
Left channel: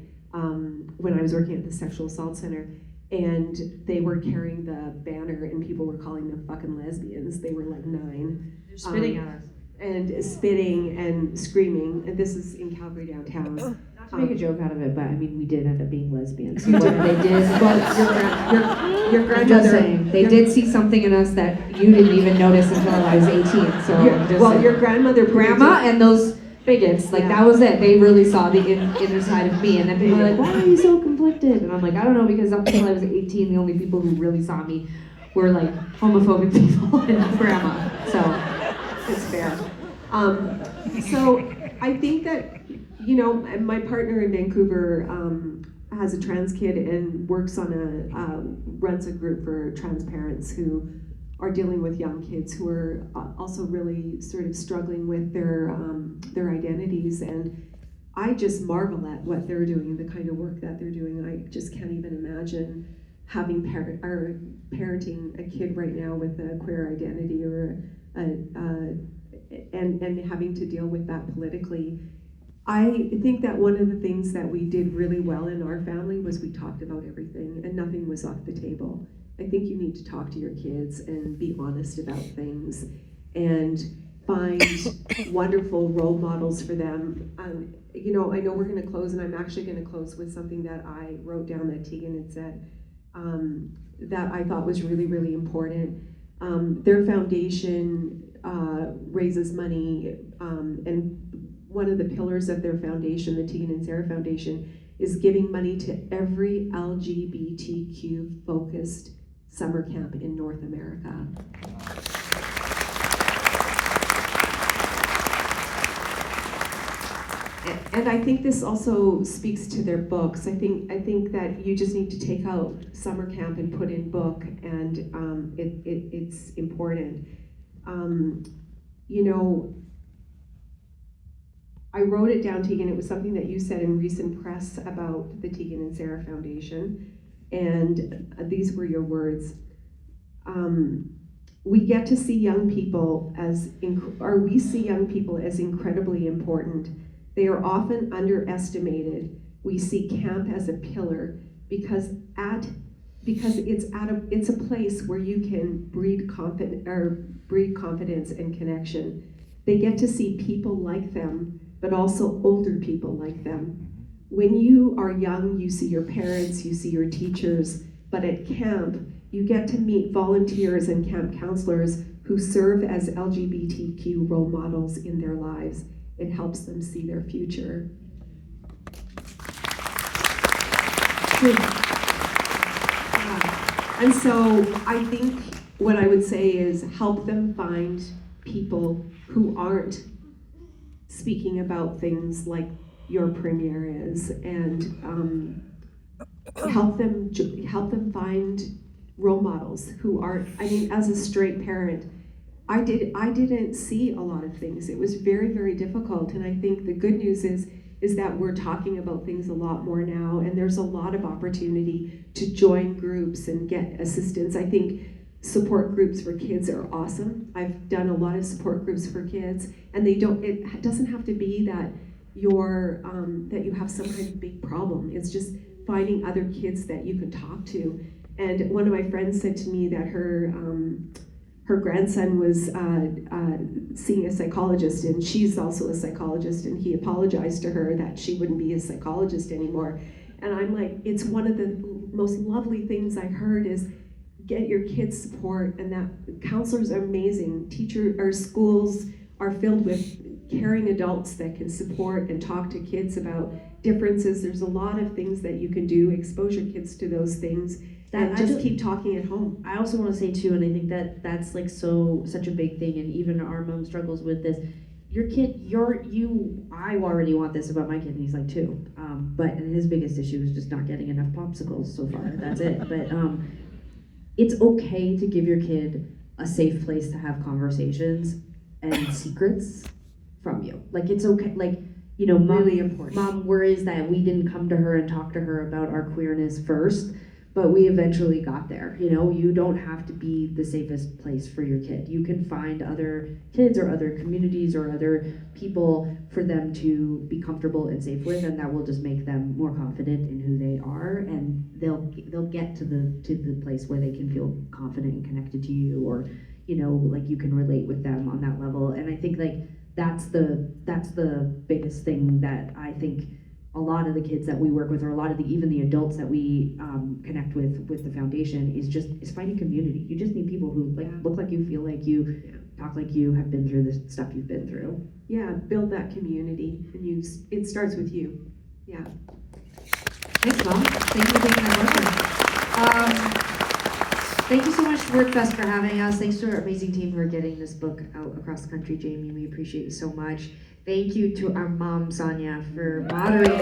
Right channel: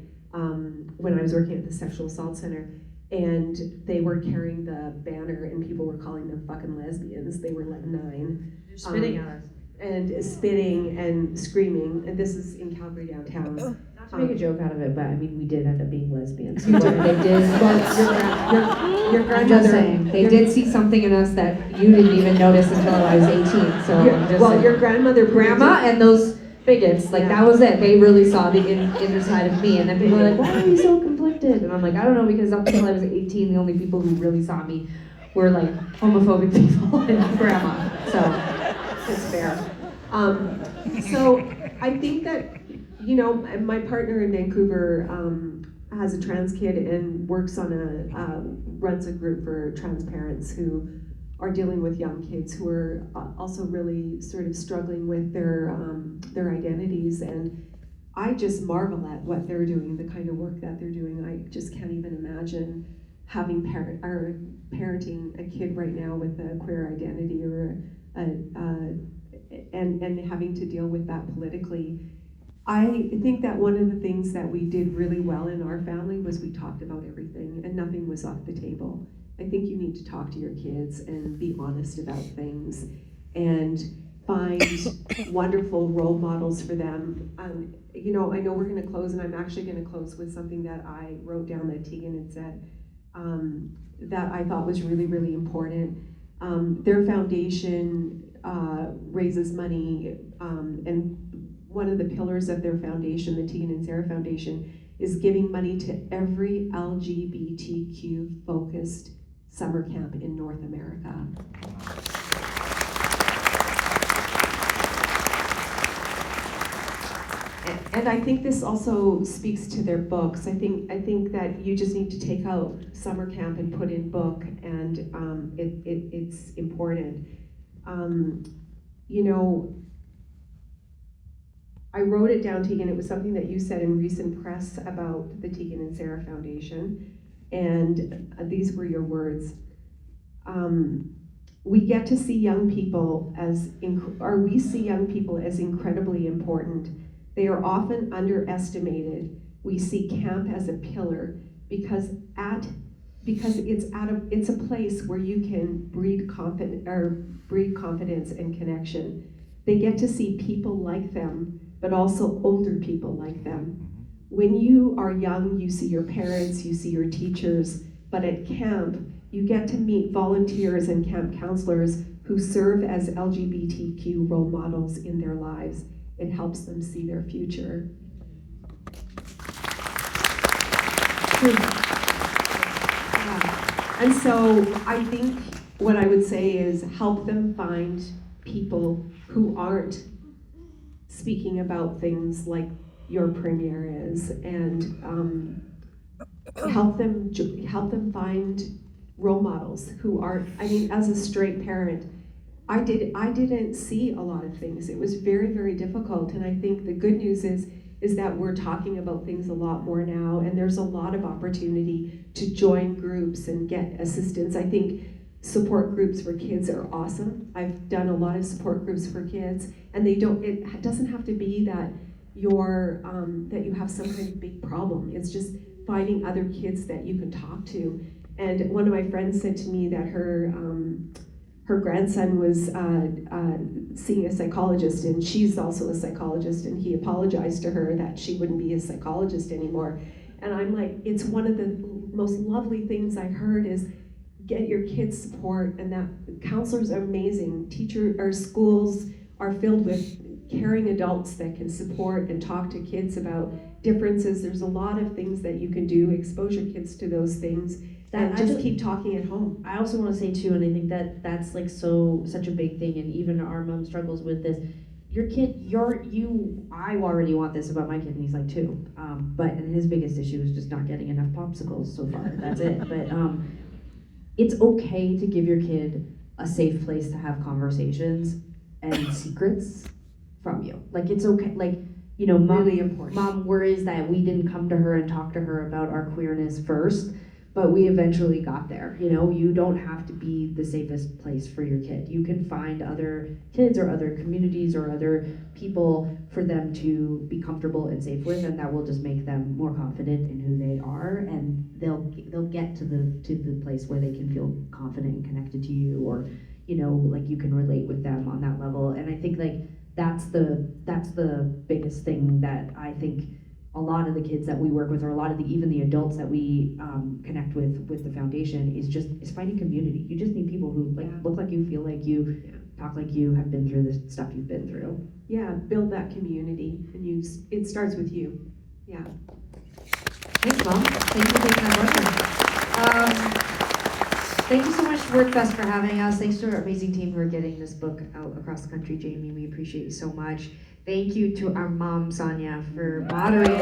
when I was working at the Sexual Assault Center. And they were carrying the banner and people were calling them fucking lesbians. They were like 9. They're spitting at us. And spitting and screaming. And this is in Calgary downtown. Not to make a joke out of it, but I mean, we did end up being lesbians. You did. They did. Well, your I'm just grandmother, saying. they did see something in us that you didn't even notice until I was 18. So I'm just saying. Your grandmother, Grandma and those bigots, like that was it. They really saw the inner side of me, and then people were like, "Why are you so conflicted?" And I'm like, "I don't know, because up until I was 18, the only people who really saw me were like homophobic people and grandma." So it's fair. So I think that, you know, my partner in Vancouver has a trans kid and works on runs a group for trans parents who are dealing with young kids who are also really sort of struggling with their identities. And I just marvel at what they're doing, the kind of work that they're doing. I just can't even imagine parenting a kid right now with a queer identity or and having to deal with that politically. I think that one of the things that we did really well in our family was we talked about everything and nothing was off the table. I think you need to talk to your kids and be honest about things and find wonderful role models for them. You know, I know we're going to close, and I'm actually going to close with something that I wrote down that Tegan had said that I thought was really, really important. Their foundation raises money, and one of the pillars of their foundation, the Tegan and Sara Foundation, is giving money to every LGBTQ focused summer camp in North America. And I think this also speaks to their books. I think that you just need to take out summer camp and put in book, and it's important. You know, I wrote it down, Tegan. It was something that you said in recent press about the Tegan and Sara Foundation, and these were your words. We get to see young people we see young people as incredibly important. They are often underestimated. We see camp as a pillar because it's a place where you can breed confidence and connection. They get to see people like them, but also older people like them. When you are young, you see your parents, you see your teachers, but at camp, you get to meet volunteers and camp counselors who serve as LGBTQ role models in their lives. It helps them see their future. And so I think what I would say is help them find people who aren't speaking about things like your premier is, and help them find role models who aren't. I mean, as a straight parent, I didn't see a lot of things. It was very, very difficult, and I think the good news is that we're talking about things a lot more now, and there's a lot of opportunity to join groups and get assistance. I think support groups for kids are awesome. I've done a lot of support groups for kids, and it doesn't have to be that that you have some kind of big problem. It's just finding other kids that you can talk to. And one of my friends said to me that her grandson was seeing a psychologist, and she's also a psychologist, and he apologized to her that she wouldn't be a psychologist anymore. And I'm like, it's one of the most lovely things I've heard is get your kids support, and that counselors are amazing. Our schools are filled with caring adults that can support and talk to kids about differences. There's a lot of things that you can do, expose your kids to those things, and just keep talking at home. I also want to say too, and I think that's like such a big thing, and even our mom struggles with this. Your kid, I already want this about my kid, and he's like 2. But his biggest issue is just not getting enough popsicles so far. That's it. But it's okay to give your kid a safe place to have conversations and secrets from you. Like, it's okay. Like, you know, mom worries that we didn't come to her and talk to her about our queerness first, but we eventually got there. You know, you don't have to be the safest place for your kid. You can find other kids or other communities or other people for them to be comfortable and safe with, and that will just make them more confident in who they are, and they'll get to the place where they can feel confident and connected to you, or, you know, like you can relate with them on that level. And I think like that's the biggest thing that I think a lot of the kids that we work with, or a lot of even the adults that we connect with the foundation, is finding community. You just need people who look like you, feel like you, talk like you, have been through the stuff you've been through. Yeah, build that community, and it starts with you. Yeah. Thanks, Mom. Thank you for taking our question. Thank you so much, Wordfest, for having us. Thanks to our amazing team who are getting this book out across the country. Jamie, we appreciate you so much. Thank you to our mom, Sonia, for moderating.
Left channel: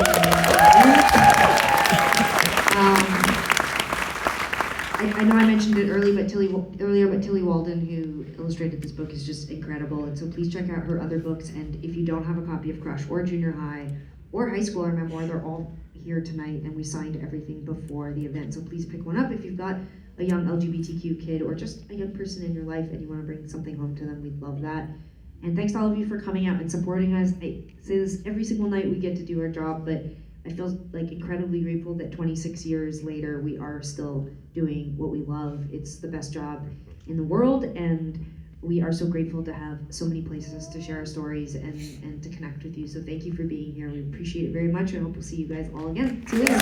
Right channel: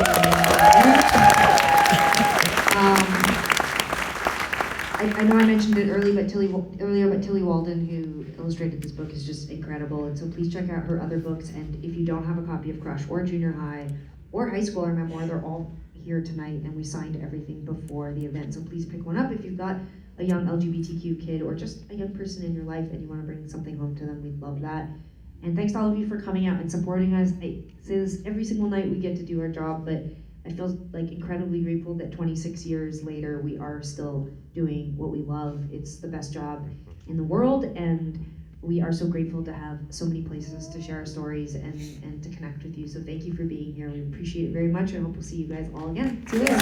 I know I mentioned it earlier, but Tilly Walden, who illustrated this book, is just incredible. And so please check out her other books. And if you don't have a copy of Crush or Junior High or High School or Memoir, they're all here tonight, and we signed everything before the event. So please pick one up if you've got a young LGBTQ kid or just a young person in your life and you want to bring something home to them. We'd love that. And thanks to all of you for coming out and supporting us. I say this every single night, we get to do our job, but I feel like incredibly grateful that 26 years later we are still doing what we love. It's the best job in the world, and we are so grateful to have so many places to share our stories and to connect with you. So thank you for being here. We appreciate it very much. I hope we'll see you guys all again. See you later.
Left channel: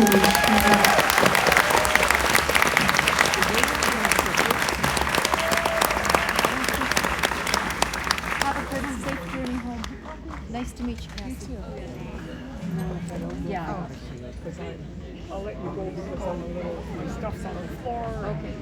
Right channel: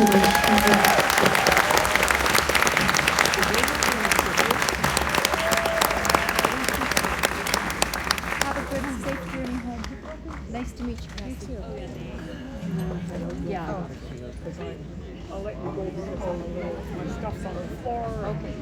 Nice to meet you. You too. I'll let you go over all the stuff's on the floor. Okay.